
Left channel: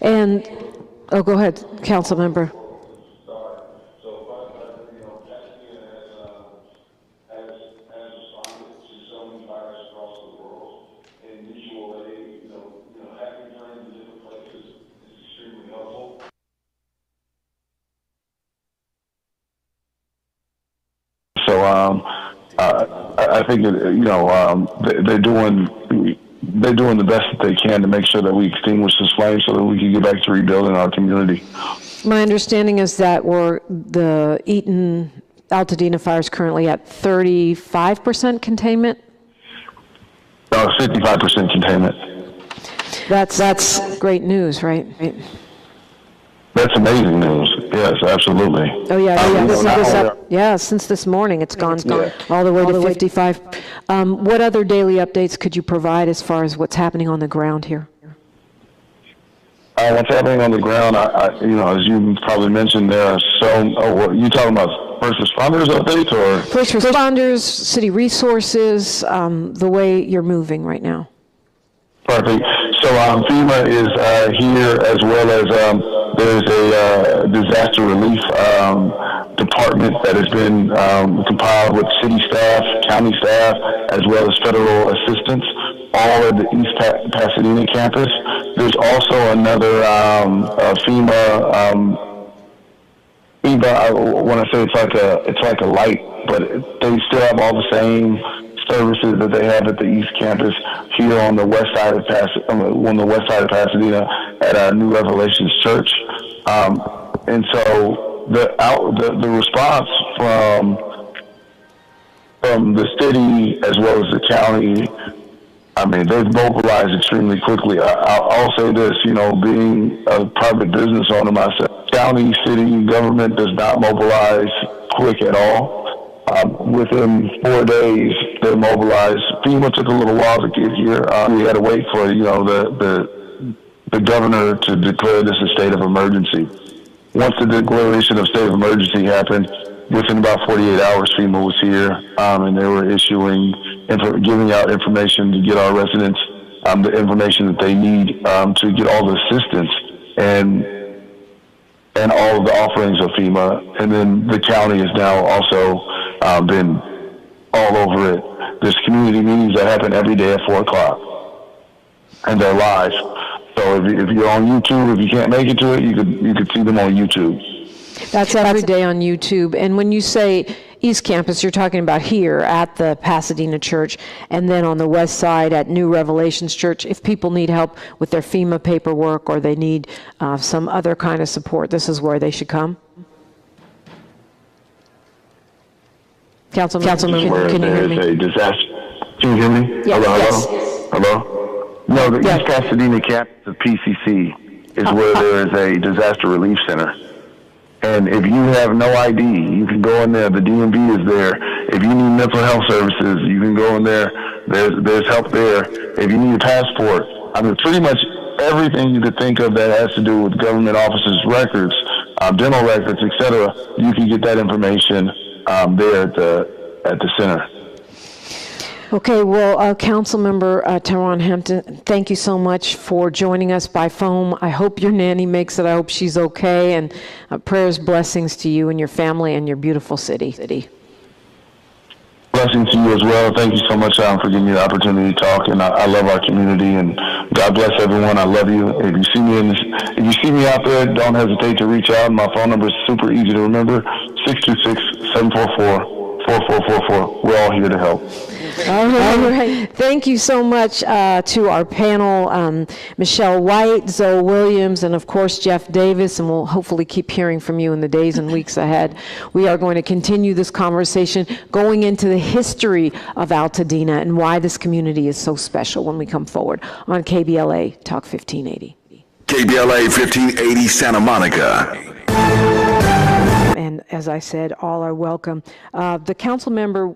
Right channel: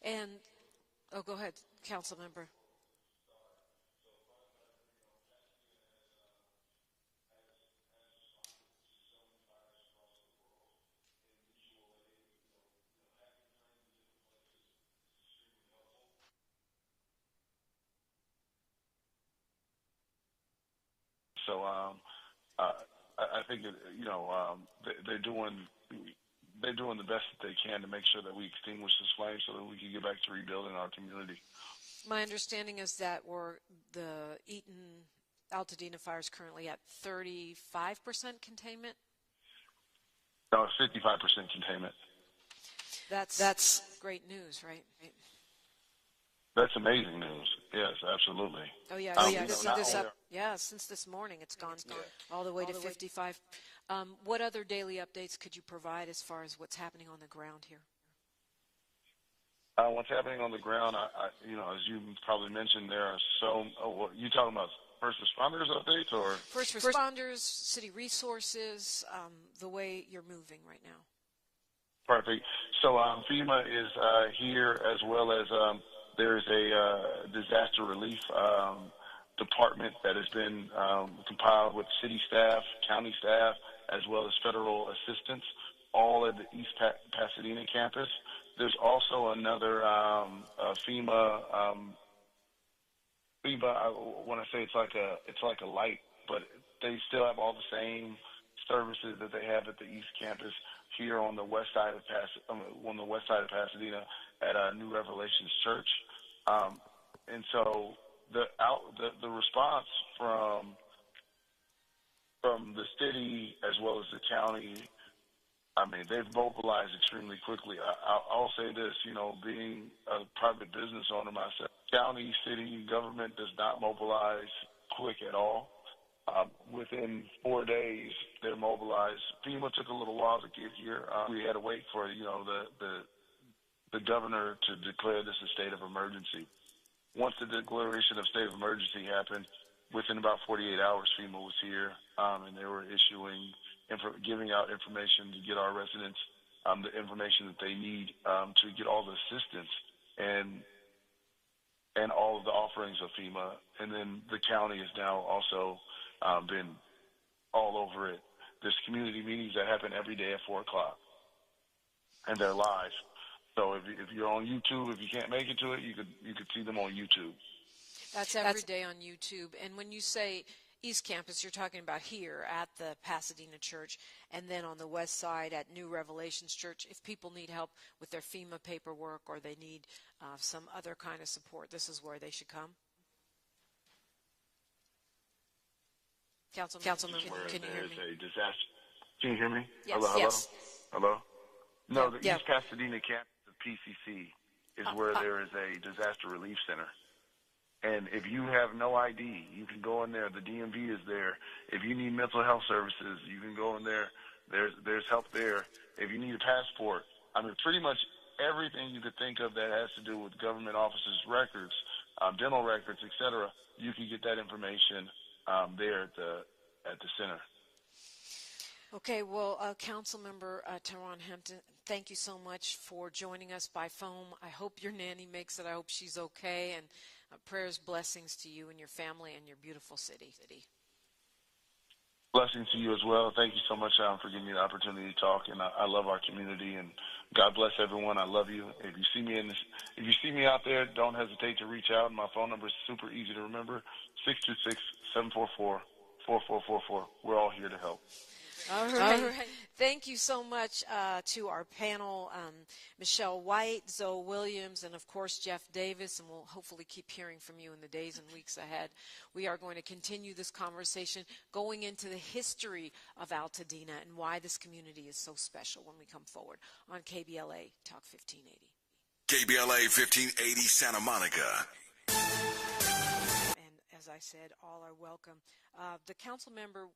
And, oh, go ahead, council member. So I think they're doing the best that they can to make sure that we extinguish this flame so that we can get back to rebuilding our community. My understanding is that the Eaton Altadena fire is currently at 35% containment. 55% containment. That's great news, right? That's amazing news. Yes, absolutely. Oh yeah, since this morning it's gone all the way to 55. What other daily updates could you provide as far as what's happening on the ground here? What's happening on the ground, as you probably mentioned, there are you talking about first responders updates or? First responders, city resources, the way you're moving right now. Perfect. So FEMA is here, as well as there's a disaster relief department that has been compiled with city staff, county staff, as well as federal assistance, all at the East Pasadena campus. There's also another FEMA. I want to say it's like a light, but they still have all the same services that they have at the East Campus here on the west side of Pasadena at New Revelations Church, and so the response from the city as well as the county, I mean, they've mobilized extremely quickly. I'll say this, being a private business owner myself, county, city, government does not mobilize quick at all. Within 4 days, they're mobilized. FEMA took a little while to get here. We had to wait for, the governor to declare this a state of emergency. Once the declaration of state of emergency happened, within about 48 hours, FEMA was here, and they were giving out information to get our residents the information that they need to get all the assistance and all of the offerings of FEMA. And then the county has now also been all over it. There's community meetings that happen every day at 4 o'clock, and they're live. So if you're on YouTube, if you can't make it to it, you could see them on YouTube. That's every day on YouTube. And when you say East Campus, you're talking about here at the Pasadena Church, and then on the west side at New Revelations Church. If people need help with their FEMA paperwork or they need some other kind of support, this is where they should come. Councilman, can you hear me? A disaster. Can you hear me? Yes. Hello? No, the East Pasadena campus of PCC is where there is a disaster relief center. And if you have no ID, you can go in there. The DMV is there. If you need mental health services, you can go in there. There's help there. If you need a passport, I mean, pretty much everything you could think of that has to do with government offices' records, dental records, etc., you can get that information there at the center. Okay, well, Councilmember Teron Hampton, thank you so much for joining us by phone. I hope your nanny makes it. I hope she's okay, and prayers, blessings to you and your family and your beautiful city. Blessings to you as well. Thank you so much for giving me the opportunity to talk, and I love our community, and God bless everyone. I love you. If you see me out there, don't hesitate to reach out. My phone number is super easy to remember, 626-744-4444. We're all here to help. All right. Thank you so much to our panel, Michelle White, Zoe Williams, and of course Jeff Davis, and we'll hopefully keep hearing from you in the days and weeks ahead. We are going to continue this conversation going into the history of Altadena and why this community is so special when we come forward on KBLA Talk 1580. KBLA 1580 Santa Monica. And as I said, all are welcome. The Councilmember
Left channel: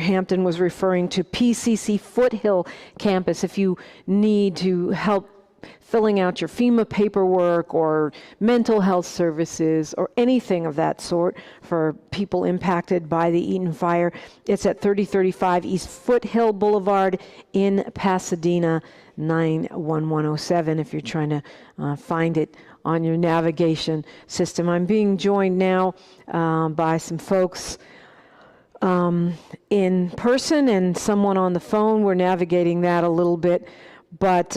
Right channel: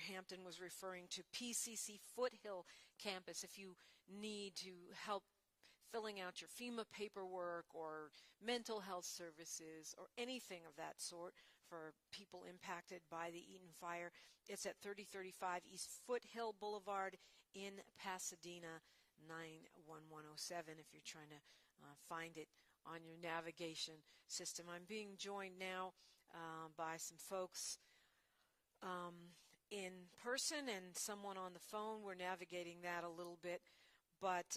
Hampton was referring to PCC Foothill Campus. If you need to help filling out your FEMA paperwork or mental health services or anything of that sort for people impacted by the Eaton Fire, it's at 3035 East Foothill Boulevard in Pasadena, 91107, if you're trying to find it on your navigation system. I'm being joined now by some folks in person and someone on the phone. We're navigating that a little bit, but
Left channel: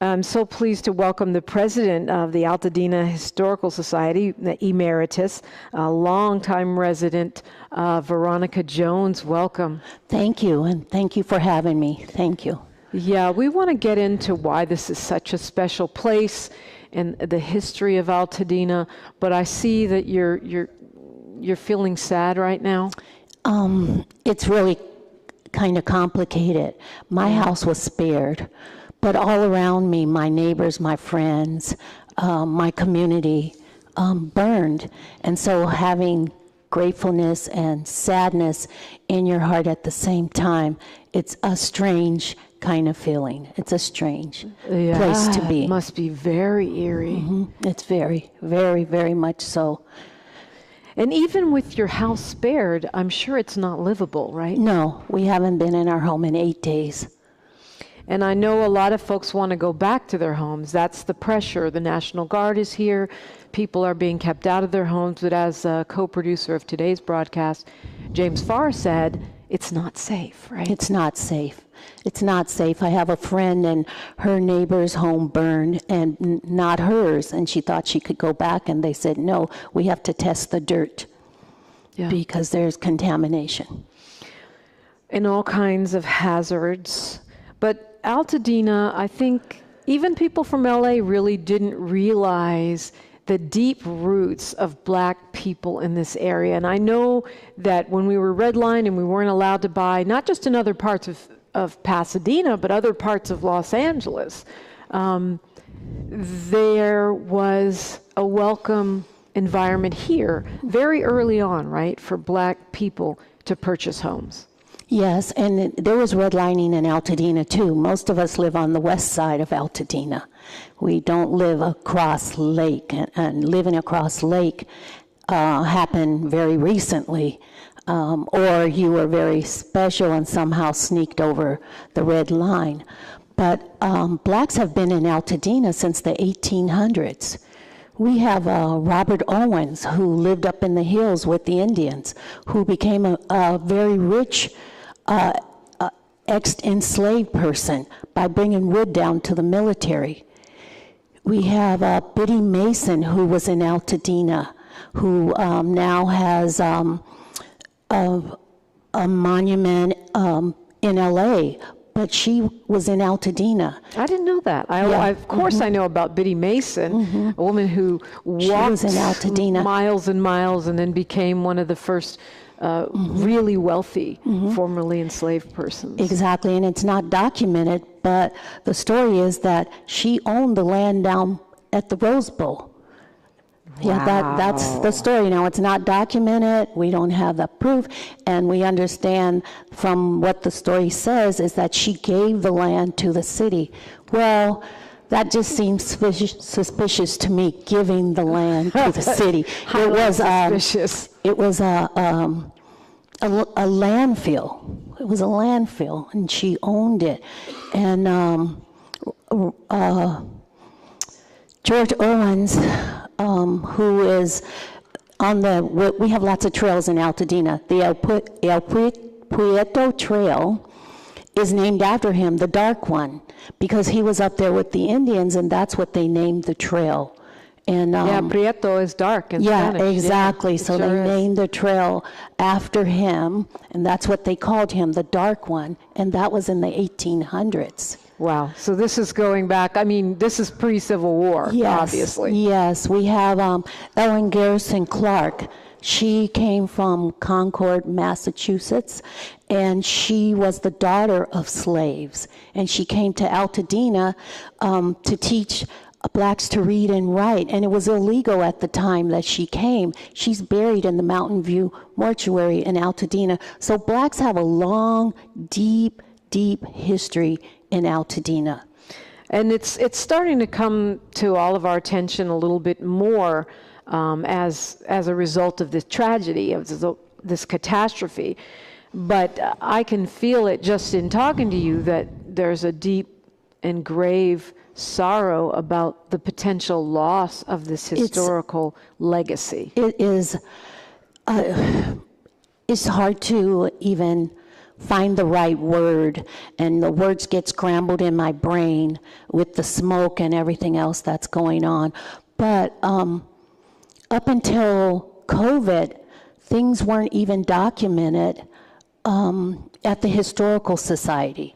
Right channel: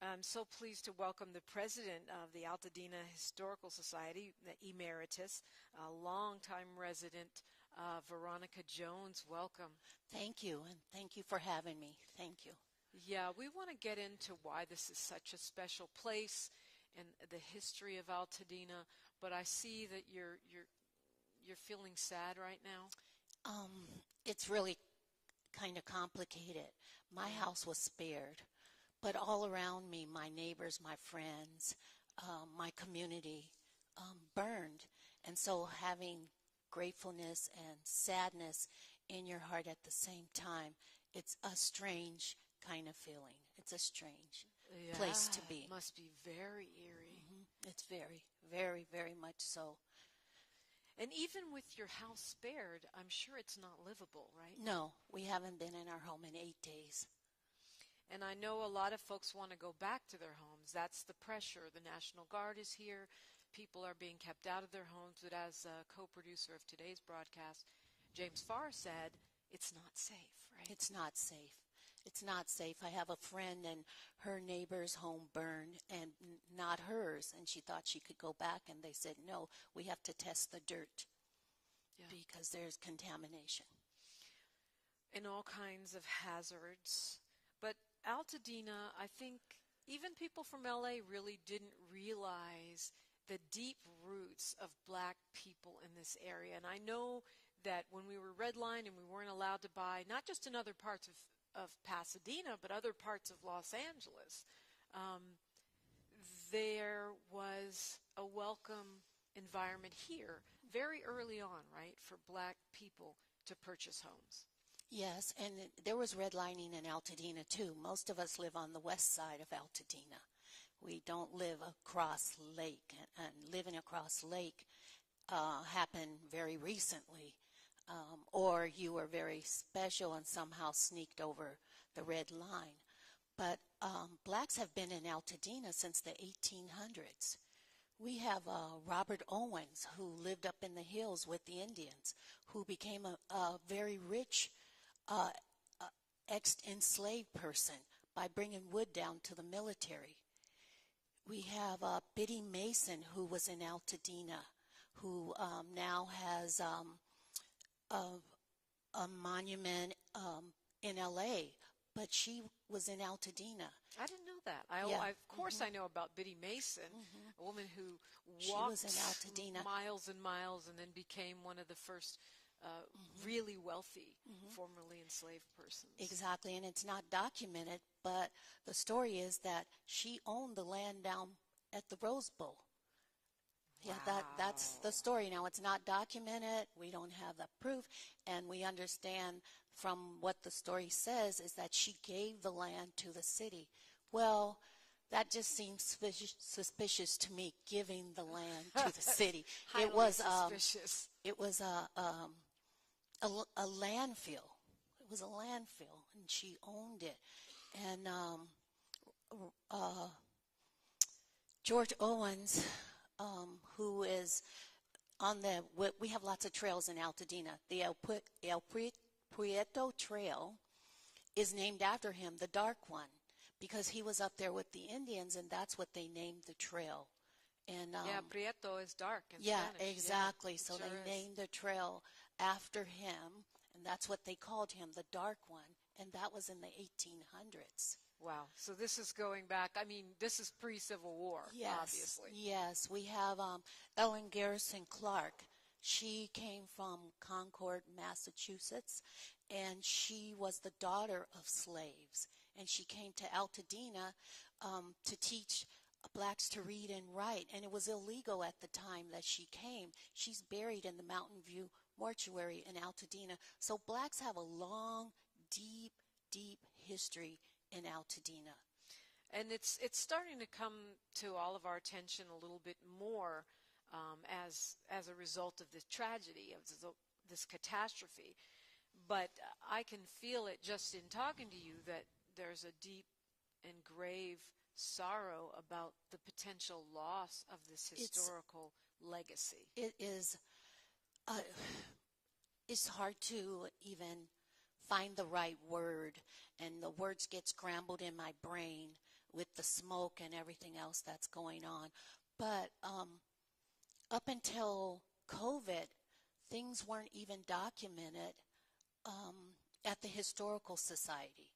I'm so pleased to welcome the president of the Altadena Historical Society, the Emeritus, a longtime resident, Veronica Jones. Welcome. Thank you, and thank you for having me. Thank you. Yeah, we want to get into why this is such a special place and the history of Altadena, but I see that you're feeling sad right now. It's really kind of complicated. My house was spared, but all around me, my neighbors, my friends, my community burned. And so having gratefulness and sadness in your heart at the same time, it's a strange kind of feeling. It's a strange place to be. It must be very eerie. Mm-hmm. It's very, very, very much so. And even with your house spared, I'm sure it's not livable, right? No, we haven't been in our home in 8 days. And I know a lot of folks want to go back to their homes. That's the pressure. The National Guard is here. People are being kept out of their homes. But as a co-producer of today's broadcast, James Farr said, it's not safe, right? It's not safe. It's not safe. I have a friend and her neighbor's home burned and not hers. And she thought she could go back. And they said, no, we have to test the dirt because there's contamination. And all kinds of hazards. But Altadena, I think even people from LA really didn't realize the deep roots of black people in this area. And I know that when we were redlined and we weren't allowed to buy, not just in other parts of Pasadena, but other parts of Los Angeles, there was a welcome environment here very early on, right, for black people to purchase homes. Yes, and there was redlining in Altadena too. Most of us live on the west side of Altadena. We don't live across lake, and living across lake happened very recently. Or you were very special and somehow sneaked over the red line. But blacks have been in Altadena since the 1800s. We have Robert Owens, who lived up in the hills with the Indians, who became a very rich ex-enslaved person by bringing wood down to the military. We have Biddy Mason, who was in Altadena, who now has a monument in LA, but she was in Altadena. I didn't know that. Of course I know about Biddy Mason, a woman who walked in Altadena. miles and miles and then became one of the first really wealthy, formerly enslaved persons. Exactly, and it's not documented, but the story is that she owned the land down at the Rose Bowl. Yeah, that's the story. Now, it's not documented. We don't have the proof. And we understand from what the story says is that she gave the land to the city. Well, that just seems suspicious to me, giving the land to the city. It was suspicious. It was a landfill. It was a landfill, and she owned it. And George Owens, who is on we have lots of trails in Altadena. The El Prieto Trail is named after him, the dark one, because he was up there with the Indians, and that's what they named the trail. And Prieto is dark in Spanish. Exactly. Yeah, so they named the trail after him, and that's what they called him, the dark one, and that was in the 1800s. Wow. So this is going back, I mean, this is pre-Civil War, obviously. Yes, we have Ellen Garrison Clark. She came from Concord, Massachusetts, and she was the daughter of slaves. And she came to Altadena to teach blacks to read and write, and it was illegal at the time that she came. She's buried in the Mountain View Mortuary in Altadena. So blacks have a long, deep history in Altadena. And it's starting to come to all of our attention a little bit more as a result of this tragedy, of this catastrophe. But I can feel it just in talking to you that there's a deep and grave sorrow about the potential loss of this historical legacy. It is, it's hard to even find the right word, and the words get scrambled in my brain with the smoke and everything else that's going on. But up until COVID, things weren't even documented at the Historical Society.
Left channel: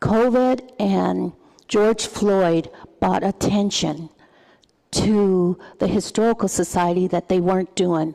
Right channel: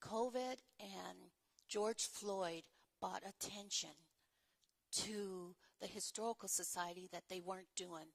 COVID and George Floyd brought attention to the Historical Society that they weren't doing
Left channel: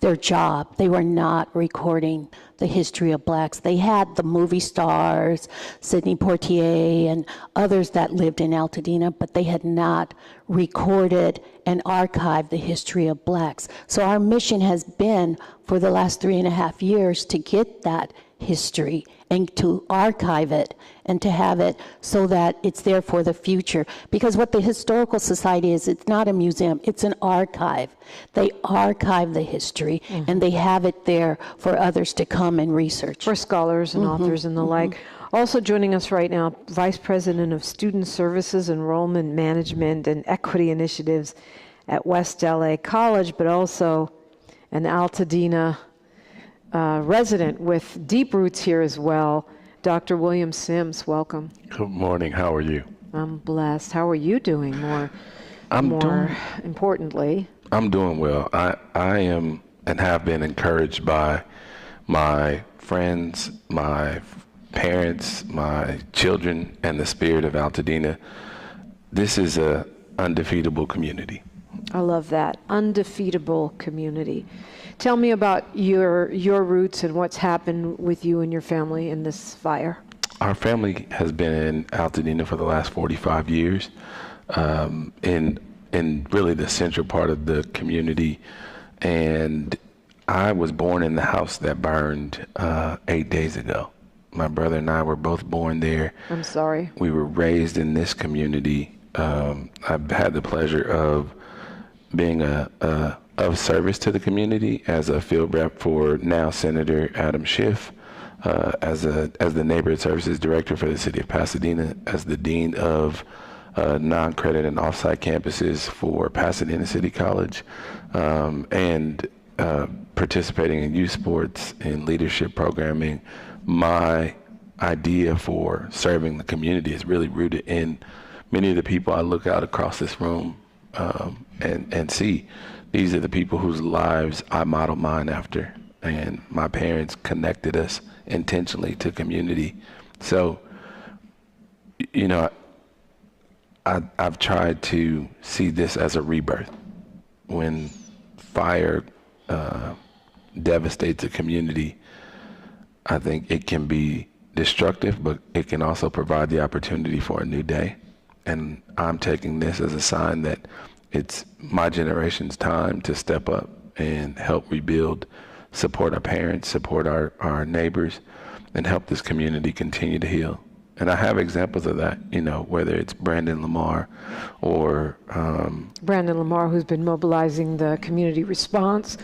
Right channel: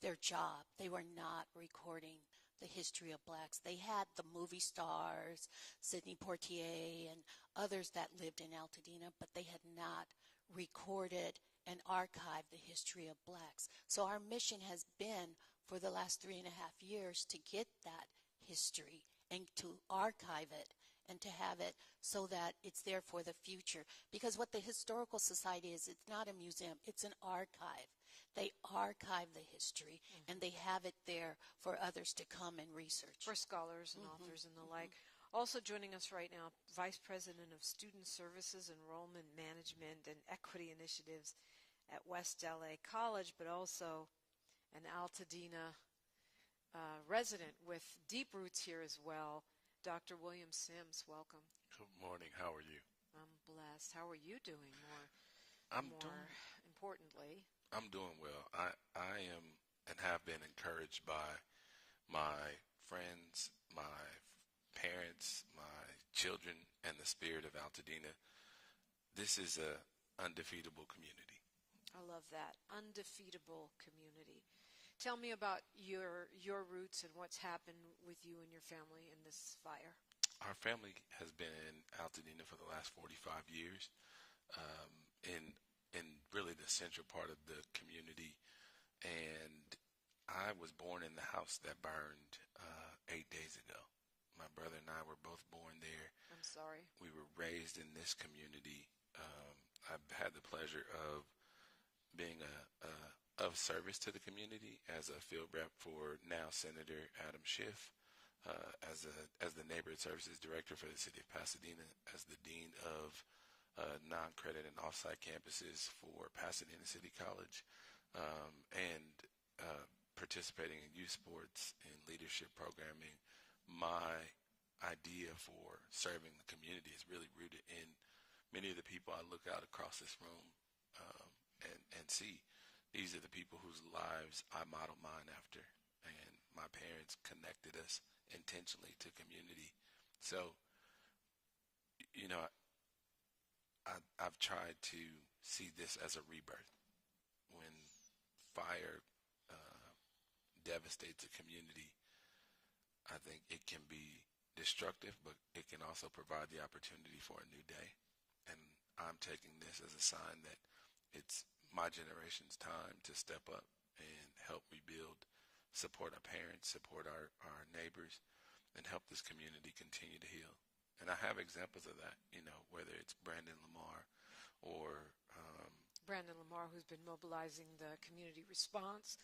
their job. They were not recording the history of blacks. They had the movie stars, Sidney Poitier and others that lived in Altadena, but they had not recorded and archived the history of blacks. So our mission has been for the last 3.5 years to get that history and to archive it and to have it so that it's there for the future. Because what the Historical Society is, it's not a museum, it's an archive. They archive the history and they have it there for others to come and research. For scholars and authors and the like. Also joining us right now, Vice President of Student Services, Enrollment Management, and Equity Initiatives at West LA College, but also an Altadena resident with deep roots here as well, Dr. William Sims. Welcome. Good morning. How are you? I'm blessed. How are you doing? More importantly. I'm doing well. I am and have been encouraged by my friends, my parents, my children, and the spirit of Altadena. This is a undefeatable community. I love that. Undefeatable community. Tell me about your roots and what's happened with you and your family in this fire. Our family has been in Altadena for the last 45 years, in really the central part of the community. And I was born in the house that burned 8 days ago. My brother and I were both born there. I'm sorry. We were raised in this community. I've had the pleasure of being of service to the community as a field rep for now Senator Adam Schiff, as the Neighborhood Services Director for the City of Pasadena, as the Dean of non-credit and off-site campuses for Pasadena City College, and participating in youth sports and leadership programming. My idea for serving the community is really rooted in many of the people I look out across this room and see. These are the people whose lives I model mine after, and my parents connected us intentionally to community. So, you know, I've tried to see this as a rebirth. When fire devastates a community, I think it can be destructive, but it can also provide the opportunity for a new day. And I'm taking this as a sign that it's my generation's time to step up and help rebuild, support our parents, support our neighbors, and help this community continue to heal. And I have examples of that, you know, whether it's Brandon Lamar or... Brandon Lamar, who's been mobilizing the community response.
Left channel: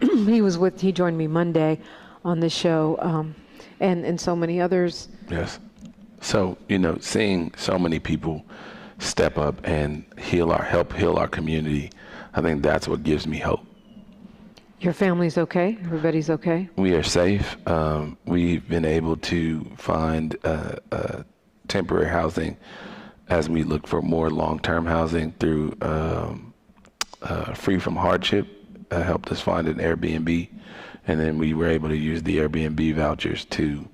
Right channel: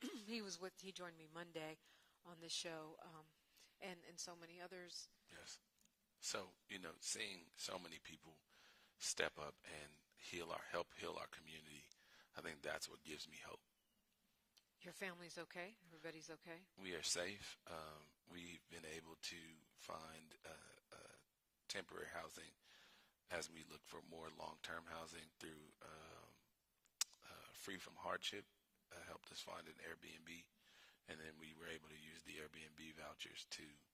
He joined me Monday on the show, and so many others. Yes. So, you know, seeing so many people step up and help heal our community, I think that's what gives me hope. Your family's okay? Everybody's okay? We are safe. We've been able to find temporary housing as we look for more long-term housing through Free from Hardship, helped us find an Airbnb. And then we were able to use the Airbnb vouchers to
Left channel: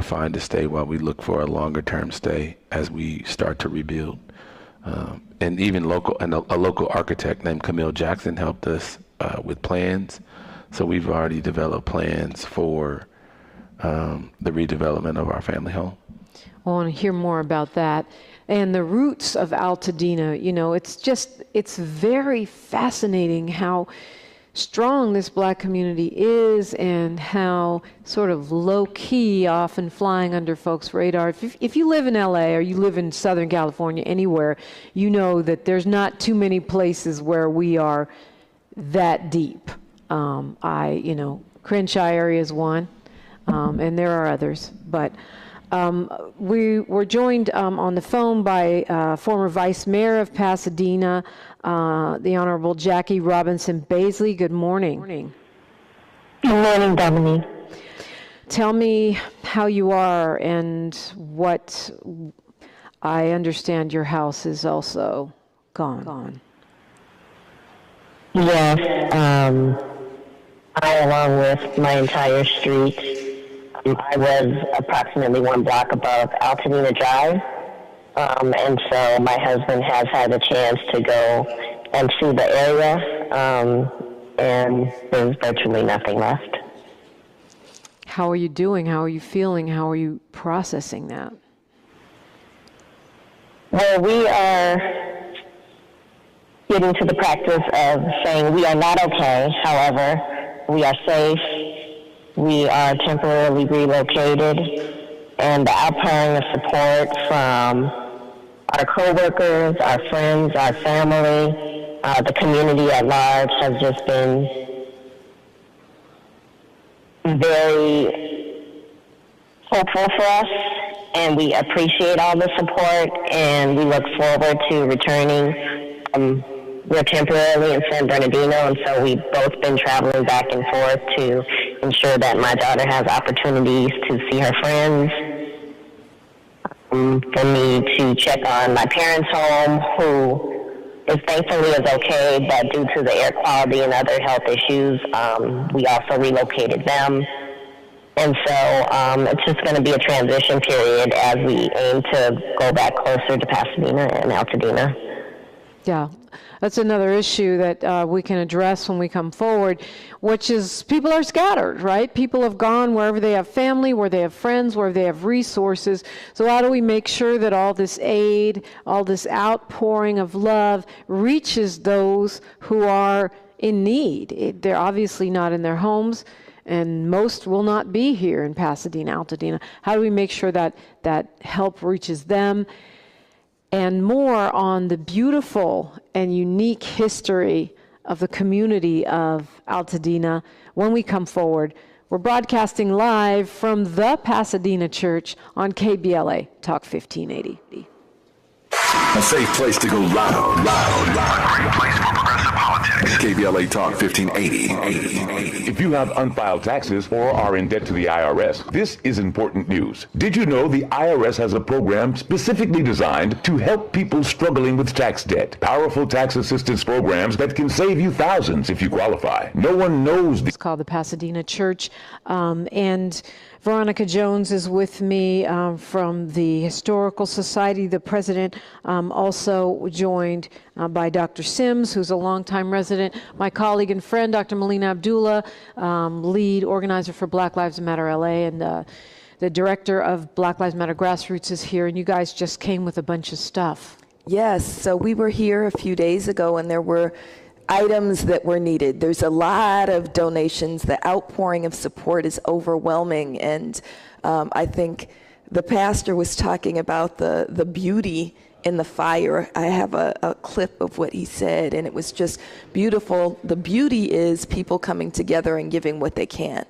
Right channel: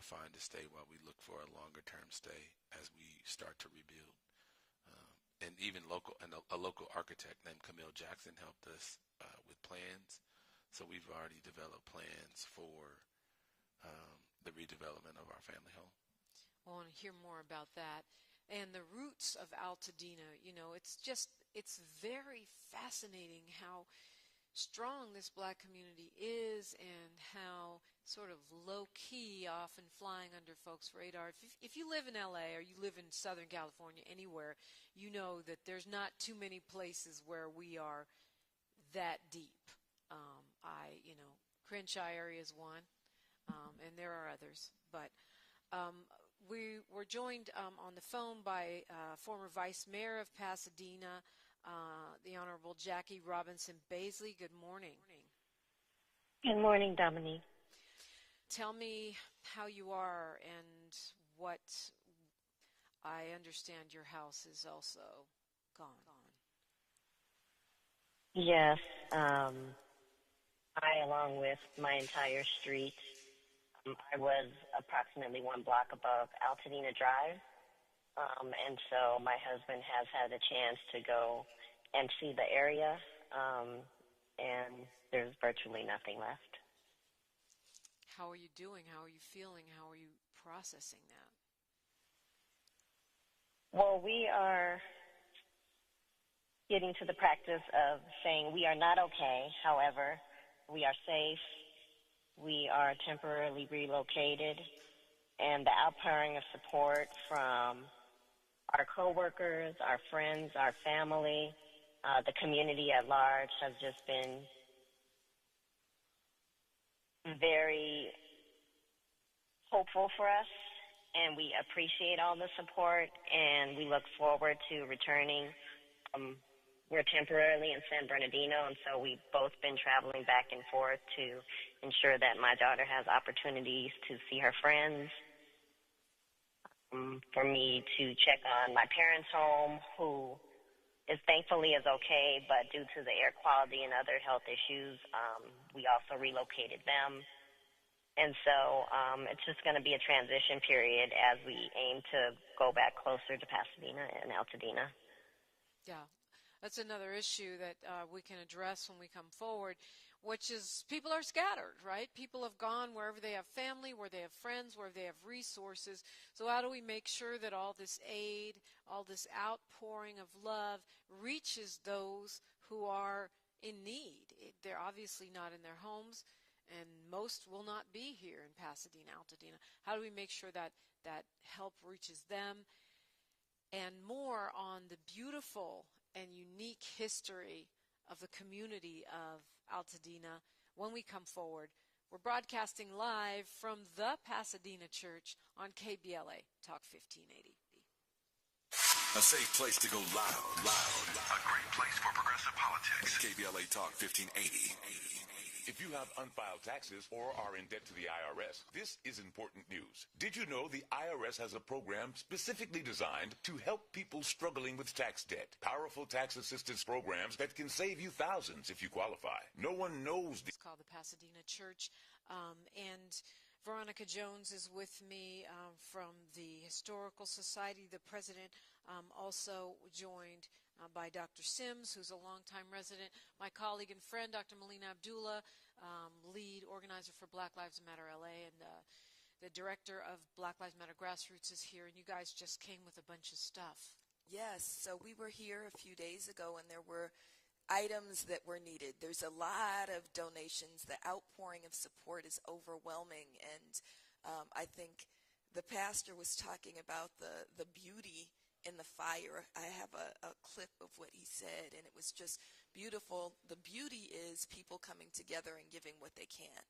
find a stay while we look for a longer-term stay as we start to rebuild. And even a local architect named Camille Jackson helped us with plans. So we've already developed plans for the redevelopment of our family home. I want to hear more about that. And the roots of Altadena, you know, it's very fascinating how strong this black community is and how sort of low-key, often flying under folks' radar. If you live in LA or you live in Southern California, anywhere, you know that there's not too many places where we are that deep. Crenshaw area is one, and there are others, but we were joined on the phone by former Vice Mayor of Pasadena, the Honorable Jackie Robinson Baisley. Good morning. Good morning, Dominique. Tell me how you are and what I understand your house is also gone. Yes, I, along with my entire street, I was approximately 1 block above Altadena Drive, and so my husband has had a chance to go and see the area, and there's virtually nothing left. How are you doing? How are you feeling? How are you processing that? Well, we are getting to the practice of saying we are not okay. However, we are safe. We are temporarily relocated, and the outpouring of support from our coworkers, our friends, our family, the community at large has just been very hopeful for us, and we appreciate all the support, and we look forward to returning. We're temporarily in San Bernardino, and so we've both been traveling back and forth to ensure that my daughter has opportunities to see her friends, for me to check on my parents' home, who is thankfully is okay, but due to the air quality and other health issues, we also relocated them. And so it's just going to be a transition period as we aim to go back closer to Pasadena and Altadena. Yeah, that's another issue that we can address when we come forward, which is people are scattered, right? People have gone wherever they have family, where they have friends, where they have resources. So how do we make sure that all this aid, all this outpouring of love reaches those who are in need? They're obviously not in their homes, and most will not be here in Pasadena, Altadena. How do we make sure that that help reaches them? And more on the beautiful and unique history of the community of Altadena when we come forward. We're broadcasting live from the Pasadena Church on KBLA Talk 1580. A safe place to go loud. A great place for progressive politics. KBLA Talk 1580. If you have unfiled taxes or are in debt to the IRS, this is important news. Did you know the IRS has a program specifically designed to help people struggling with tax debt? Powerful tax assistance programs that can save you thousands if you qualify. No one knows. It's called the Pasadena Church, and Veronica Jones is with me from the Historical Society. The president also joined by Dr. Sims, who's a longtime resident. My colleague and friend, Dr. Melina Abdullah, lead organizer for Black Lives Matter LA, and the director of Black Lives Matter Grassroots is here, and you guys just came with a bunch of stuff. Yes, so we were here a few days ago, and there were items that were needed. There's a lot of donations. The outpouring of support is overwhelming, and I think the pastor was talking about the beauty in the fire. I have a clip of what he said, and it was just beautiful. The beauty is people coming together and giving what they can.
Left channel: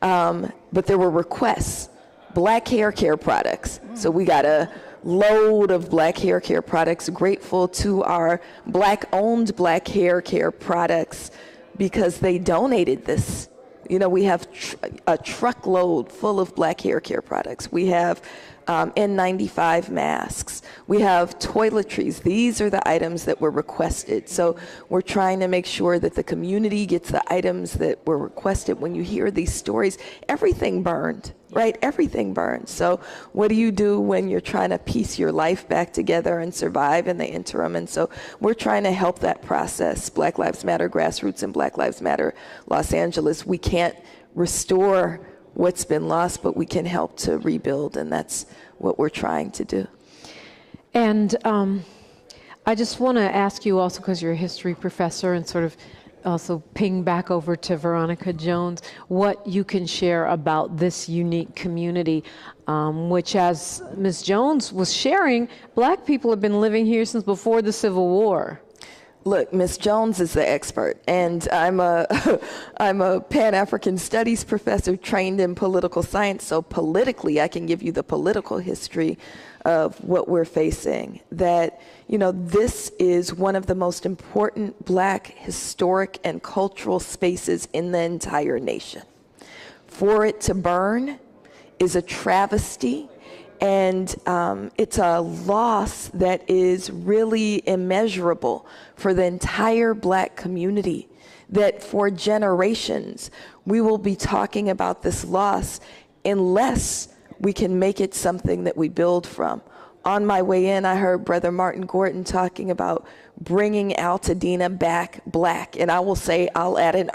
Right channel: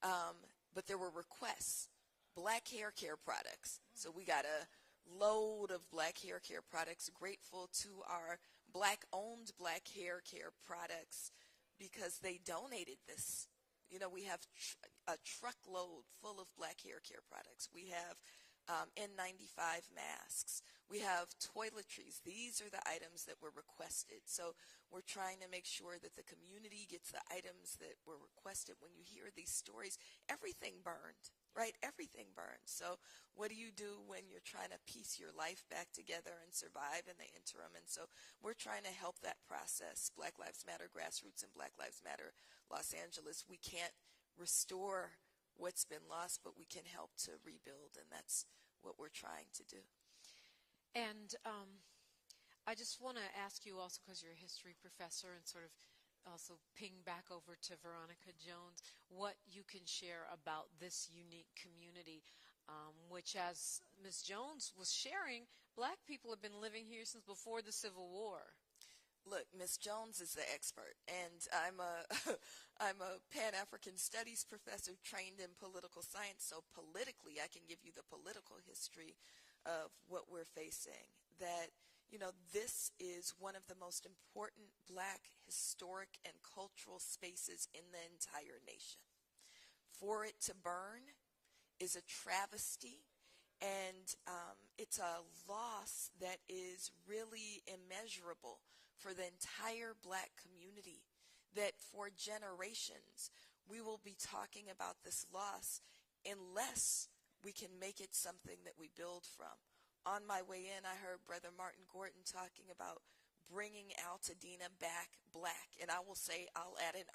But there were requests, black hair care products. So we got a load of black hair care products. Grateful to our black-owned black hair care products because they donated this. You know, we have a truckload full of black hair care products. We have N95 masks. We have toiletries. These are the items that were requested. So we're trying to make sure that the community gets the items that were requested. When you hear these stories, everything burned, right? Everything burned. So what do you do when you're trying to piece your life back together and survive in the interim? And so we're trying to help that process. Black Lives Matter Grassroots and Black Lives Matter Los Angeles. We can't restore what's been lost, but we can help to rebuild, and that's what we're trying to do. And I just want to ask you also, because you're a history professor and sort of also ping back over to Veronica Jones what you can share about this unique community, which, as Ms. Jones was sharing, Black people have been living here since before the Civil War. Look, Ms. Jones is the expert, and I'm a Pan-African Studies professor trained in political science, so politically I can give you the political history of what we're facing. That, you know, this is one of the most important Black historic and cultural spaces in the entire nation. For it to burn is a travesty, and it's a loss that is really immeasurable for the entire Black community, that for generations we will be talking about this loss unless we can make it something that we build from. On my way in, I heard Brother Martin Gordon talking about bringing Altadena back Black, and I will say, I'll add an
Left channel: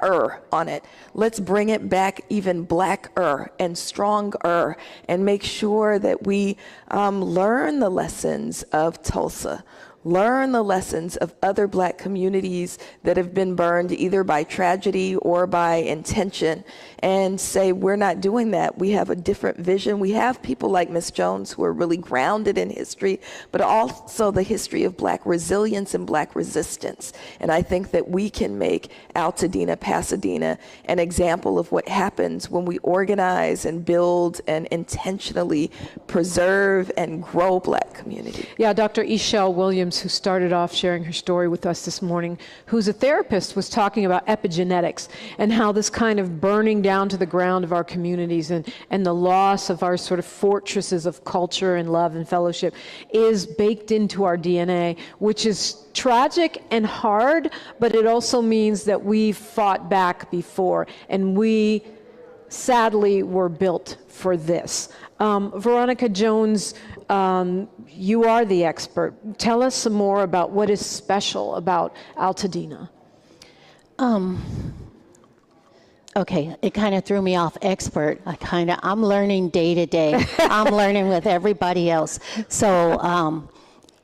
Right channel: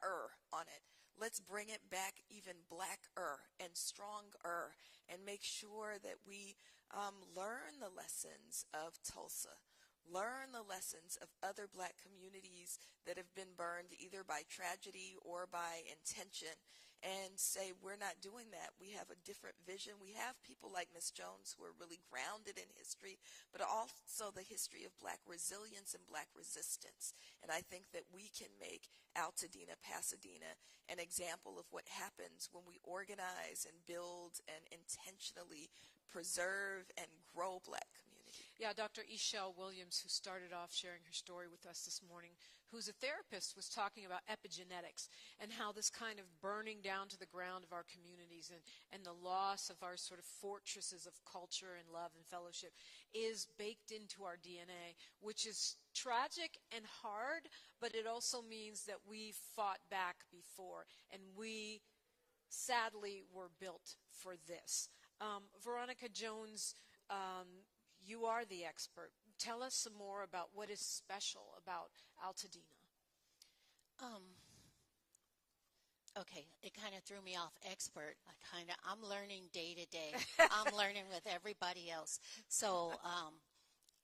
on it. Let's bring it back even Blacker and stronger, and make sure that we learn the lessons of Tulsa, learn the lessons of other Black communities that have been burned either by tragedy or by intention, and say we're not doing that. We have a different vision. We have people like Ms. Jones who are really grounded in history, but also the history of Black resilience and Black resistance. And I think that we can make Altadena, Pasadena, an example of what happens when we organize and build and intentionally preserve and grow Black community. Yeah, Dr. Ishelle Williams, who started off sharing her story with us this morning, who's a therapist, was talking about epigenetics and how this kind of burning down to the ground of our communities and the loss of our sort of fortresses of culture and love and fellowship is baked into our DNA, which is tragic and hard, but it also means that we fought back before, and we sadly were built for this. Veronica Jones, you are the expert. Tell us some more about what is special about Altadena. Okay, it kind of threw me off expert. I'm learning day to day. I'm learning with everybody else. So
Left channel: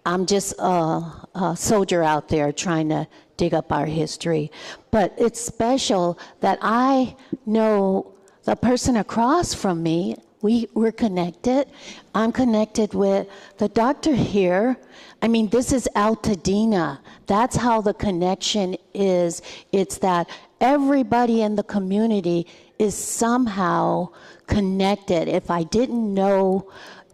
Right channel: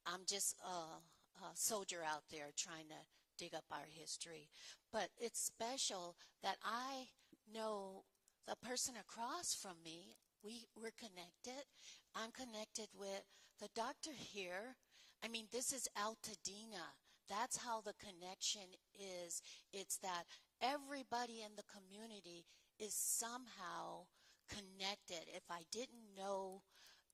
I'm just a soldier out there trying to dig up our history. But it's special that I know the person across from me. We're connected. I'm connected with the doctor here. I mean, this is Altadena. That's how the connection is. It's that everybody in the community is somehow connected. If I didn't know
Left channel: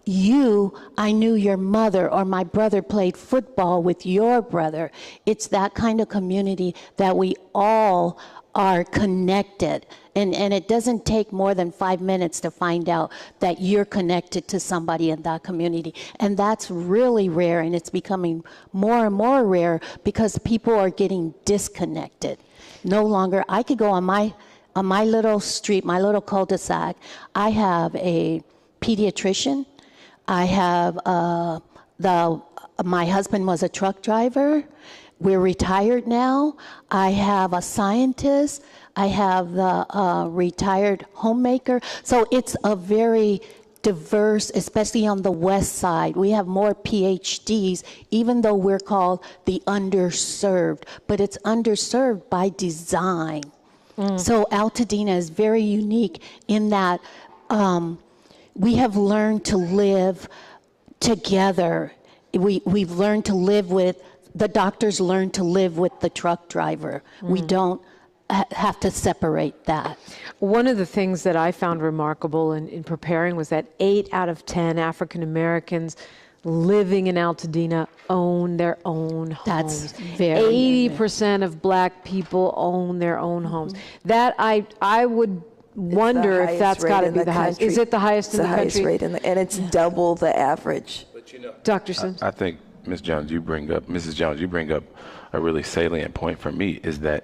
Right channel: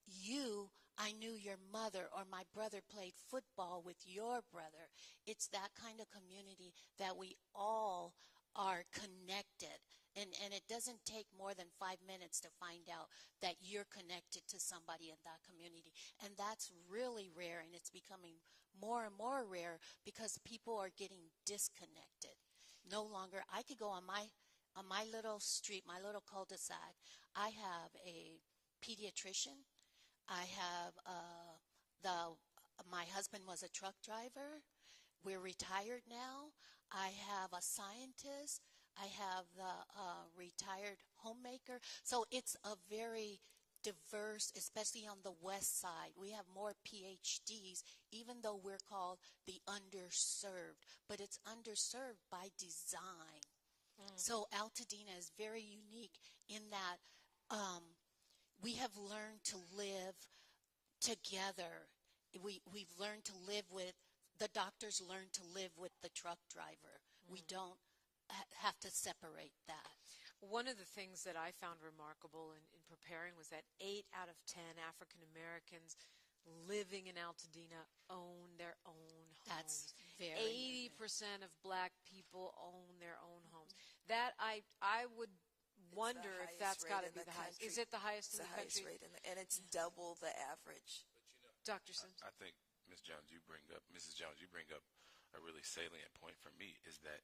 you, I knew your mother, or my brother played football with your brother. It's that kind of community that we all are connected. And it doesn't take more than 5 minutes to find out that you're connected to somebody in that community. And that's really rare, and it's becoming more and more rare because people are getting disconnected. No longer, I could go on my little street, my little cul-de-sac. I have a pediatrician. I have my husband was a truck driver. We're retired now. I have a scientist. I have the retired homemaker. So it's a very diverse, especially on the west side. We have more PhDs, even though we're called the underserved, but it's underserved by design. So Altadena is very unique in that we have learned to live together. We've learned to live with, the doctors learn to live with the truck driver. We don't have to separate that. One of the things that I found remarkable in preparing was that 8 out of 10 African Americans living in Altadena own their own homes. That's very 80% of Black people own their own homes. That I would wonder if that's got to be the highest. Is it the highest in the country? It's the highest rate, and it's double the average. But you know, Dr. Sims? I think Mrs. Jones, you bring up a really salient point for me, is that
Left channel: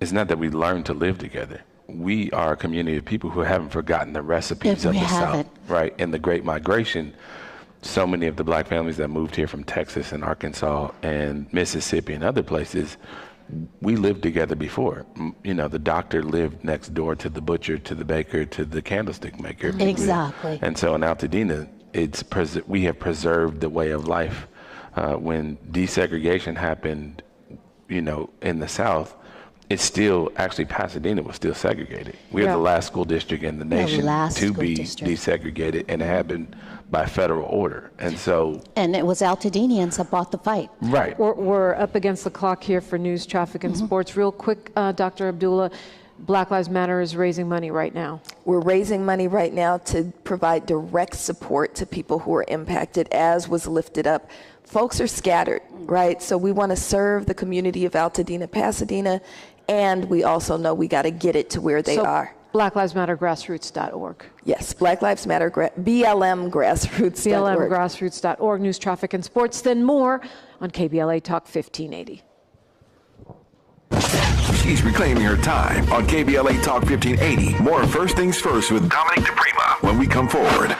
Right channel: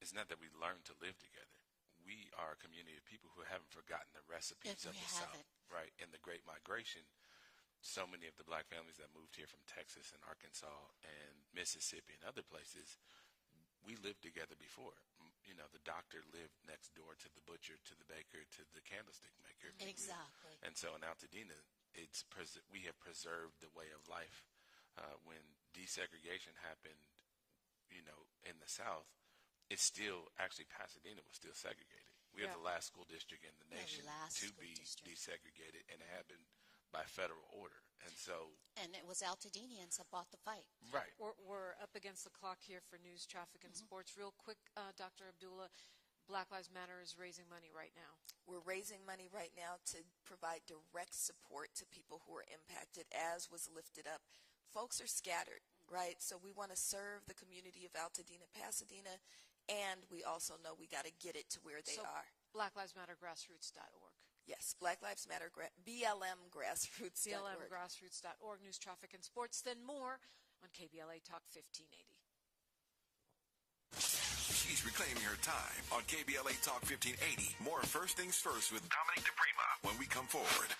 it's not that we learn to live together. We are a community of people who haven't forgotten the recipes of the South, right? In the Great Migration, so many of the Black families that moved here from Texas and Arkansas and Mississippi and other places, we lived together before. You know, the doctor lived next door to the butcher, to the baker, to the candlestick maker. Exactly. And so in Altadena, we have preserved the way of life. When desegregation happened, you know, in the South, it's still, actually Pasadena was still segregated. We're the last school district in the nation to be desegregated, and it happened by federal order. And so. And it was Altadenians that bought the fight. Right. We're up against the clock here for news, traffic, and sports. Real quick, Dr. Abdullah, Black Lives Matter is raising money right now. We're raising money right now to provide direct support to people who are impacted, as was lifted up. Folks are scattered, right? So we want to serve the community of Altadena, Pasadena, and we also know we got to get it to where they are. Black Lives Matter Grassroots.org. Yes, Black Lives Matter, BLM Grassroots.org. BLMgrassroots.org, news, traffic, and sports. Then more on KBLA Talk 1580. She's reclaiming her time on KBLA Talk 1580. More First Things First with Dominique DiPrima when we come forward.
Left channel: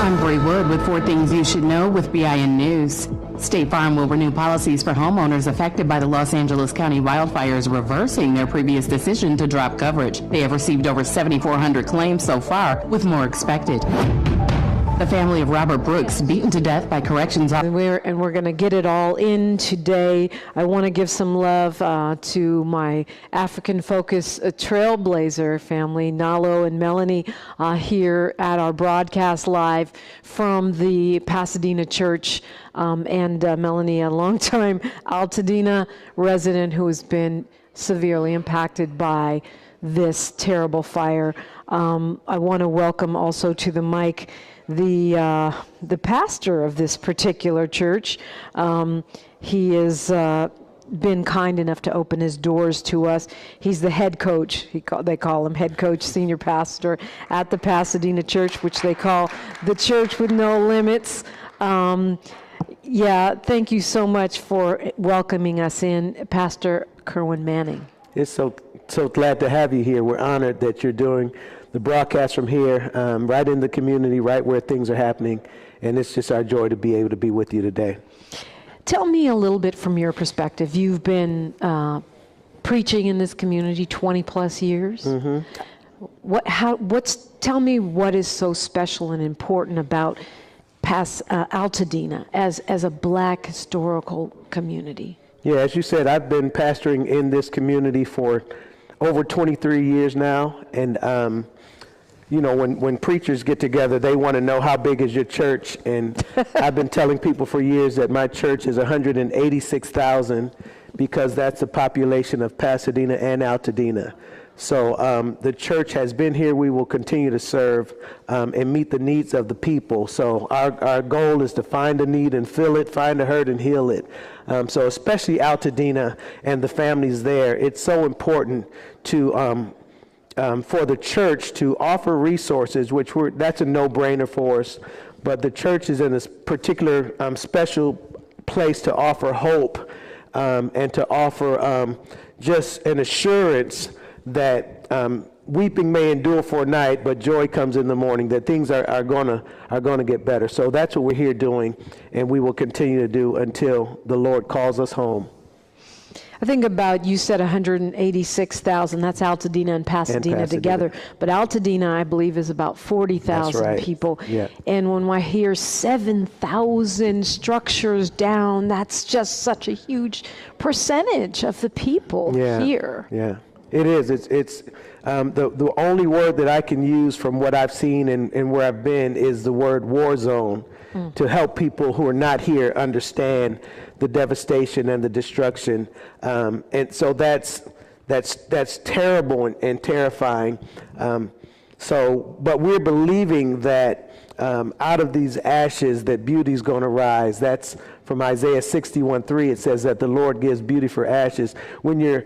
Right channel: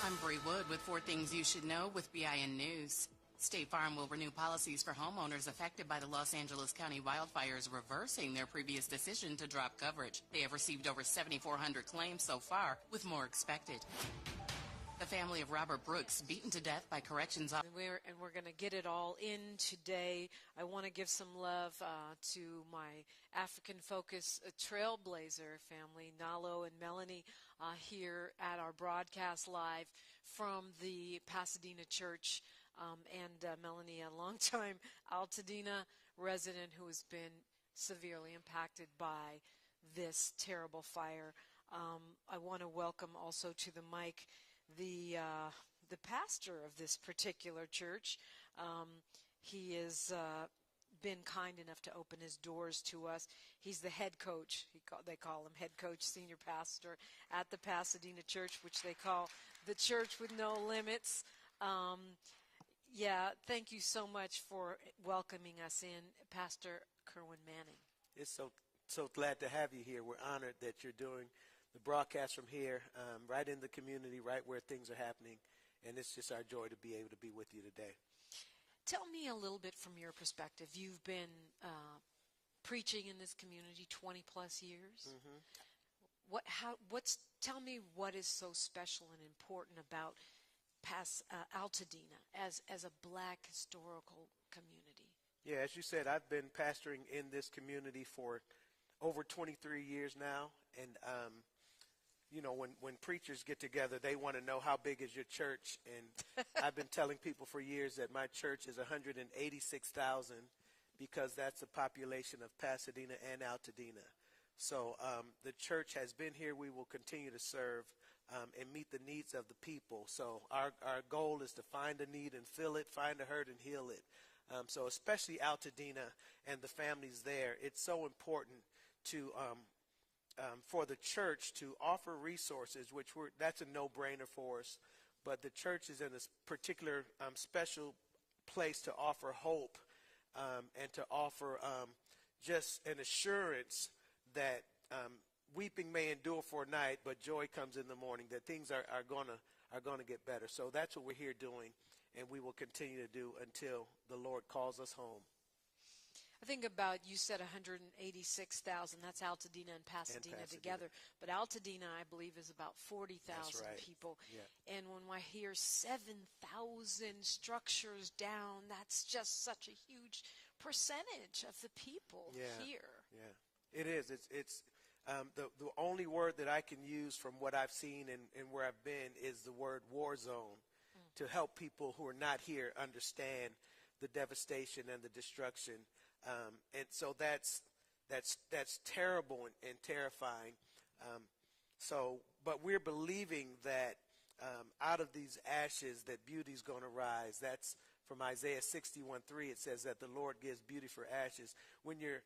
I'm Bree Wood with 4 Things You Should Know with BIN News. State Farm will renew policies for homeowners affected by the Los Angeles County wildfires, reversing their previous decision to drop coverage. They have received over 7,400 claims so far, with more expected. The family of Robert Brooks, beaten to death by corrections officers. And we're going to get it all in today. I want to give some love to my African-focused trailblazer family, Nalo and Melanie, here at our broadcast live from the Pasadena Church. And Melanie, a longtime Altadena resident who has been severely impacted by this terrible fire. I want to welcome also to the mic the pastor of this particular church. He has been kind enough to open his doors to us. He's the head coach. They call him head coach, senior pastor at the Pasadena Church, which they call the Church with No Limits. Thank you so much for welcoming us in, Pastor Kerwin Manning. It's so glad to have you here. We're honored that you're doing the broadcast from here, right in the community, right where things are happening, and it's just our joy to be able to be with you today. Tell me a little bit from your perspective. You've been preaching in this community 20 plus years. Mm-hmm. Tell me what is so special and important about Altadena as a Black historical community? Yeah, as you said, I've been pastoring in this community for over 23 years now, and when preachers get together, they want to know how big is your church, and I've been telling people for years that my church is 186,000 because that's the population of Pasadena and Altadena. So the church has been here. We will continue to serve and meet the needs of the people. So our goal is to find a need and fill it, find a hurt and heal it. So especially Altadena and the families there, it's so important to for the church to offer resources, that's a no-brainer for us. But the church is in this particular special place to offer hope and to offer just an assurance that weeping may endure for a night, but joy comes in the morning, that things are gonna get better. So that's what we're here doing, and we will continue to do until the Lord calls us home. I think about, you said 186,000, that's Altadena and Pasadena together, but Altadena, I believe, is about 40,000 people. Yeah. And when I hear 7,000 structures down, that's just such a huge percentage of the people here. Yeah, it is. It's the only word that I can use from what I've seen and where I've been is the word war zone, to help people who are not here understand the devastation and the destruction, and so that's terrible and terrifying. But we're believing that out of these ashes that beauty's going to rise. That's from Isaiah 61:3. It says that the Lord gives beauty for ashes. When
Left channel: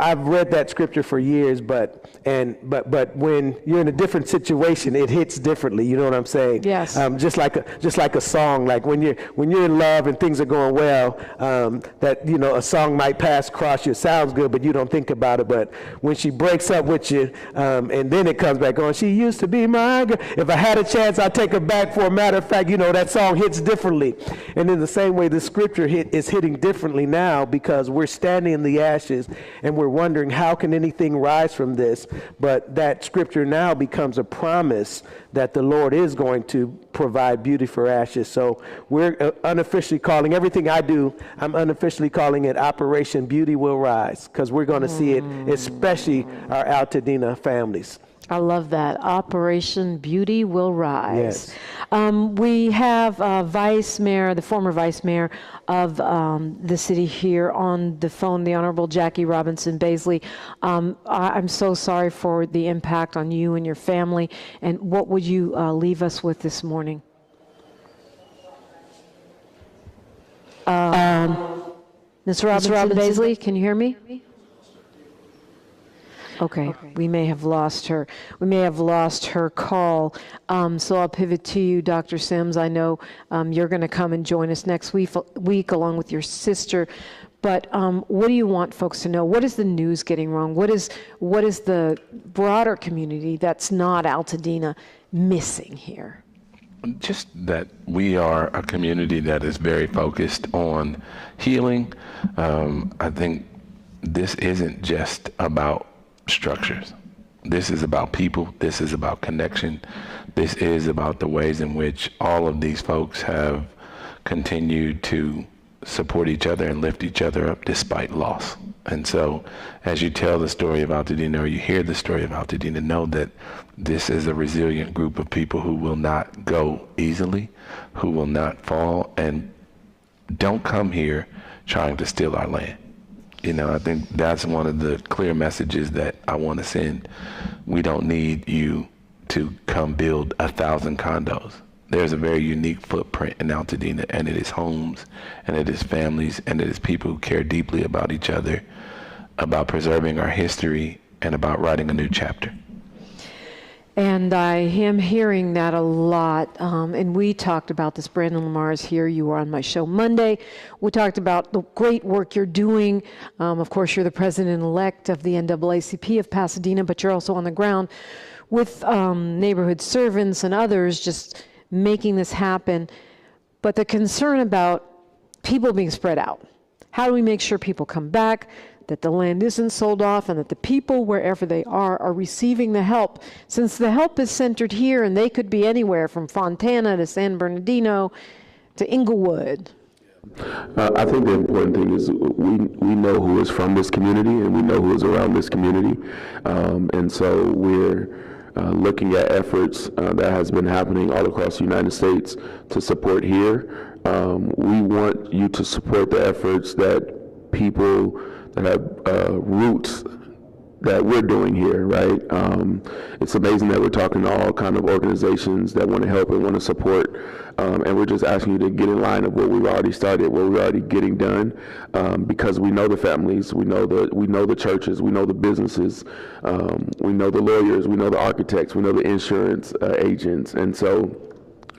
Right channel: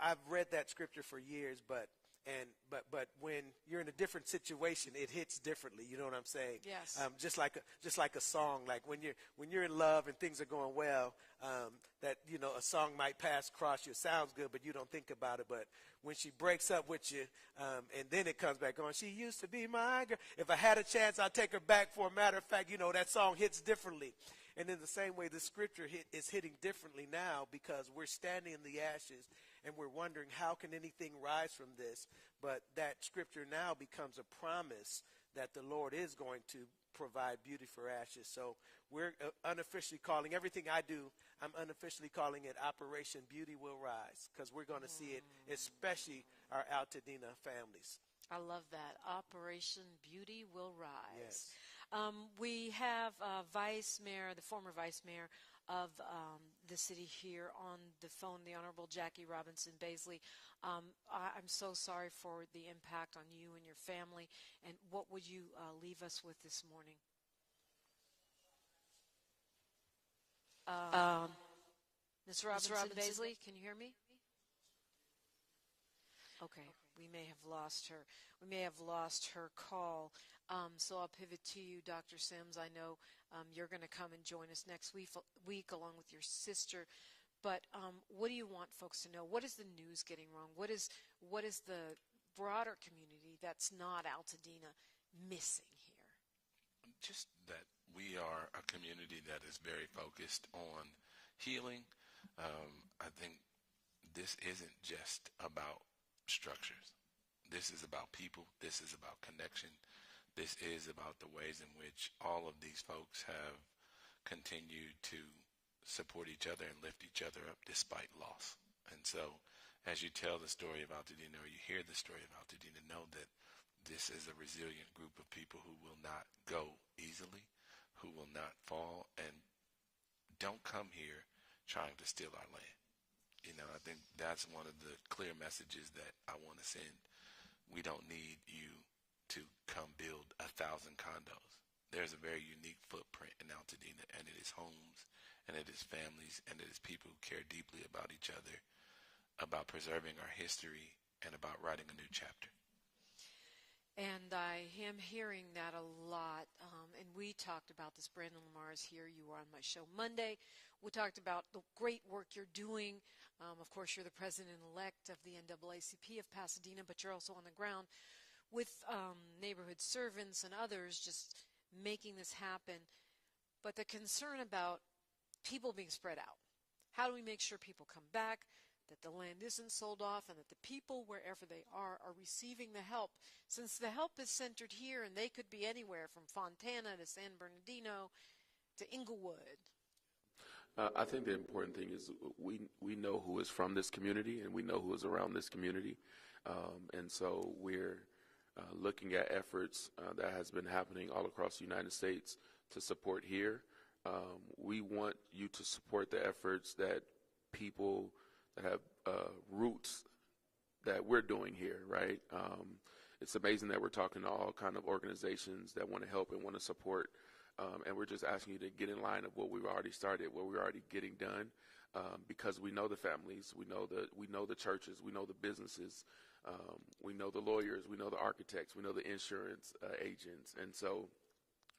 I've read that scripture for years, but when you're in a different situation, it hits differently. You know what I'm saying? Yes. Just like a song. Like when you're in love and things are going well, that a song might pass across you. It sounds good, but you don't think about it. But when she breaks up with you, and then it comes back on. She used to be my girl. If I had a chance, I'd take her back. For a matter of fact, that song hits differently. And in the same way, the scripture is hitting differently now because we're standing in the ashes. and we're wondering how can anything rise from this, but that scripture now becomes a promise that the Lord is going to provide beauty for ashes. So we're unofficially calling everything I do, I'm unofficially calling it Operation Beauty Will Rise, because we're going to see it, especially our Altadena families. I love that. Operation Beauty Will Rise. Yes. We have Vice Mayor, the former Vice Mayor of the city here on the phone, the Honorable Jackie Robinson Baisley. I'm so sorry for the impact on you and your family. And what would you leave us with this morning? Ms. Robinson Baisley, can you hear me? Okay, we may have lost her. We may have lost her call. So I'll pivot to you, Dr. Sims. I know you're going to come and join us next week along with your sister. But what do you want folks to know? What is the news getting wrong? What is the broader community that's not Altadena missing here? Just that we are a community that is very focused on healing. I think this isn't just about structures. This is about people. This is about connection. This is about the ways in which all of these folks have continued to support each other and lift each other up despite loss. And so as you tell the story of Altadena, or you hear the story of Altadena, know that this is a resilient group of people who will not go easily, who will not fall, and don't come here trying to steal our land. You know, I think that's one of the clear messages that I want to send. We don't need you to come build 1,000 condos. There's a very unique footprint in Altadena, and it is homes, and it is families, and it is people who care deeply about each other, about preserving our history, and about writing a new chapter. And I am hearing that a lot, and we talked about this. Brandon Lamar is here. You were on my show Monday. We talked about the great work you're doing. Of course, you're the president-elect of the NAACP of Pasadena, but you're also on the ground with neighborhood servants and others just making this happen. But the concern about people being spread out. How do we make sure people come back, that the land isn't sold off, and that the people, wherever they are receiving the help? Since the help is centered here, and they could be anywhere from Fontana to San Bernardino to Inglewood. I think the important thing is we know who is from this community, and we know who is around this community. And so we're looking at efforts that has been happening all across the United States to support here. We want you to support the efforts that people that have roots that we're doing here, right? It's amazing that we're talking to all kind of organizations that want to help and want to support, and we're just asking you to get in line of what we've already started, what we're already getting done, because we know the families, we know the churches, we know the businesses, we know the lawyers, we know the architects, we know the insurance agents, and so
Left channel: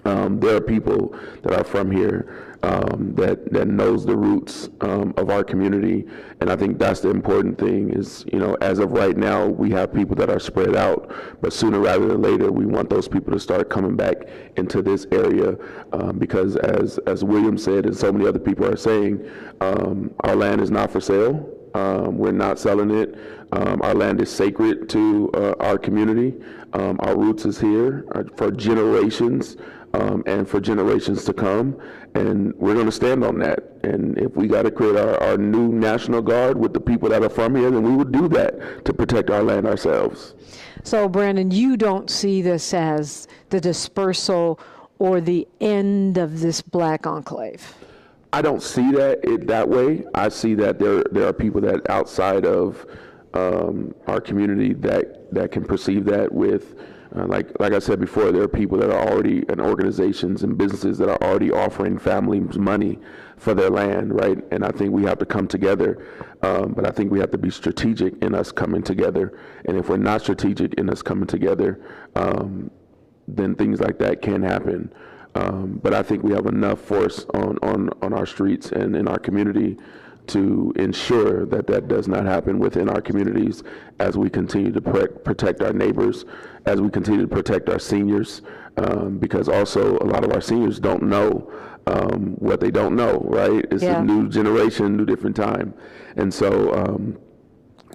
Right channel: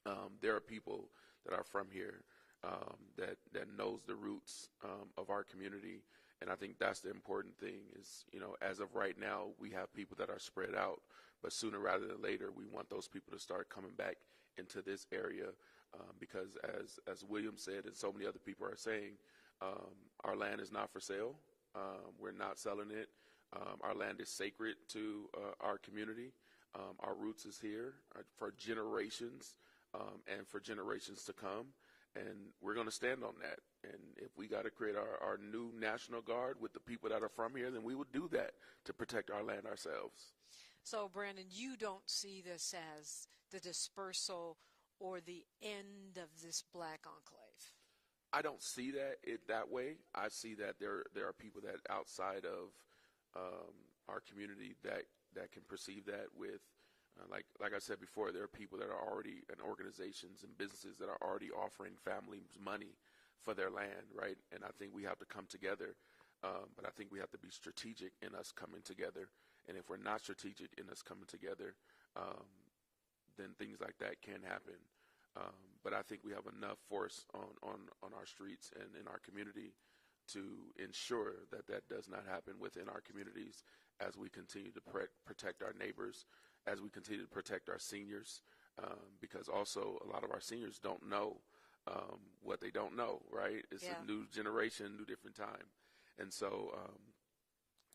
there are people that are from here that knows the roots of our community, and I think that's the important thing is, you know, as of right now, we have people that are spread out, but sooner rather than later, we want those people to start coming back into this area because as William said, and so many other people are saying, our land is not for sale. We're not selling it. Our land is sacred to our community. Our roots is here for generations and for generations to come. And we're going to stand on that. And if we got to create our new National Guard with the people that are from here, then we would do that to protect our land ourselves. So, Brandon, you don't see this as the dispersal or the end of this black enclave? I don't see that way. I see that there are people that outside of our community that can perceive that with, like I said before, there are people that are already, and organizations and businesses that are already offering families money for their land, right? And I think we have to come together, but I think we have to be strategic in us coming together. And if we're not strategic in us coming together, then things like that can happen. But I think we have enough force on our streets and in our community to ensure that does not happen within our communities as we continue to protect our neighbors, as we continue to protect our seniors, because also a lot of our seniors don't know what they don't know, right? It's a new generation, new different time. And so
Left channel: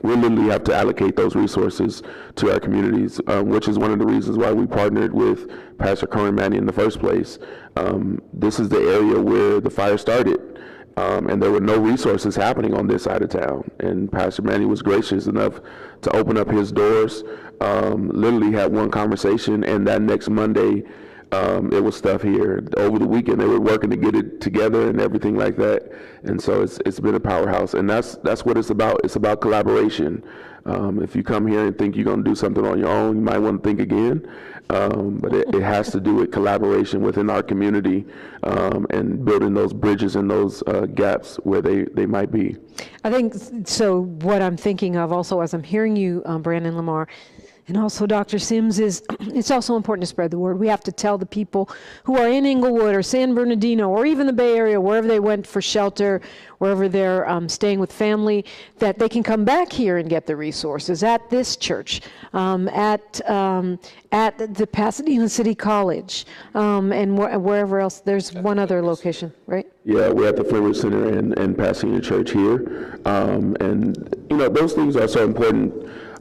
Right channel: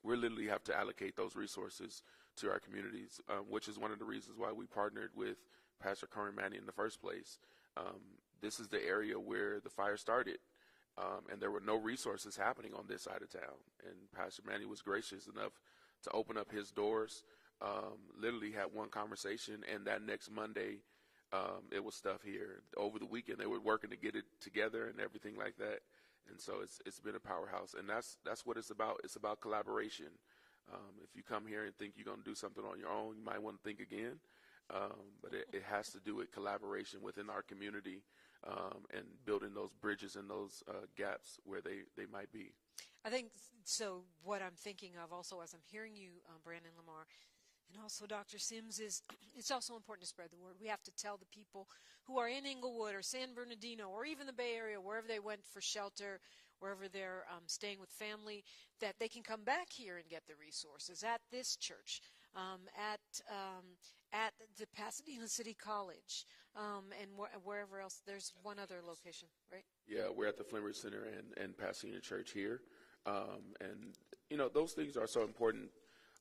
we literally have to allocate those resources to our communities, which is one of the reasons why we partnered with Pastor Cohen Manny in the first place. This is the area where the fire started, and there were no resources happening on this side of town. And Pastor Manny was gracious enough to open up his doors, literally had one conversation, and that next Monday, it was stuff here. Over the weekend, they were working to get it together and everything like that. And so it's been a powerhouse. And that's what it's about. It's about collaboration. If you come here and think you're going to do something on your own, you might want to think again. But it has to do with collaboration within our community, and building those bridges and those gaps where they might be. I think, so what I'm thinking of also as I'm hearing you, Brandon Lamar, and also Dr. Sims, is it's also important to spread the word. We have to tell the people who are in Inglewood or San Bernardino or even the Bay Area, wherever they went for shelter, wherever they're staying with family, that they can come back here and get the resources at this church, at the Pasadena City College, and wherever else. There's one other location, right? Yeah, we're at the Flint Ridge Center and Pasadena Church here. And, those things are so important.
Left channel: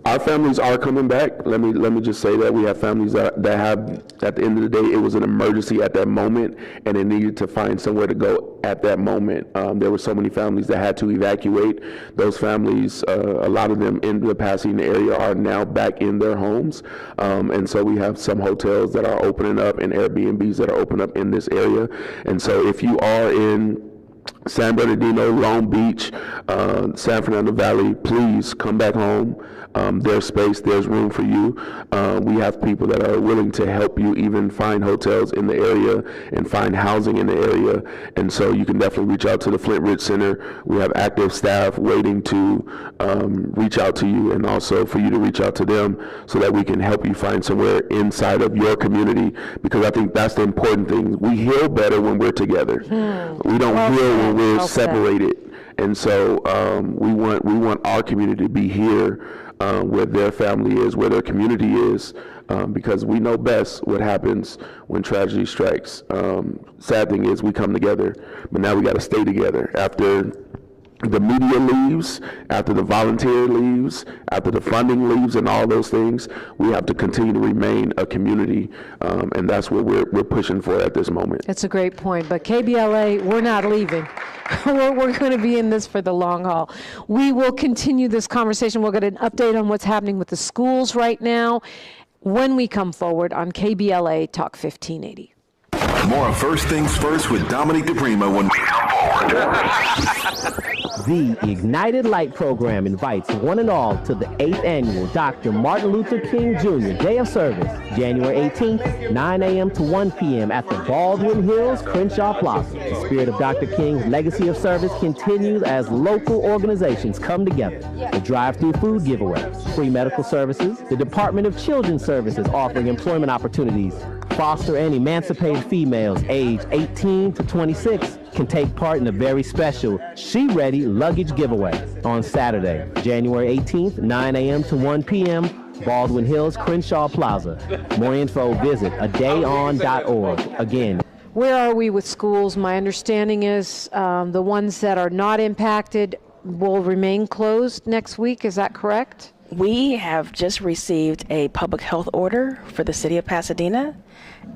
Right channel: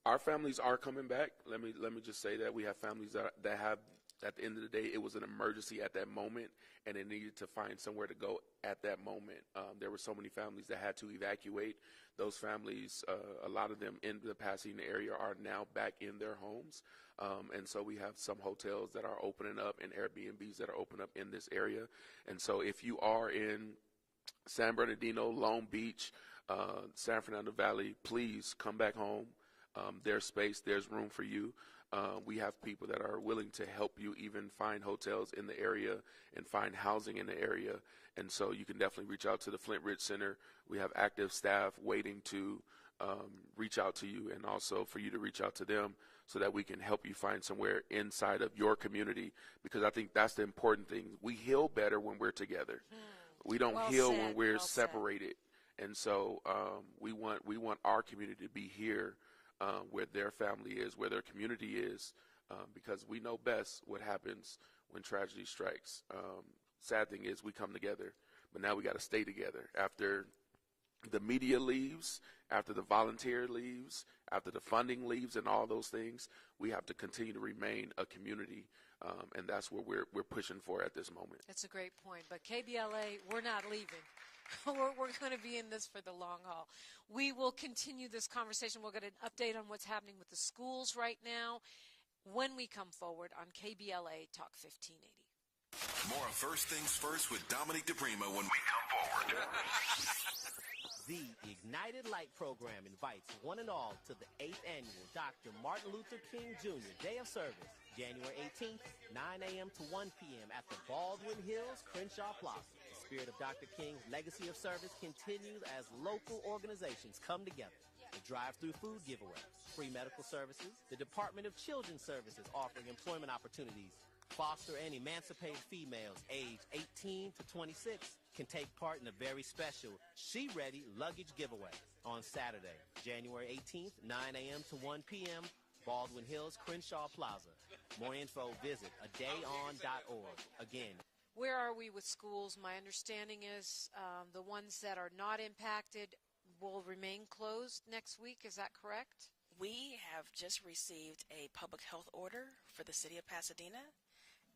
Our families are coming back. Let me just say that we have families that have, at the end of the day, it was an emergency at that moment, and they needed to find somewhere to go at that moment. There were so many families that had to evacuate. Those families, a lot of them in the Pasadena area, are now back in their homes, and so we have some hotels that are opening up and Airbnbs that are opening up in this area. And so if you are in San Bernardino, Long Beach, San Fernando Valley, please come back home. There's space, there's room for you. We have people that are willing to help you even find hotels in the area and find housing in the area. And so you can definitely reach out to the Flint Ridge Center. We have active staff waiting to reach out to you, and also for you to reach out to them so that we can help you find somewhere inside of your community, because I think that's the important thing. We heal better when we're together. We don't heal when we're separated. And so we want our community to be here, where their family is, where their community is, because we know best what happens when tragedy strikes. Sad thing is we come together, but now we got to stay together. After the media leaves, after the volunteer leaves, after the funding leaves, and all those things, we have to continue to remain a community, and that's what we're pushing for at this moment. That's a great point. But KBLA, we're not leaving. We're going to be in this for the long haul. We will continue this conversation. We'll get an update on what's happening with the schools right now when we come forward on KBLA Talk 1580. More of First Things First with Dominique DiPrima when we come forward. The Ignited Light program invites one and all to the 8th annual Dr. Martin Luther King Jr. Day of Service, January 18th, 9 a.m. to 1 p.m. at the Baldwin Hills Crenshaw Plaza. The spirit of Dr. King's legacy of service continues as local organizations come together. The drive-through food giveaway, free medical services, the Department of Children's Services offering employment opportunities, foster and emancipated females aged 18 to 26 can take part in the very special She Ready luggage giveaway on Saturday, January 18th, 9 a.m. to 1 p.m., Baldwin Hills Crenshaw Plaza. More info, visit adayon.org. Again, where are we with schools? My understanding is the ones that are not impacted will remain closed next week. Is that correct? We have just received a public health order for the city of Pasadena,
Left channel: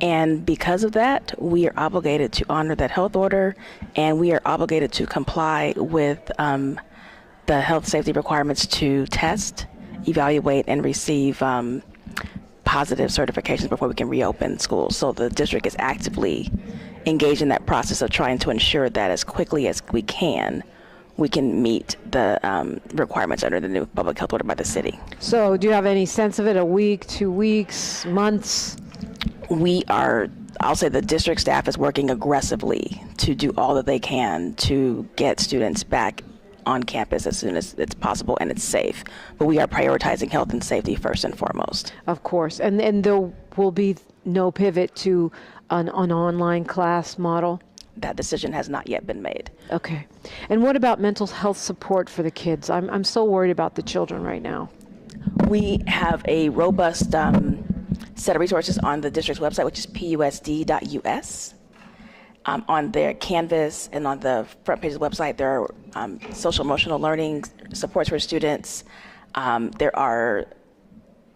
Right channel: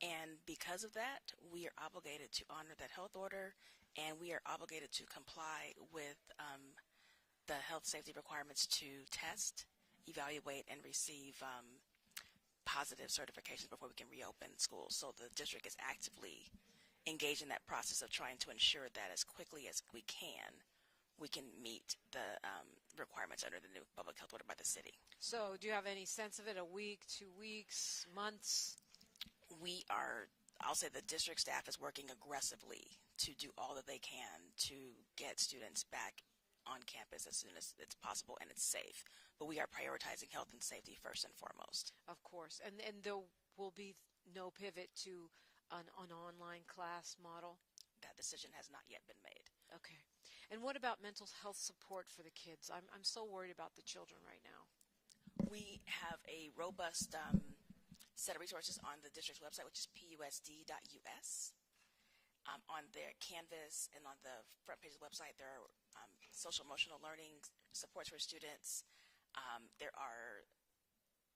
and because of that, we are obligated to honor that health order, and we are obligated to comply with the health safety requirements to test, evaluate, and receive positive certifications before we can reopen schools. So the district is actively engaged in that process of trying to ensure that as quickly as we can meet the requirements under the new public health order by the city. So do you have any sense of it, a week, 2 weeks, months? I'll say the district staff is working aggressively to do all that they can to get students back on campus as soon as it's possible and it's safe. But we are prioritizing health and safety first and foremost. Of course, and there will be no pivot to an online class model? That decision has not yet been made. Okay. And what about mental health support for the kids? I'm so worried about the children right now. We have a robust set of resources on the district's website, which is pusd.us. On their Canvas and on the front page of the website, there are social emotional learning supports for students, There are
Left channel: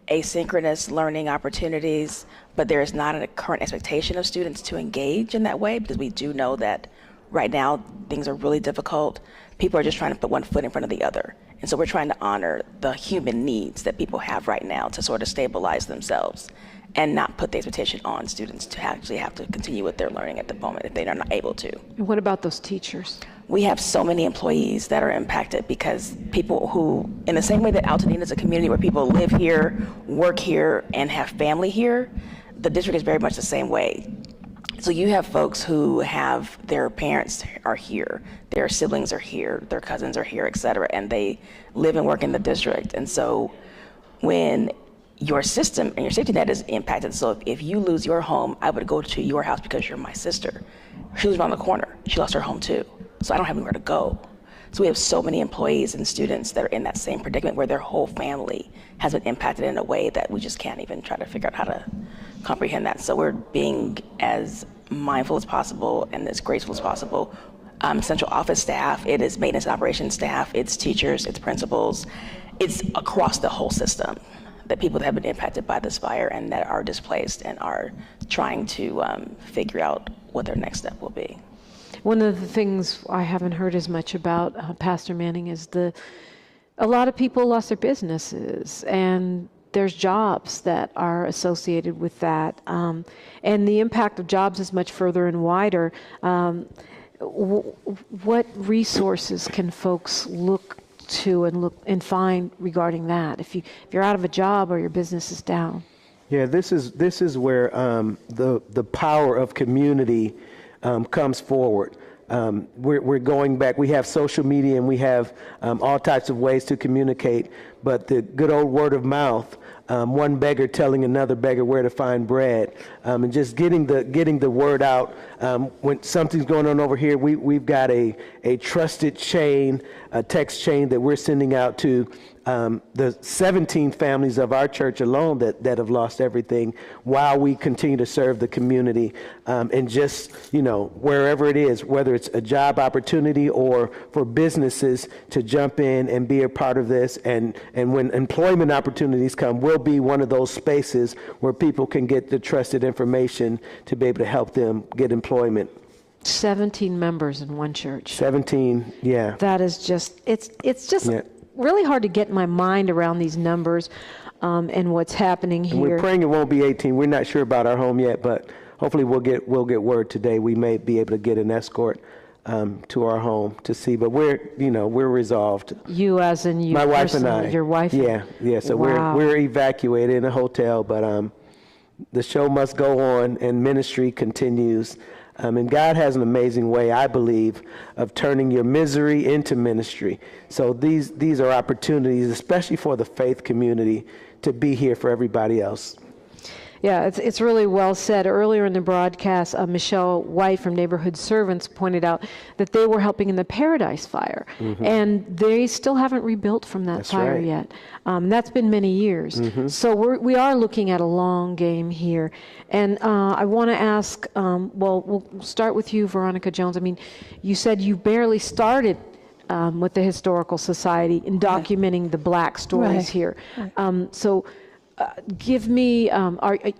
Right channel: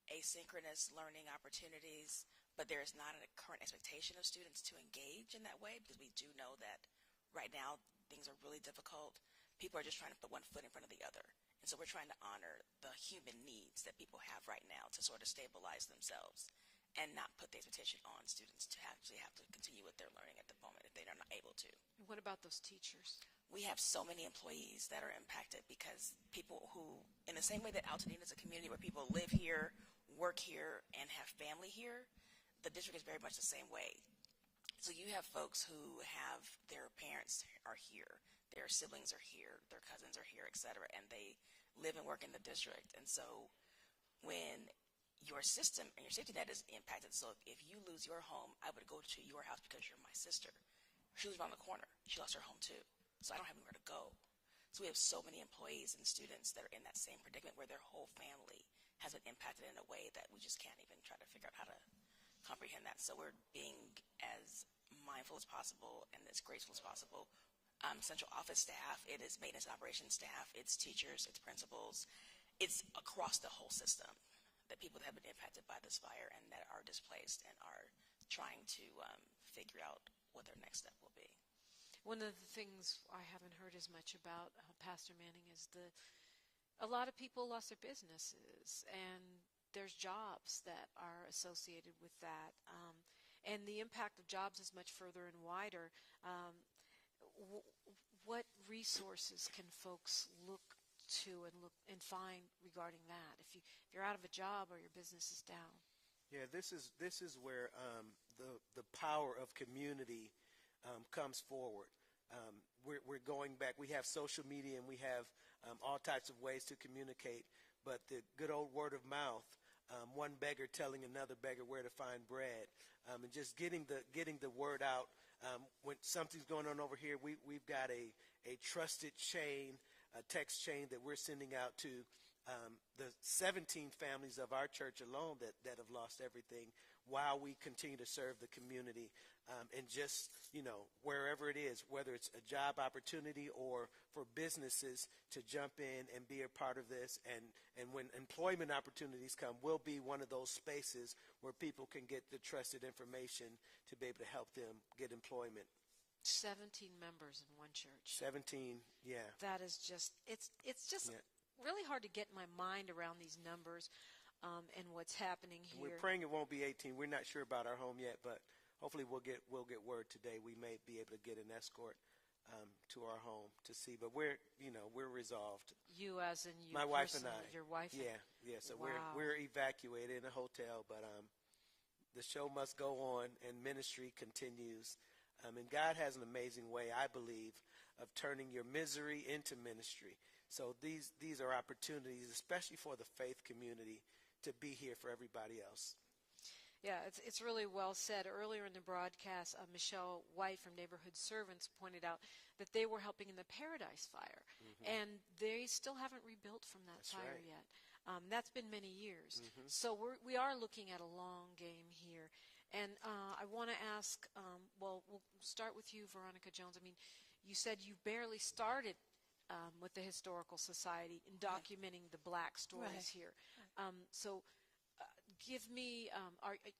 asynchronous learning opportunities, but there is not a current expectation of students to engage in that way, because we do know that right now things are really difficult. People are just trying to put one foot in front of the other. And so we're trying to honor the human needs that people have right now to sort of stabilize themselves and not put the expectation on students to actually have to continue with their learning at the moment if they are not able to. And what about those teachers? We have so many employees that are impacted because people who, in the same way that Altadena is a community where people live here, work here, and have family here, the district is very much the same way. So you have folks who have their parents are here, their siblings are here, their cousins are here, et cetera, and they live and work in the district. And so when your system and your safety net is impacted, so if you lose your home, I would go to your house because you're my sister. She lives around the corner. She lost her home too. So I don't have anywhere to go. So we have so many employees and students that are in that same predicament where their whole family has been impacted in a way that we just can't even try to figure out how to comprehend that. So we're being as mindful as possible and as graceful as possible. Central office staff, it is maintenance and operations staff, it's teachers, it's principals, it's across the whole system that people that have been impacted by this fire and that are displaced and are trying to figure out what their next step will be. One of the things I haven't heard as much about, Pastor Manning, is a lot of people lost their businesses, and there's jobs that are associated with that. And the impact of jobs is much further and wider. What resources can folks look to and find regarding that if you're out of a job or your business is down? Yeah, this is where the power of community comes forward. We're going back. We have social media and we have all types of ways to communicate, but the good old word of mouth, one beggar telling another beggar where to find bread, and just getting the word out. When something's going on over here, we've got a trusted chain, a text chain that we're sending out to the 17 families of our church alone that have lost everything, while we continue to serve the community, and just, wherever it is, whether it's a job opportunity or for businesses to jump in and be a part of this. And when employment opportunities come, we'll be one of those spaces where people can get the trusted information to be able to help them get employment. 17 members in one church. 17, yeah. That is just, it's just really hard to get my mind around these numbers and what's happening here. And we're praying it won't be 18. We're not sure about our home yet, but hopefully we'll get word today. We may be able to get an escort to our home to see, but we're resolved. You as in you? My wife and I. Your wife? Yeah. So wow. we're evacuated in a hotel, but the show must go on and ministry continues. And God has an amazing way, I believe, of turning your misery into ministry. So these are opportunities, especially for the faith community, to be here for everybody else. Yeah, it's really well said. Earlier in the broadcast, Michelle White from Neighborhood Servants pointed out that they were helping in the Paradise Fire, and they still haven't rebuilt from that fire yet. That's been many years. So we are looking at a long game here. And I want to ask, we'll start with you, Veronica Jones. I mean, you said you barely started with the Historical Society in documenting the Black stories here. So give me,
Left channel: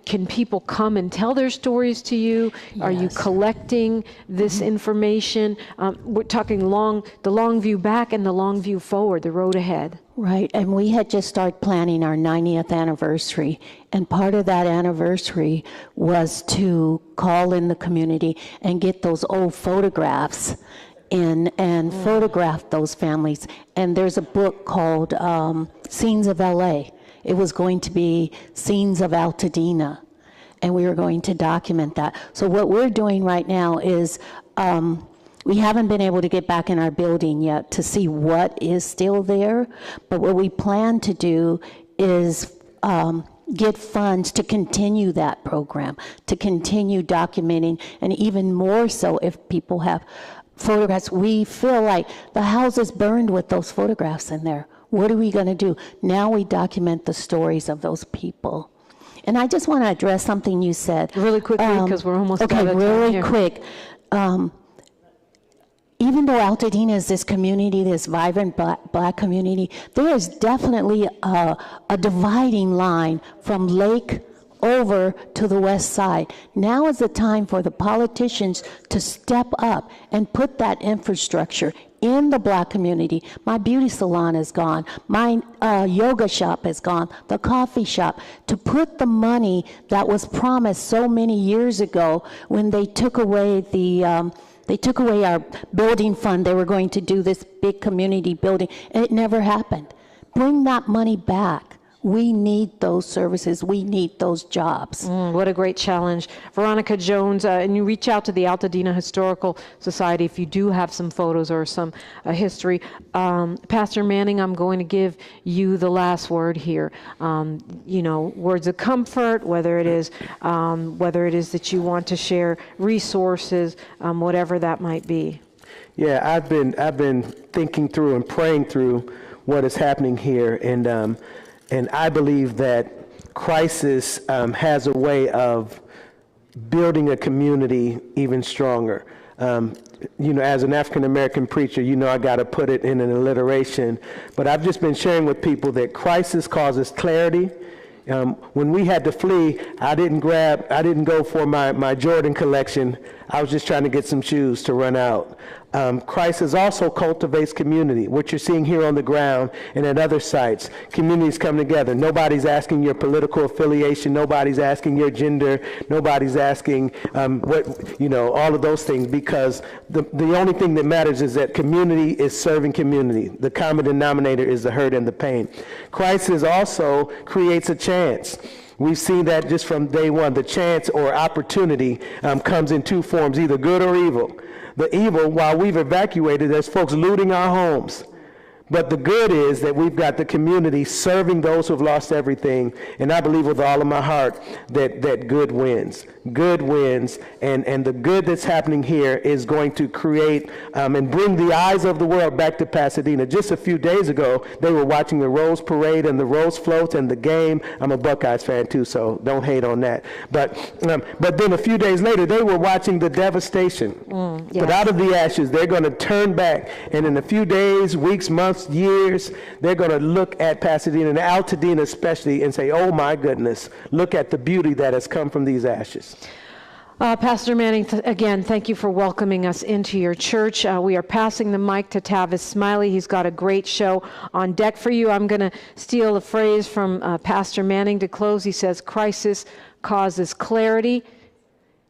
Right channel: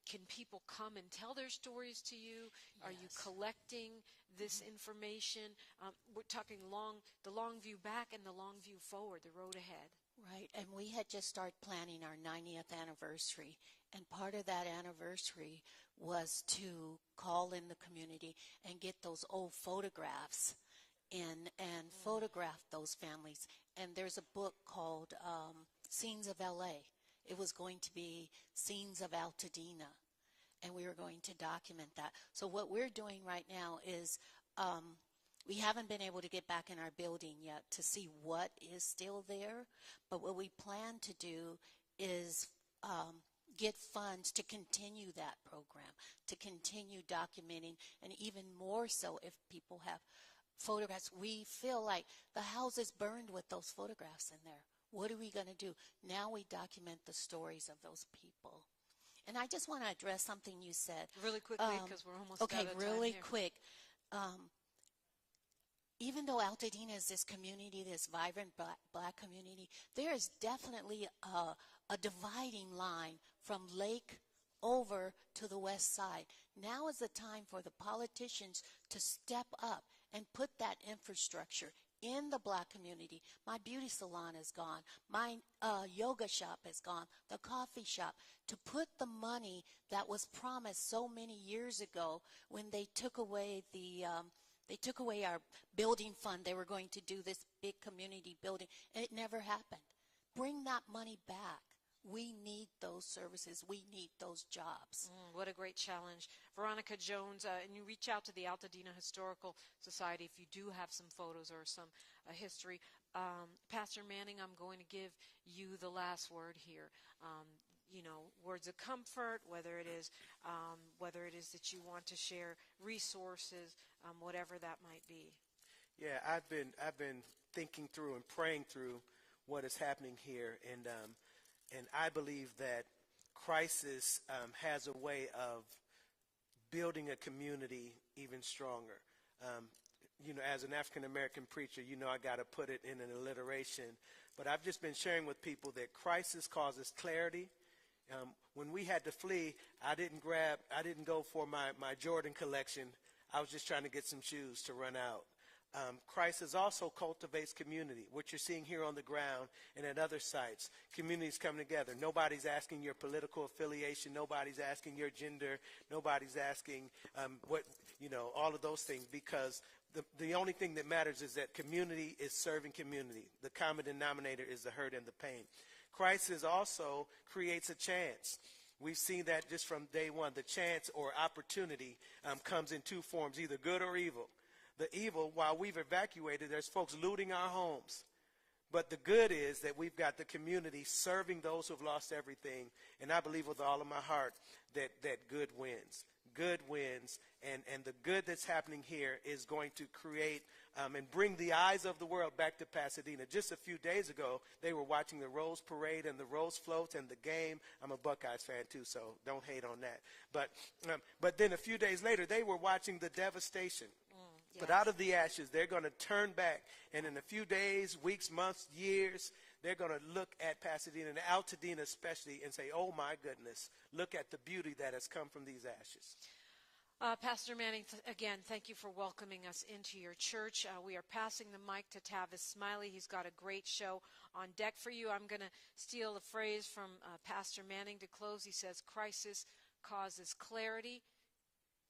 can people come and tell their stories to you? Yes. Are you collecting this information? We're talking the long view back and the long view forward, the road ahead. Right, and we had just started planning our 90th anniversary, and part of that anniversary was to call in the community and get those old photographs in and photograph those families. And there's a book called Scenes of LA. It was going to be Scenes of Altadena, and we were going to document that. So what we're doing right now is we haven't been able to get back in our building yet to see what is still there, but what we plan to do is get funds to continue that program, to continue documenting, and even more so if people have photographs. We feel like the house is burned with those photographs in there. What are we going to do? Now we document the stories of those people. And I just want to address something you said. Really quickly, because we're almost out of time here. Okay, really here. quick. even though Altadena is this community, this vibrant black community, there is definitely a dividing line from Lake over to the west side. Now is the time for the politicians to step up and put that infrastructure in the black community. My beauty salon is gone. My yoga shop is gone. The coffee shop. To put the money that was promised so many years ago when they took away our building fund. They were going to do this big community building, and it never happened. Bring that money back. We need those services. We need those jobs. What a great challenge. Veronica Jones, and you reach out to the Altadena Historical Society if you do have some photos or some history. Pastor Manning, I'm going to give you the last word here. Words of comfort, whether it is that you want to share resources, whatever that might be. Yeah, I've been thinking through and praying through what is happening here, and I believe that crisis has a way of building a community even stronger. As an African-American preacher, I got to put it in an alliteration, but I've just been sharing with people that crisis causes clarity. When we had to flee, I didn't go for my Jordan collection. I was just trying to get some shoes to run out. Crisis also cultivates community, what you're seeing here on the ground and at other sites. Communities come together. Nobody's asking your political affiliation. Nobody's asking your gender. Nobody's asking all of those things, because the only thing that matters is that community is serving community. The common denominator is the hurt and the pain. Crisis also creates a chance. We've seen that just from day one. The chance or opportunity comes in two forms, either good or evil. The evil, while we've evacuated, there's folks looting our homes. But the good is that we've got the community serving those who've lost everything. And I believe with all of my heart that good wins. Good wins. And the good that's happening here is going to create and bring the eyes of the world back to Pasadena. Just a few days ago, they were watching the Rose Parade and the Rose Floats and the game. I'm a Buckeyes fan too, so don't hate on that. But then a few days later, they were watching the devastation. Yes. But out of the ashes, they're going to turn back. And in a few days, weeks, months, years, they're going to look at Pasadena and Altadena especially and say, oh my goodness, look at the beauty that has come from these ashes. Pastor Manning, again, thank you for welcoming us into your church. We are passing the mic to Tavis Smiley. He's got a great show on deck for you. I'm going to steal a phrase from Pastor Manning to close. He says, crisis causes clarity.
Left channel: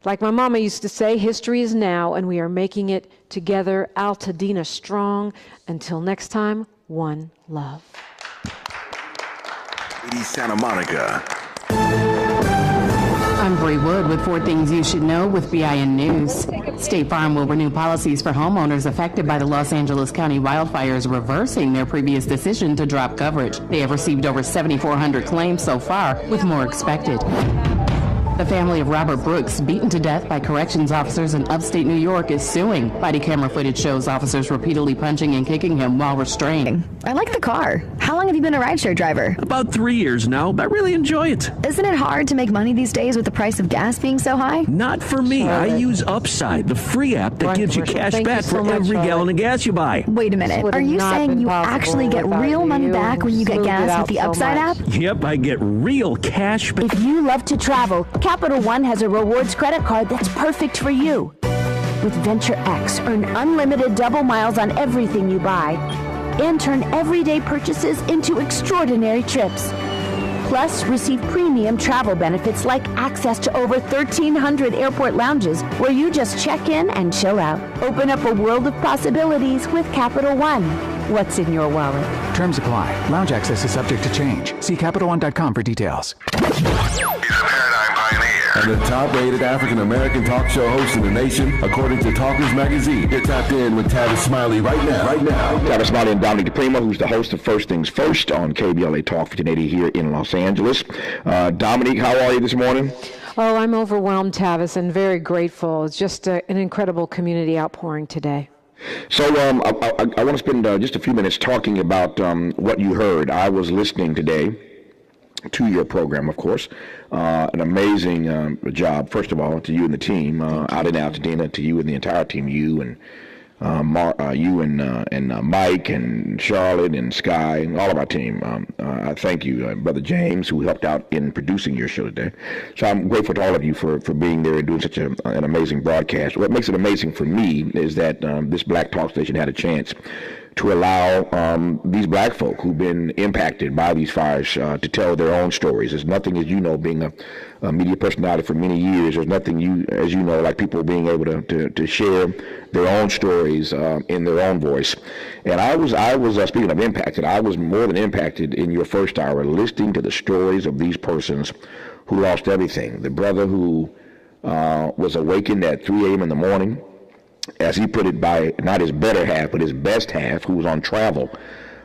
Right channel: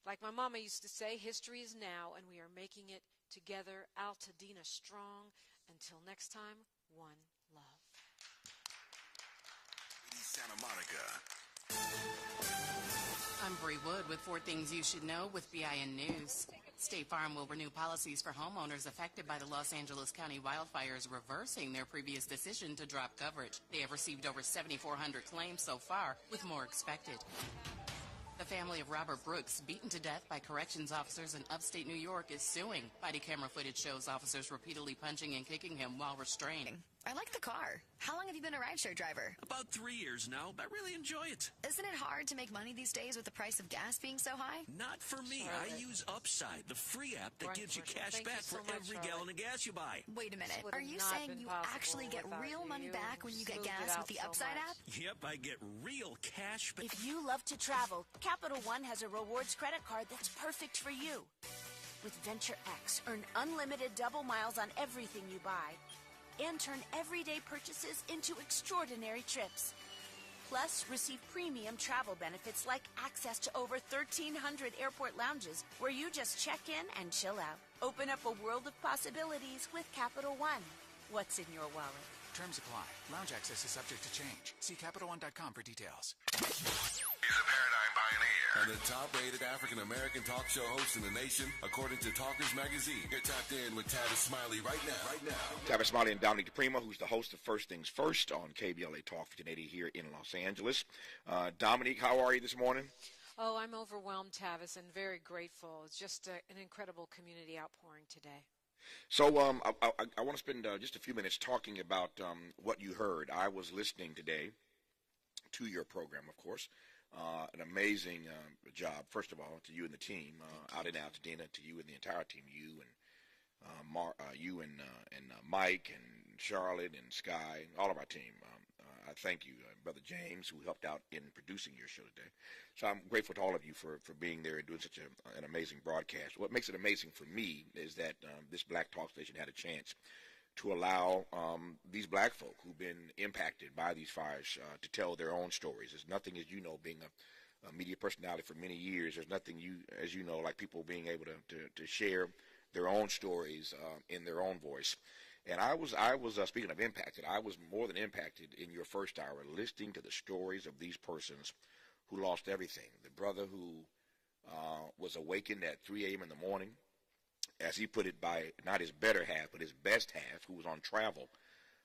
Like my mama used to say, history is now, and we are making it together. Altadena strong. Until next time, one love. Santa Monica. I'm Bree Wood with 4 Things You Should Know with BIN News. State Farm will renew policies for homeowners affected by the Los Angeles County wildfires, reversing their previous decision to drop coverage. They have received over 7,400 claims so far, with more expected. The family of Robert Brooks, beaten to death by corrections officers in upstate New York, is suing. Body camera footage shows officers repeatedly punching and kicking him while restrained. I like the car. How long have you been a rideshare driver? About 3 years now. I really enjoy it. Isn't it hard to make money these days with the price of gas being so high? Not for me. I use Upside, the free app that gives you cash back for every gallon of gas you buy. Wait a minute. Are you saying you actually get real money back when you get gas with the Upside app? Yep, I get real cash back. If you love to travel, Capital One has a rewards credit card that's perfect for you. With Venture X, earn unlimited double miles on everything you buy and turn everyday purchases into extraordinary trips. Plus, receive premium travel benefits like access to over 1,300 airport lounges where you just check in and chill out. Open up a world of possibilities with Capital One. What's in your wallet? Terms apply. Lounge access is subject to change. See CapitalOne.com for details. And the top-rated African-American talk show host in the nation, according to Talkers Magazine. Get tapped in with Tavis Smiley right now. Tavis Smiley and Dominique DiPrima, who's the host of First Things First on KBLA Talk 1580 here in Los Angeles. Dominique, how are you this morning? Oh, I'm overwhelmed, Tavis, and very grateful. It's just an incredible community outpouring today. So I want to spend just a few minutes talking about what you heard. I was listening today to your program, of course. An amazing job, first of all, to you and the team out in Altadena, to you and the entire team, you and you and Mike and Charlotte and Sky and all of our team. I thank you, Brother James, who helped out in producing your show today. So I'm grateful to all of you for being there and doing such an amazing broadcast. What makes it amazing for me is that this Black Talk station had a chance to allow these black folk who've been impacted by these fires to tell their own stories. There's nothing, as you know, being a media personality for many years, there's nothing as you know, like people being able to share their own stories in their own voice. And I was speaking of impacted, I was more than impacted in your first hour listening to the stories of these persons who lost everything. The brother who was awakened at 3 a.m. in the morning, as he put it, by not his better half, but his best half, who was on travel.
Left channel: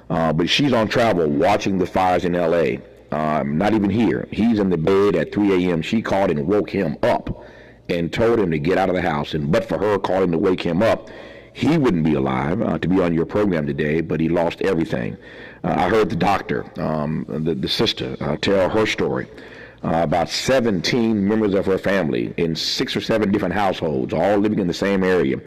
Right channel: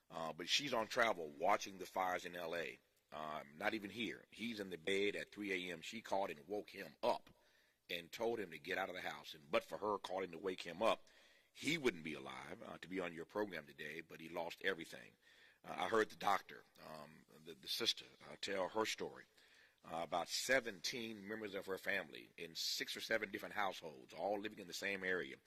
But she's on travel watching the fires in L.A., not even here. He's in the bed at 3 a.m. She called and woke him up and told him to get out of the house. And but for her calling to wake him up, he wouldn't be alive to be on your program today, but he lost everything. I heard the doctor, the sister, tell her story. About 17 members of her family in 6 or 7 different households, all living in the same area.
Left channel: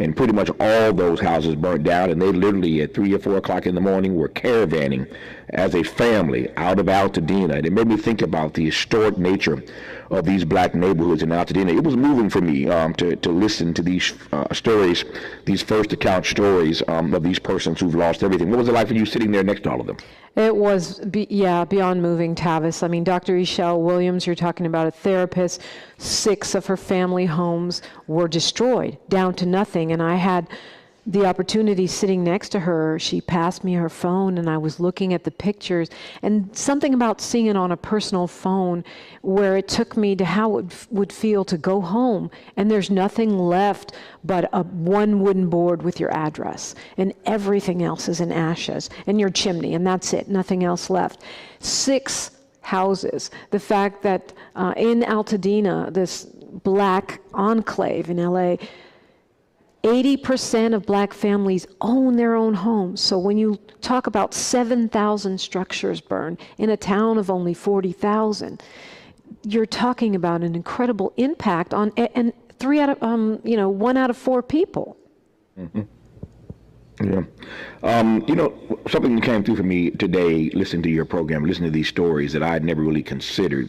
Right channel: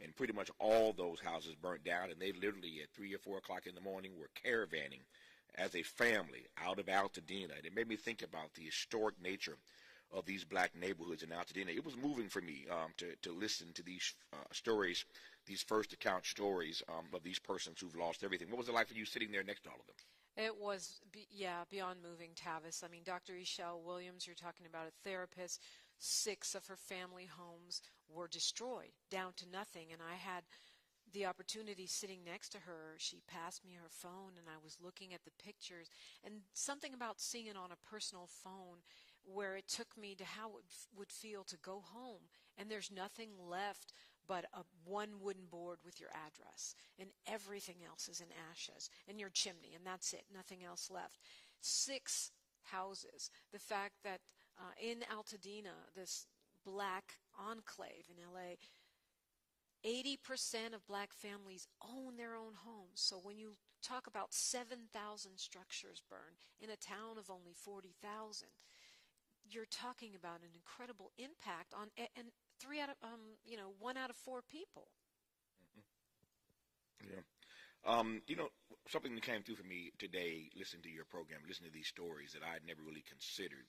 And pretty much all those houses burnt down, and they literally at 3 or 4 o'clock in the morning were caravanning as a family out of Altadena. And it made me think about the historic nature of these black neighborhoods in Altadena. It was moving for me to listen to these stories, these first account stories of these persons who've lost everything. What was it like for you sitting there next to all of them? It was, beyond moving, Tavis. I mean, Dr. Eshel Williams, you're talking about a therapist. 6 of her family homes were destroyed, down to nothing. And I had the opportunity sitting next to her. She passed me her phone, and I was looking at the pictures. And something about seeing it on a personal phone where it took me to how it would feel to go home, and there's nothing left but one wooden board with your address, and everything else is in ashes, and your chimney, and that's it, nothing else left. 6 houses. The fact that in Altadena, this black enclave in LA, 80% of black families own their own homes. So when you talk about 7,000 structures burned in a town of only 40,000, you're talking about an incredible impact on, and 1 out of 4 people. Mm-hmm. Yeah. Something that came through for me today, listening to your program, listening to these stories that I had never really considered.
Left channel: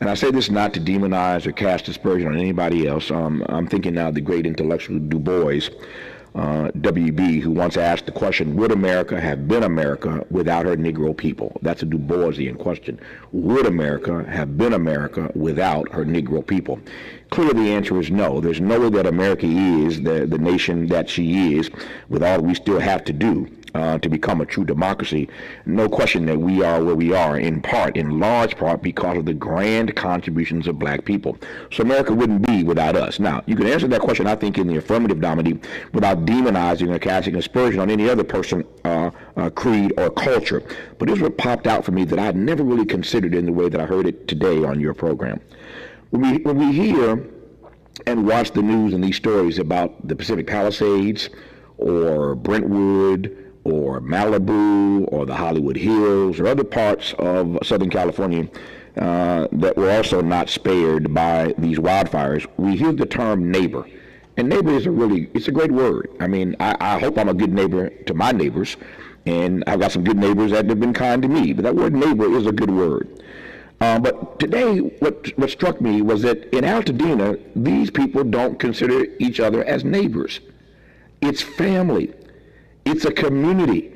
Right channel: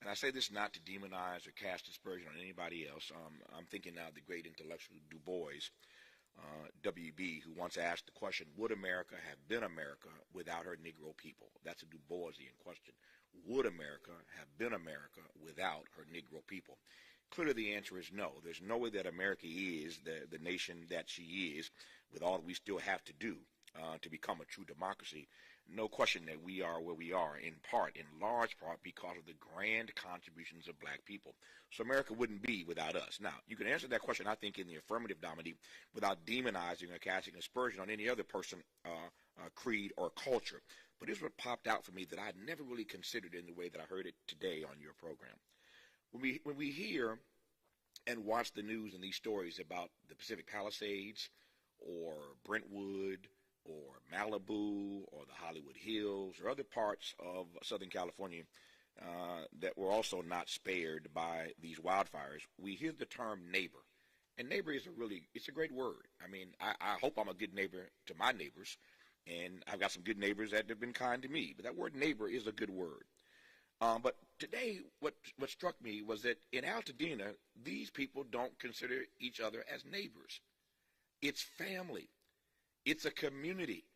And I say this not to demonize or cast aspersion on anybody else. I'm thinking now of the great intellectual Du Bois, W.B., who once asked the question, would America have been America without her Negro people? That's a Du Boisian question. Would America have been America without her Negro people? Clearly, the answer is no. There's no way that America is the nation that she is, with all we still have to do to become a true democracy. No question that we are where we are, in large part, because of the grand contributions of black people. So America wouldn't be without us. Now, you can answer that question, I think, in the affirmative, Dominique, without demonizing or casting aspersion on any other person, creed, or culture. But here's what popped out for me that I'd never really considered in the way that I heard it today on your program. When we hear and watch the news and these stories about the Pacific Palisades or Brentwood or Malibu or the Hollywood Hills or other parts of Southern California that were also not spared by these wildfires, we hear the term neighbor. And neighbor is it's a great word. I mean, I hope I'm a good neighbor to my neighbors, and I've got some good neighbors that have been kind to me, but that word neighbor is a good word. But today, what struck me was that in Altadena, these people don't consider each other as neighbors. It's family. It's a community.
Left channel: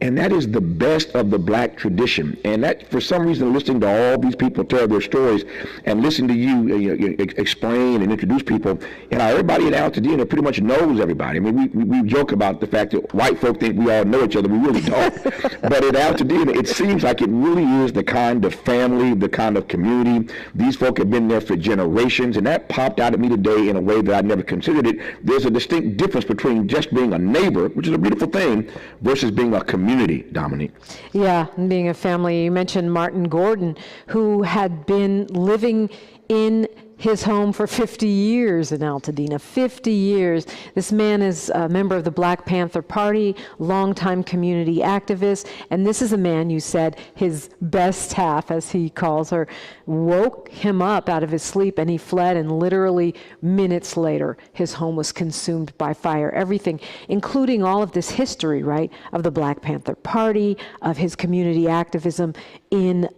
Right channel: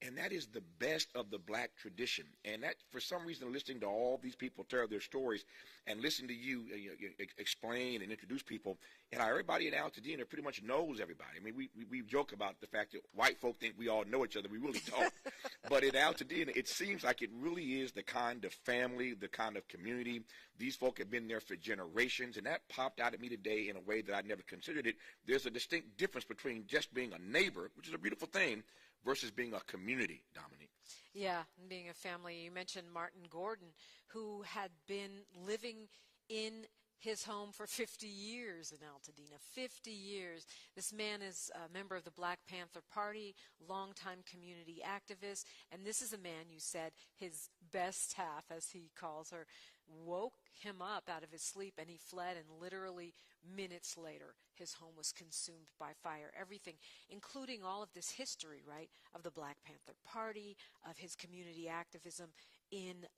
And that is the best of the black tradition. And that, for some reason, listening to all these people tell their stories and listening to you explain and introduce people, everybody in Altadena pretty much knows everybody. I mean, we joke about the fact that white folk think we all know each other. We really don't. But in Altadena, it seems like it really is the kind of family, the kind of community. These folk have been there for generations, and that popped out at me today in a way that I never considered it. There's a distinct difference between just being a neighbor, which is a beautiful thing, versus being a community, Dominique. Yeah, and being a family. You mentioned Martin Gordon, who had been living in his home for 50 years in Altadena, 50 years. This man is a member of the Black Panther Party, longtime community activist, and this is a man, you said, his best half, as he calls her, woke him up out of his sleep, and he fled, and literally minutes later, his home was consumed by fire. Everything, including all of this history, right, of the Black Panther Party, of his community activism in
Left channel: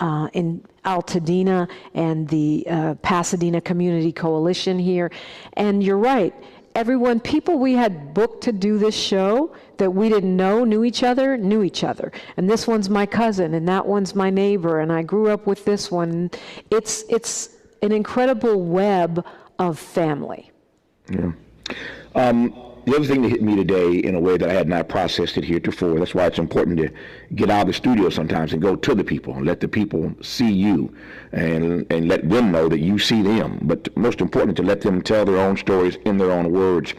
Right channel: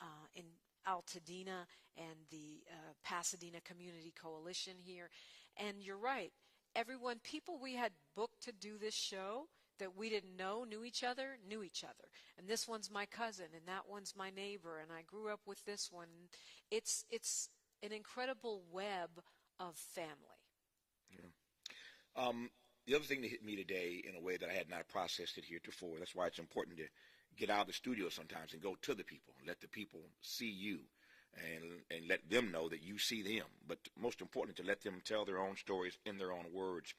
Altadena and the Pasadena Community Coalition here. And you're right, people we had booked to do this show that we didn't know knew each other. And this one's my cousin, and that one's my neighbor, and I grew up with this one. It's an incredible web of family. Yeah. The other thing that hit me today in a way that I had not processed it heretofore, that's why it's important to get out of the studio sometimes and go to the people and let the people see you and let them know that you see them. But most important, to let them tell their own stories in their own words.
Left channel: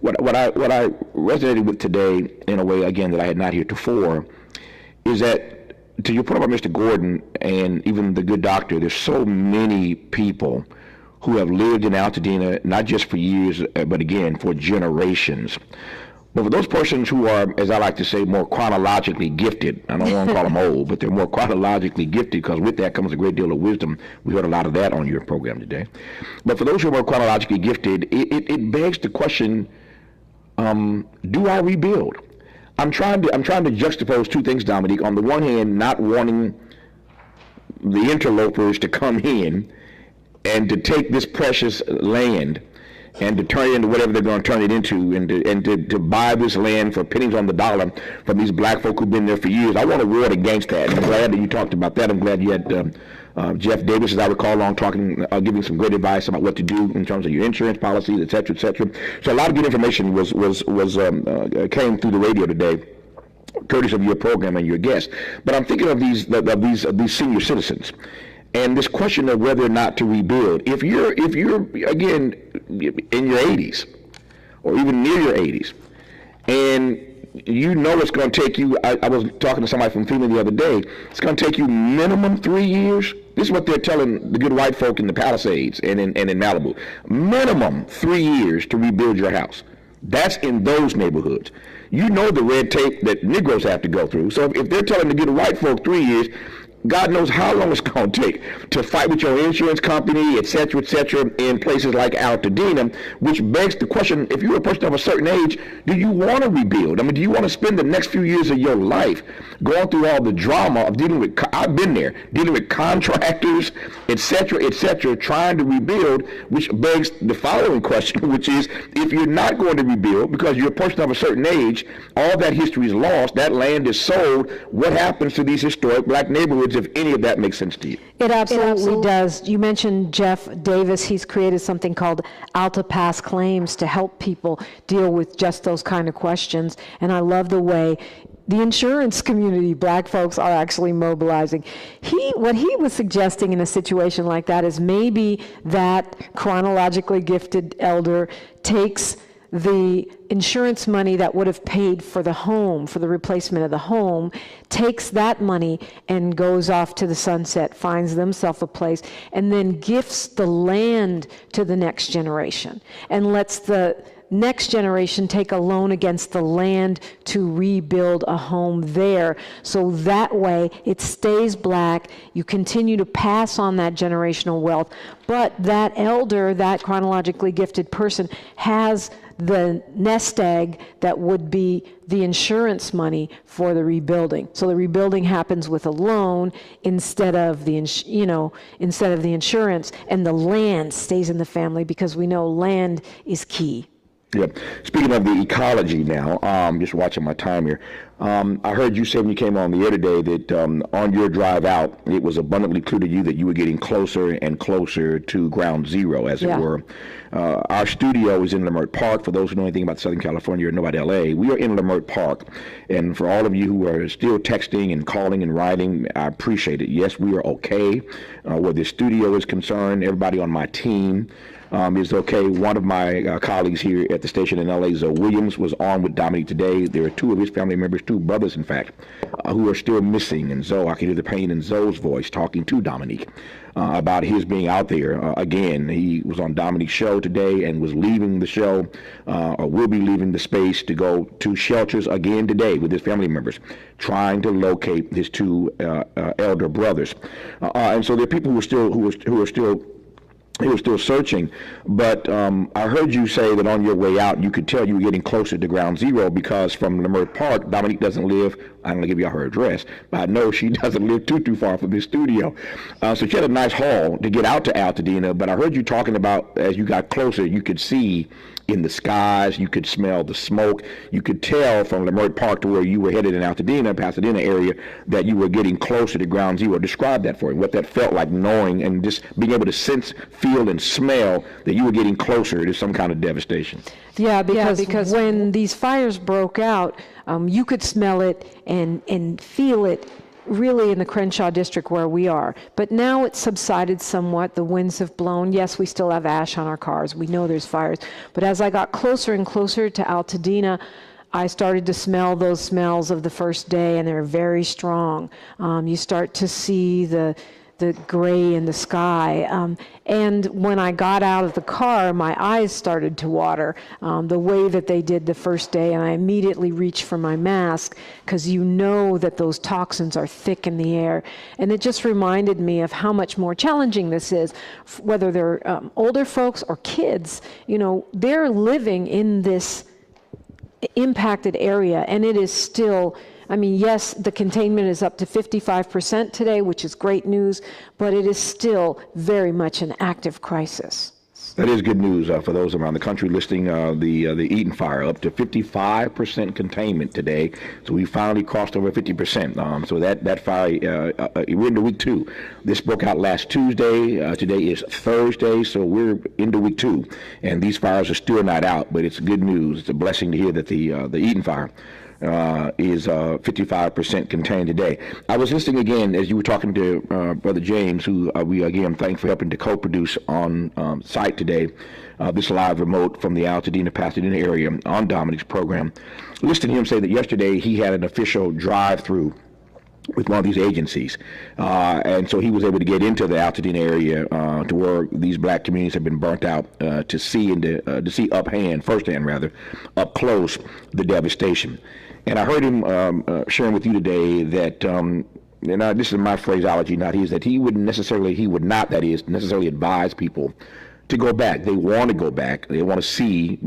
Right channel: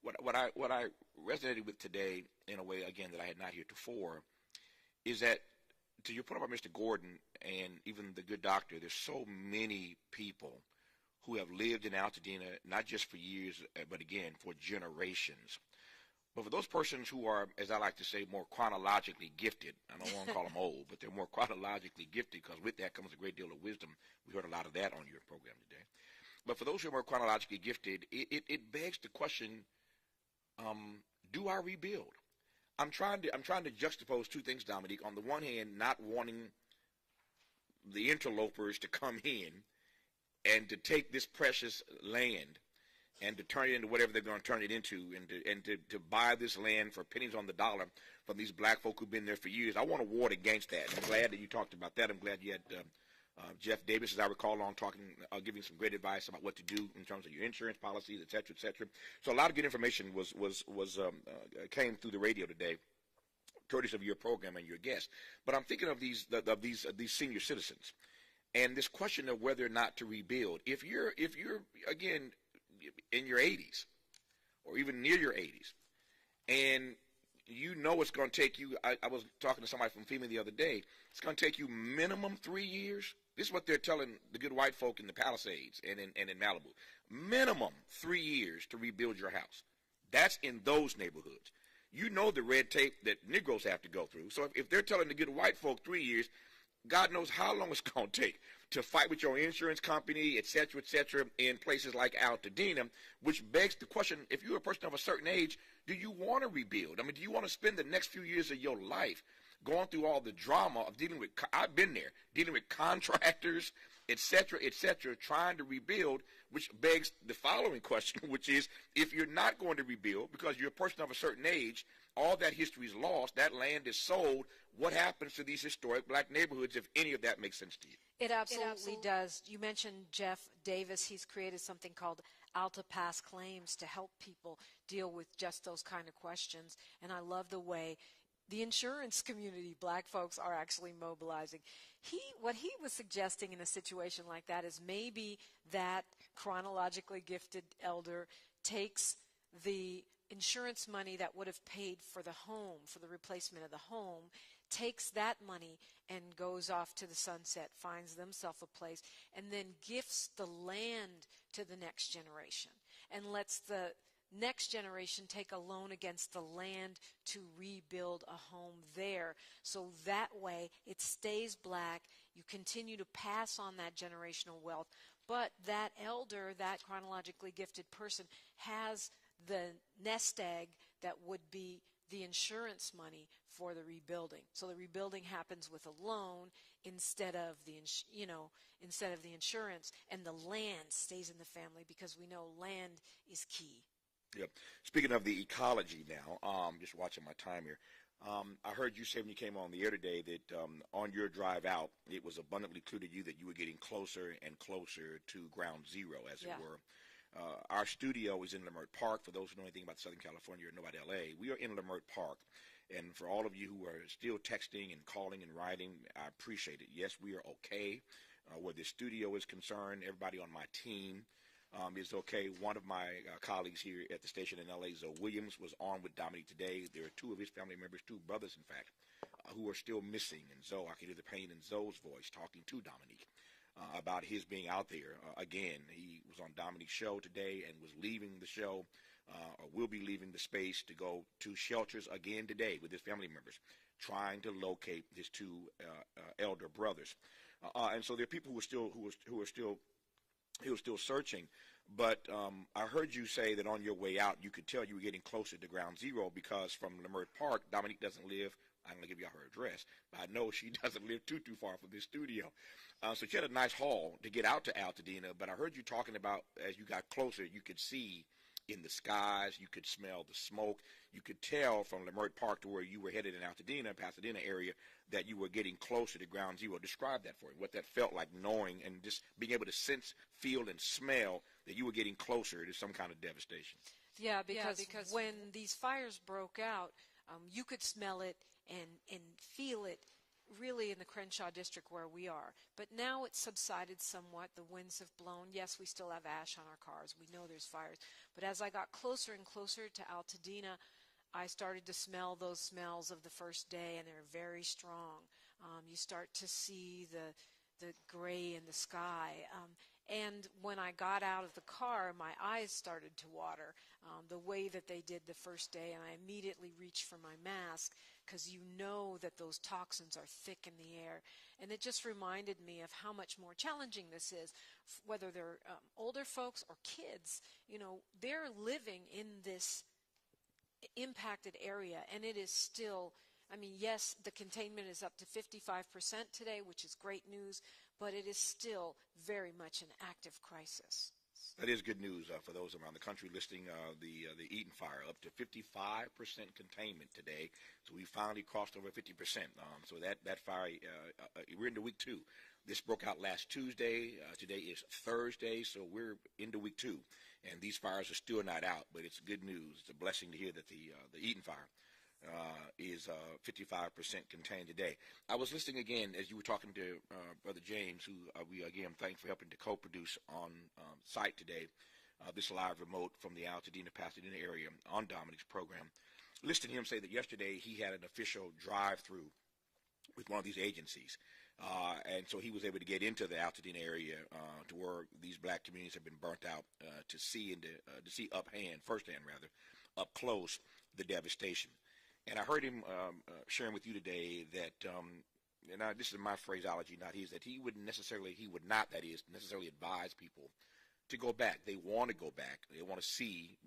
What I resonated with today in a way, again, that I had not heretofore, is that, to your point about Mr. Gordon and even the good doctor, there's so many people who have lived in Altadena, not just for years, but again, for generations. But for those persons who are, as I like to say, more chronologically gifted, I don't want to call them old, but they're more chronologically gifted, because with that comes a great deal of wisdom. We heard a lot of that on your program today. But for those who are more chronologically gifted, it begs the question, do I rebuild? I'm trying to juxtapose two things, Dominique. On the one hand, not wanting the interlopers to come in and to take this precious land and to turn it into whatever they're going to turn it into, and to buy this land for pennies on the dollar from these black folk who've been there for years. I want to ward against that, and I'm glad that you talked about that. I'm glad you had Jeff Davis, as I recall, on talking, giving some great advice about what to do in terms of your insurance policies, et cetera, et cetera. So a lot of good information came through the radio today, courtesy of your program and your guests. But I'm thinking of these senior citizens, and this question of whether or not to rebuild. If you're again in your 80s or even near your 80s, and you know it's going to take you, I was talking to somebody from FEMA the other day, it's going to take you minimum 3 years. This is what they're telling the good white folk in the Palisades and in Malibu. Minimum 3 years to rebuild your house. That's in those neighborhoods. You know the red tape that Negroes have to go through. So if they're telling the good white folk 3 years, God knows how long it's going to take to fight with your insurance company, et cetera, in places like Altadena, which begs the question, if you're a person of a certain age, do you want to rebuild? I mean, do you want to spend the next few years of your life going through all the drama of dealing with, I've been there, dealing with contractors, et cetera, trying to rebuild, which begs the following question, which is, if you're not going to rebuild because you're a person of a certain age, all that history is lost, that land is sold, what happens to these historic black neighborhoods, if any of that makes sense to you? It absolutely does. You mentioned Jeff Davis. He's created something called Alta Pass Claims to help people deal with just those kind of questions. And I love the way the insurance community, black folks, are actually mobilizing. What he was suggesting in a situation like that is maybe that chronologically gifted elder takes the insurance money that would have paid for the home, for the replacement of the home, takes that money and goes off to the sunset, finds themselves a place, and then gifts the land to the next generation and lets the next generation take a loan against the land to rebuild a home there. So that way it stays black, you continue to pass on that generational wealth, but that elder, that chronologically gifted person, has the nest egg that would be the insurance money for the rebuilding. So the rebuilding happens with a loan instead of the insurance, and the land stays in the family because we know land is key. Yep. Speaking of the ecology now, just watching my time here, I heard you say when you came on the air today that on your drive out, it was abundantly clear to you that you were getting closer and closer to ground zero, as it were. Our studio is in Leimert Park. For those who know anything about Southern California or know about LA, we are in Leimert Park. And for all of you who are still texting and calling and writing, I appreciate it. Yes, we are okay where the studio is concerned. Everybody on my team, is okay. One of my colleagues here at the station in LA, Zoe Williams, was on with Dominique today. There are two of his family members, two brothers, in fact, who are still missing. And Zoe, I can hear the pain in Zoe's voice talking to Dominique about his being out there. Again, he was on Dominique's show today and was leaving the show, or will be leaving the space to go to shelters again today with his family members, trying to locate his two elder brothers. And so there are people who are still searching, but I heard you say that on your way out, you could tell you were getting closer to ground zero because from Leimert Park, Dominique doesn't live, I'm going to give you her address, but I know she doesn't live too far from this studio. So she had a nice haul to get out to Altadena, but I heard you talking about as you got closer, you could see in the skies, you could smell the smoke, you could tell from Leimert Park to where you were headed in Altadena, Pasadena area, that you were getting closer to ground zero. Describe that for me, what that felt like, knowing and just being able to sense, feel, and smell that you were getting closer to some kind of devastation. Yeah, because when these fires broke out, you could smell it and feel it really in the Crenshaw district where we are. But now it's subsided somewhat. The winds have blown. Yes, we still have ash on our cars. We know there's fires. But as I got closer and closer to Altadena, I started to smell those smells of the first day, and they're very strong. You start to see the gray in the sky. And when I got out of the car, my eyes started to water the way that they did the first day, and I immediately reached for my mask because you know that those toxins are thick in the air. And it just reminded me of how much more challenging this is, whether they're older folks or kids. You know, they're living in this impacted area, and it is still, I mean, yes, the containment is up to 55% today, which is great news, but it is still very much an active crisis. That is good news for those around the country listening. The Eaton Fire up to 55% containment today, so we finally crossed over 50%. So that fire, we're into week 2. This broke out last Tuesday. Today is Thursday, so we're into week 2, and these fires are still not out. But it's good news. It's a blessing to hear that the Eaton Fire is 55% contained today. I was listening again as you were talking to Brother James, who we again thank for helping to co-produce on site today, this live remote from the Altadena, Pasadena area on Dominique's program. Listening to him say that yesterday he had an official drive-through with one of these agencies, and so he was able to get into the Altadena area to where these black communities have been burnt out to see firsthand, up close, the devastation. And I heard him sharing with you today that, and this is my phraseology, not his, that he would not necessarily advise people to go back. They want to go back. They want to see,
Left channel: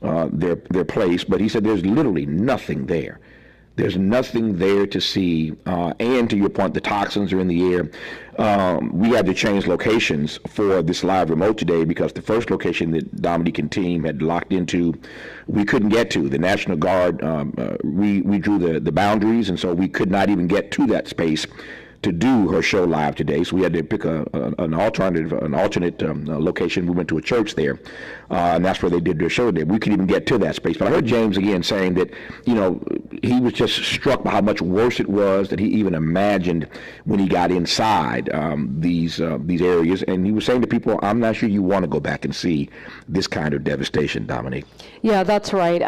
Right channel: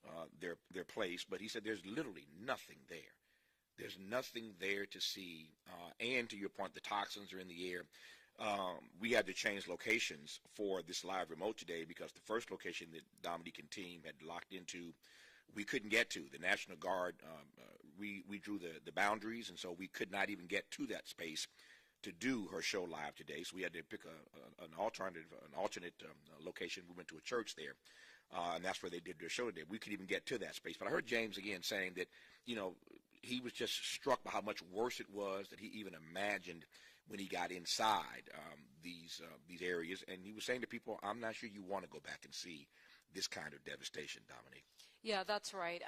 their place. But he said there's literally nothing there. There's nothing there to see. And to your point, the toxins are in the air. We had to change locations for this live remote today because the first location that Dominique and team had locked into, we couldn't get to. The National Guard, we drew the boundaries, and so we could not even get to that space to do her show live today. So we had to pick an alternate location. We went to a church there, and that's where they did their show today. We couldn't even get to that space. But I heard James again saying that, he was just struck by how much worse it was that he even imagined when he got inside these areas. And he was saying to people, I'm not sure you want to go back and see this kind of devastation, Dominique. Yeah, that's right.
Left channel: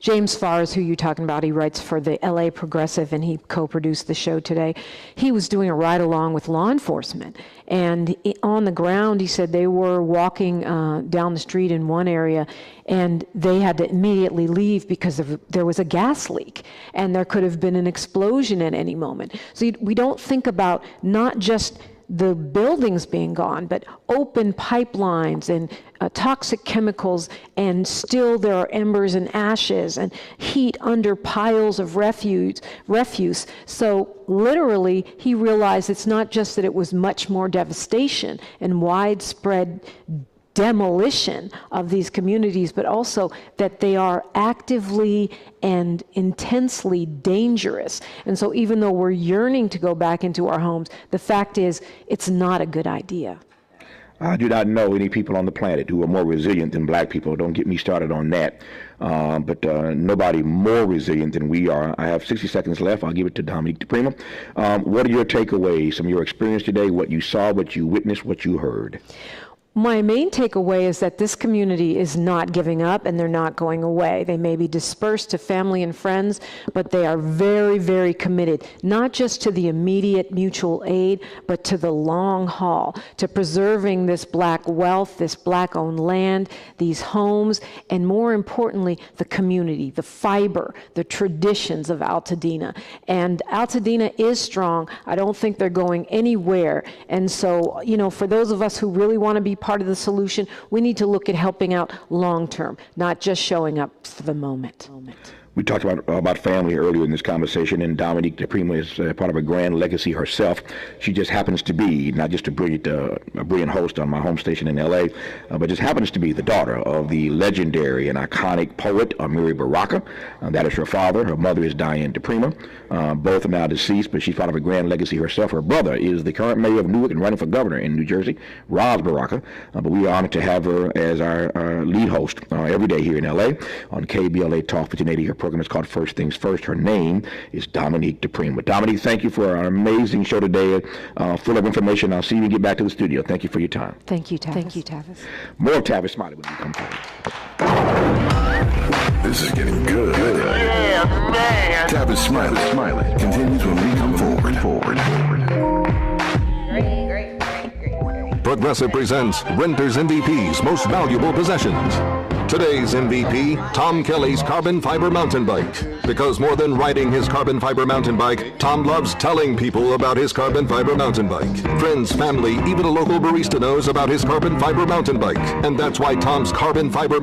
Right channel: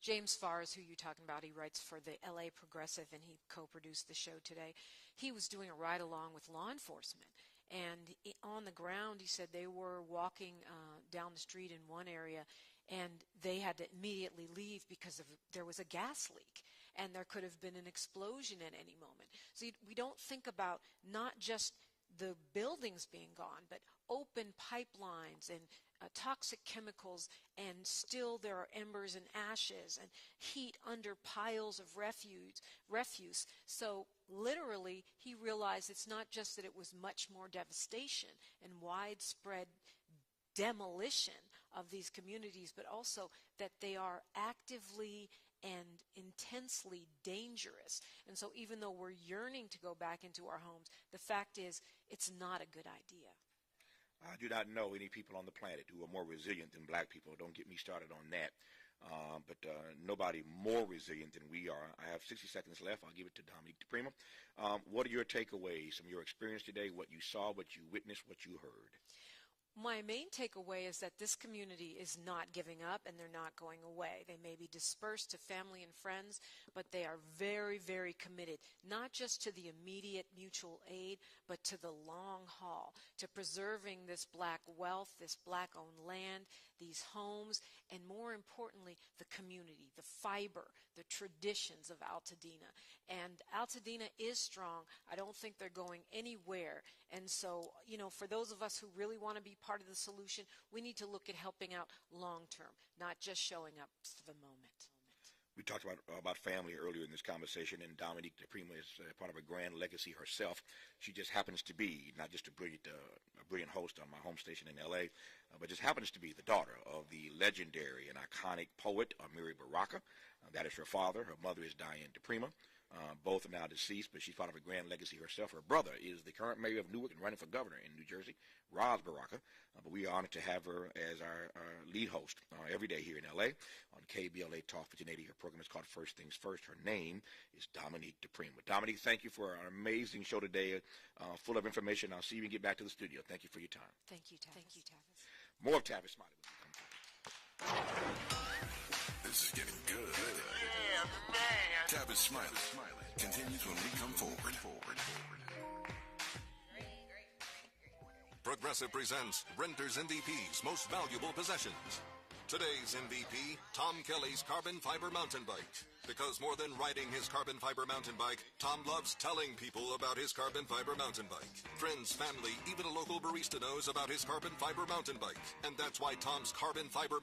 James Farr is who you're talking about. He writes for the LA Progressive, and he co-produced the show today. He was doing a ride-along with law enforcement, and on the ground, he said they were walking down the street in one area, and they had to immediately leave because there was a gas leak, and there could have been an explosion at any moment. So we don't think about not just the buildings being gone, but open pipelines and toxic chemicals, and still there are embers and ashes and heat under piles of refuse. So literally, he realized it's not just that it was much more devastation and widespread demolition of these communities, but also that they are actively and intensely dangerous. And so even though we're yearning to go back into our homes, the fact is it's not a good idea. I do not know any people on the planet who are more resilient than black people. Don't get me started on that. But nobody more resilient than we are. I have 60 seconds left. I'll give it to Dominique DiPrima. What are your takeaways from your experience today, what you saw, what you witnessed, what you heard? My main takeaway is that this community is not giving up and they're not going away. They may be dispersed to family and friends, but they are very, very committed, not just to the immediate mutual aid, but to the long haul, to preserving this Black wealth, this Black-owned land, these homes, and more importantly, the community, the fiber, the traditions of Altadena. And Altadena is strong. I don't think they're going anywhere. And so, you know, for those of us who really want to be part of the solution, we need to look at helping out long-term, not just showing up for the moment. We talked about family earlier in this conversation, and Dominique DiPrima is part of a grand legacy herself. She just happens to be not just a brilliant host on my home station in LA, but just happens to be the daughter of the legendary and iconic poet Amiri Baraka. That is her father. Her mother is Diane DiPrima. Both are now deceased, but she's part of a grand legacy herself. Her brother is the current mayor of Newark and running for governor in New Jersey, Roz Baraka. But we are honored to have her as our lead host every day here in LA on KBLA Talk 1580. Her program is called First Things First. Her name is Dominique DiPrima. Dominique, thank you for an amazing show today, full of information. I'll see you when you get back to the studio. Thank you for your time. Thank you, Tavis. Thank you, Tavis. More of Tavis Smiley when we come forward. This is getting good. Yeah, man. Tavis Smiley continues when we come forward. Progressive presents Renter's MVP's Most Valuable Possessions. Today's MVP, Tom Kelly's carbon fiber mountain bike. Because more than riding his carbon fiber mountain bike, Tom loves telling people about his carbon fiber mountain bike. Friends, family, even a local barista knows about his carbon fiber mountain bike. And that's why Tom's carbon fiber